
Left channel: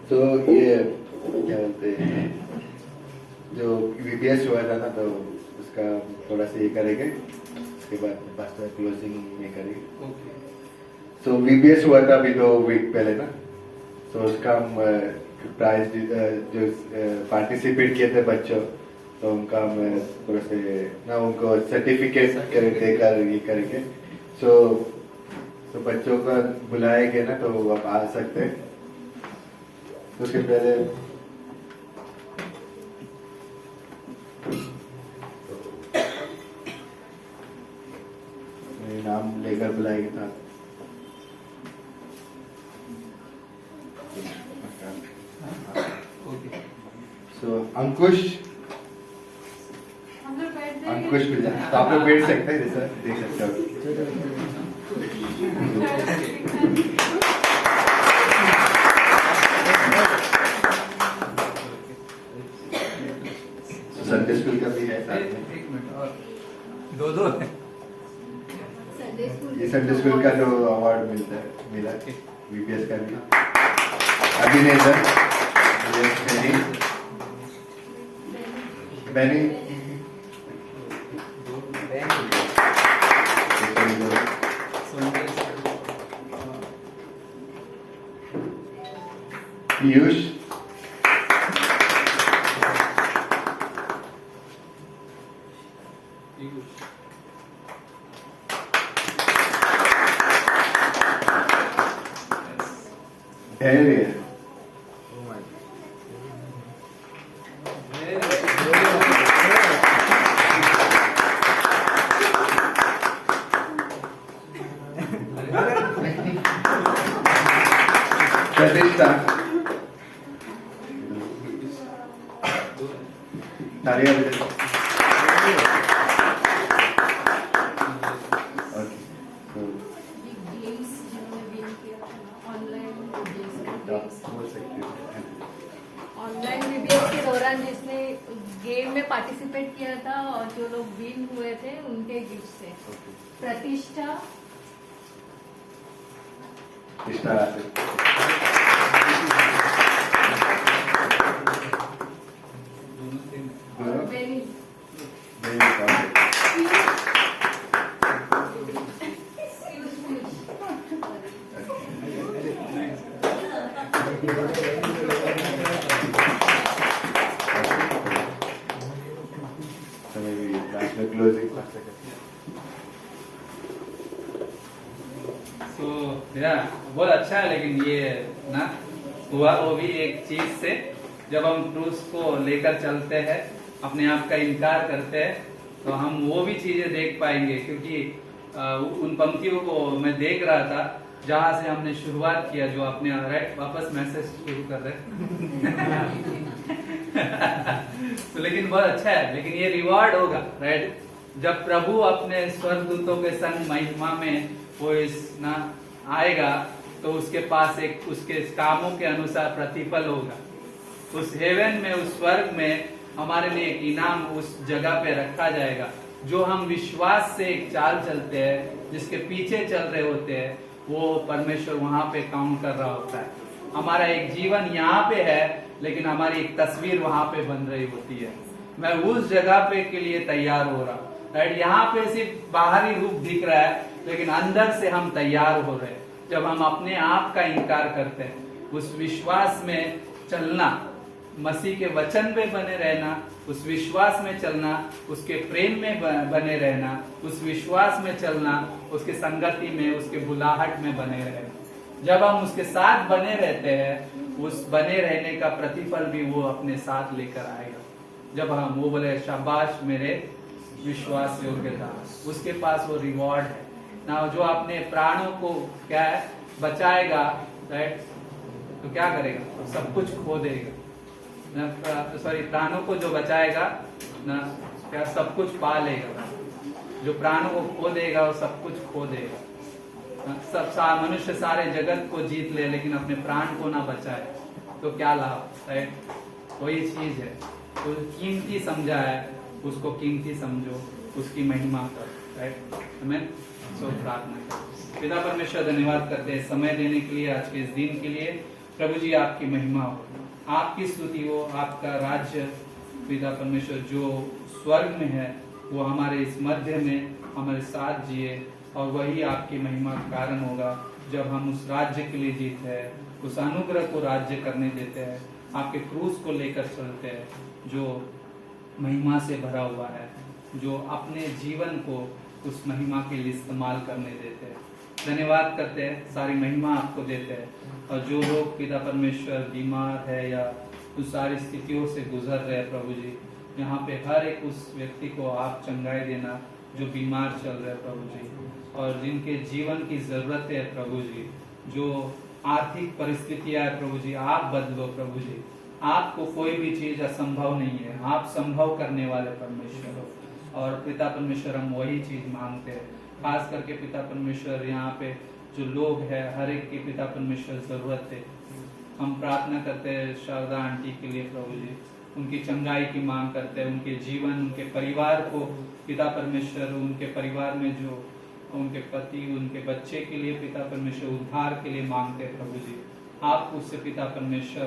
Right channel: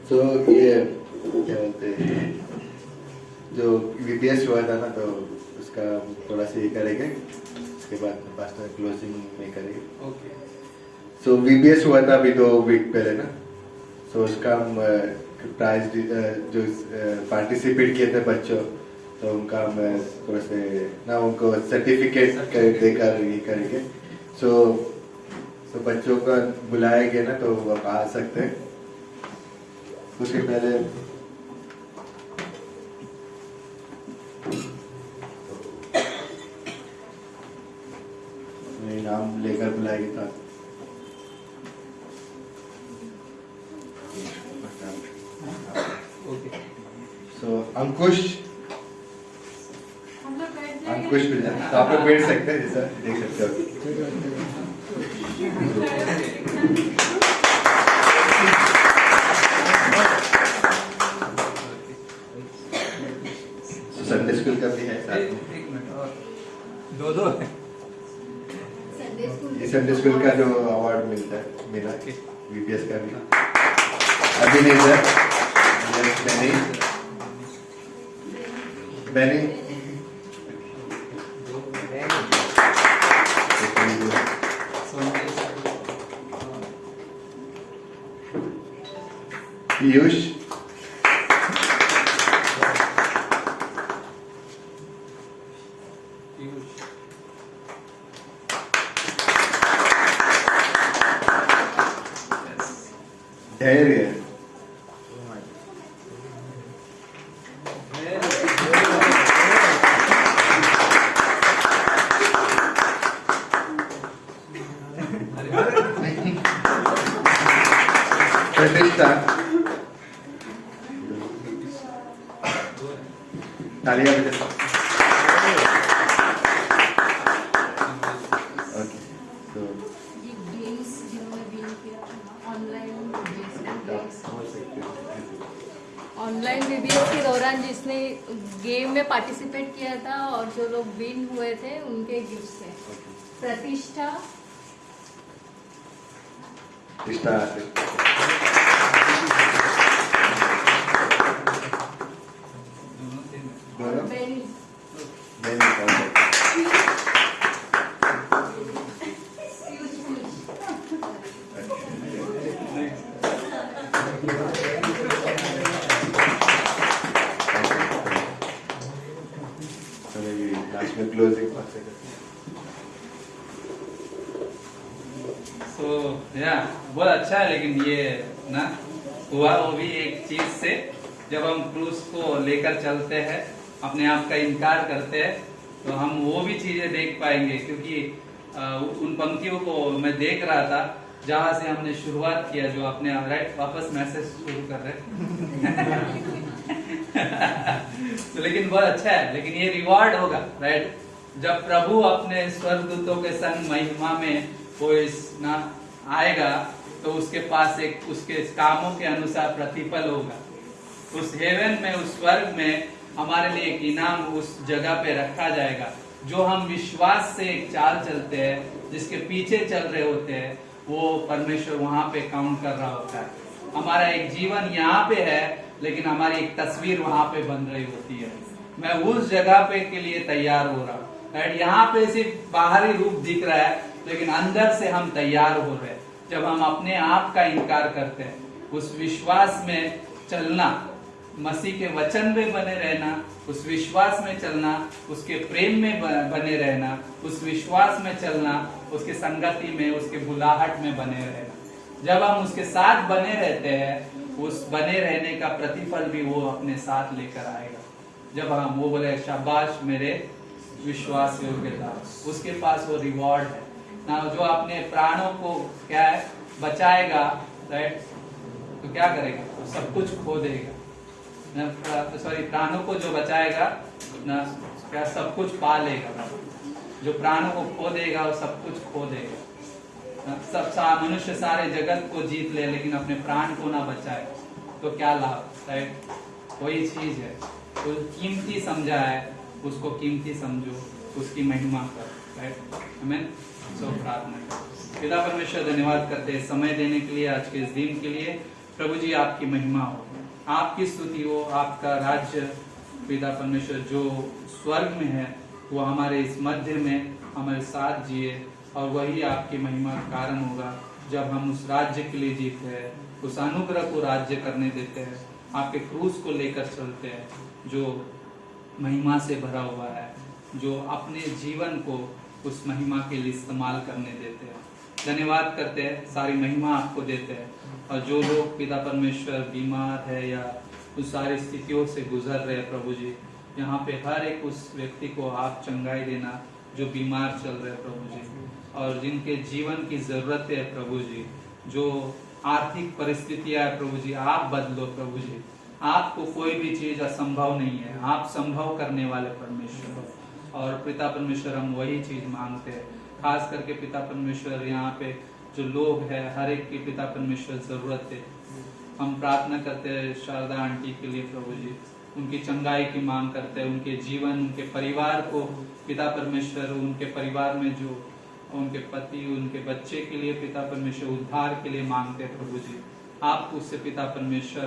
तो ये क्या बोलते हैं, जो VPS हुआ था ना, तो उसका थोड़ा सा ये करेंगे, उसके बाद पास्टर क्लोजिंग में करेंगे। ओके। सो VPS हुआ था अभी 2 वीक पहले ना, सो उसका हम प्राइज जो पार्टिसिपेट किए थे बच्चों, तो उनका हम थोड़ा से ना उनको सर्टिफिकेट देकर ये करेंगे। सो बच्चों को बुलाएंगे ना, तो आप आ सकते हैं। उसके पहले मैं नाम लेकर बुलाएंगे था। ओके। सो अंकुश मिला, तो आप लोग बैठ सकते हैं, जैसा देख सकते हो। संडे स्कूल का भी है साथ में। एक मिनट और दो ये संडे स्कूल का जो अवार्ड मिला VPS का भी अभिनेता बैनी पीयूष धैर्य प्रतिष्ठा तालियां बजाओ। ऑनलाइन VPS के दौरान जिसने गेम में पार्टिसिपेट किया था और जो लोग विन हुए थे उनके गिफ्ट थे। प्रतिष्ठा और बेनी। क्लोजिंग तो या बहुत अच्छा है, लेकिन ये ना हुआ वो भी एक चीज से, जब हम क्रूस को लेकर चलते हैं, अपने आप का इनकार करते हैं, तो हम वो भी चीजें देख पाएंगे। क्योंकि उन पंक्तियों को मैं देख रहा था जहां से हमने शुरुआत किया, जो आपने राइट वापस मैसेज शुरू कर रहे तो लेकिन बहुत अच्छा है, लेकिन ये रिवॉर्ड होगा राइट, जब प्रभु अपने स्वर्गदूतों के संग महिमा में वो इस ना आएगा, तो उसके पास एक उसके कामों के अनुसार प्रतिफल होगा। उस हेवन में, उस स्वर्ग में हमारे लिए एक इनाम उस जगह पे रखा जाएगा, जो हम विश्वास से एक चाल चलते हैं, जिसके पीछे चल रहे होते हैं, वो परमेश्वर वहां पे काउंट कर रहा होता है। हमारा एक जीवन यहाँ पे है, लेकिन हमारी एक तस्वीर वहां पे बन रही होती है। मैं उस जगह पे के लिए तैयार हो रहा हूँ राइट। यहाँ पे सिर्फ बाहरी रूप दिख रहा है, लेकिन अंदर से हम तैयार हो रहे हैं। जब हम अपने आप का इनकार करते हैं, उस विश्वास में चलना, मसीह के वचन में बने रहना, उस विश्वास में चलना, उसके प्रेम में बने रहना, उस विश्वास में चलना, उसके संगति में, उसके बुलाहट में बने रहना। जब हम उसके साथ बने रहते हैं, उस बने रहने का प्रतिफल भी वो अपने साथ लेकर आएगा। जब हम वो बोले शाबाश मेरे विश्वास योग्य दास, उसके पास वो रिवॉर्ड है ना। जो अपने प्राणों को क्या है बचाएगा राइट, तो क्या करेगा, वो सब कुछ खो देगा ना। सॉरी, प्राणों को जो बचाएगा ना, क्या सब कुछ पा लेगा। जो प्राणों को खो देगा वो सब कुछ खो देगा। सब मनुष्य सारे जगत को जीत ले, लेकिन अपने प्राण को ना बचाए तो क्या लाभ, राइट? वही चीज है, तो कीमती समझा है उसको कीमती समझो, उसकी महिमा कर, राइट? हमें सो प्रार्थना करें। पिता परमेश्वर धन्यवाद करते हैं समय देने के लिए, आज के इस दिन के लिए। प्रभु जी आपकी महिमा हो, आपकी स्तुति हो, आपका राज्य पिता परमेश्वर जो स्वर्ग में है वो हमारे इस मध्य में हमारे साथ जिए, और वही आपकी महिमा का कारण होगा जब हम उस राज्य के लिए जीते हैं, उस अनुग्रह को राज्य करने देते हैं, आपके क्रूस को लेकर चलते हैं जो महिमा से भरा हुआ है, जो अपने जीवन को उस महिमा के लिए इस्तेमाल करने देते हैं। धन्यवाद करते हैं, सारी महिमा आपको देते हैं। और जो लोग पिता परमेश्वर बीमार है या उस सारी स्थितियों से गुजर रहे हैं प्रभु जी, यहाँ पे हर एक उस व्यक्ति को आप चंगाई देना जो बीमार चल रहे हैं प्रभु जी, और जिनके जीवन की जरूरत है प्रभु जी, जो आर्थिक परिस्थितियां है प्रभु जी, आप बदलो प्रभु जी। आपको कोई भी चीज असंभव नहीं है, आप संभव करने वाले परमेश्वर हो, और पिता परमेश्वर हम वही चीज मांगते हैं। खास करके पिता परमेश्वर यहाँ पे जो लोग हैं हर एक की पिता परमेश्वर जरूरत है। हम प्रार्थना करते हैं शारदा आंटी के लिए प्रभु जी, उनकी चंगाई की मांग करते हैं, उनके जीवन, उनके परिवार को पिता परमेश्वर, उनके परिवार में जो उनके पति, उनके बच्चे के लिए पिता परमेश्वर उद्धार के लिए मांगते हैं प्रभु जी। आप उससे पिता परमेश्वर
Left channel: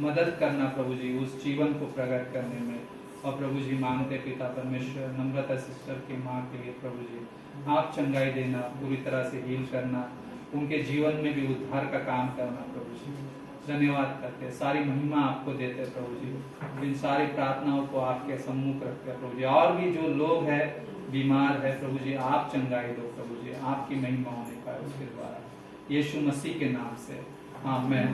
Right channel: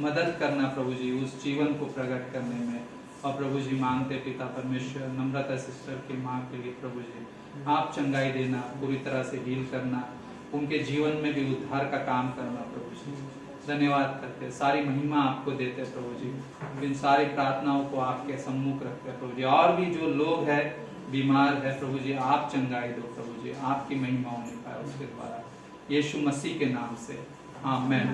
मदद करना प्रभु जी, उस जीवन को प्रकट करने में। और प्रभु जी मांगते पिता परमेश्वर नम्रता सिस्टर की माँ के लिए प्रभु जी, आप चंगाई देना, पूरी तरह से हील करना, उनके जीवन में भी उद्धार का काम करना प्रभु जी। धन्यवाद करते हैं, सारी महिमा आपको देते हैं प्रभु जी। इन सारी प्रार्थनाओं को आपके सम्मुख रखते हैं प्रभु जी। और भी जो लोग हैं बीमार है प्रभु जी, आप चंगाई दो प्रभु जी, आपकी महिमा होने पाए उसके द्वारा, यीशु मसीह के नाम से आमेन।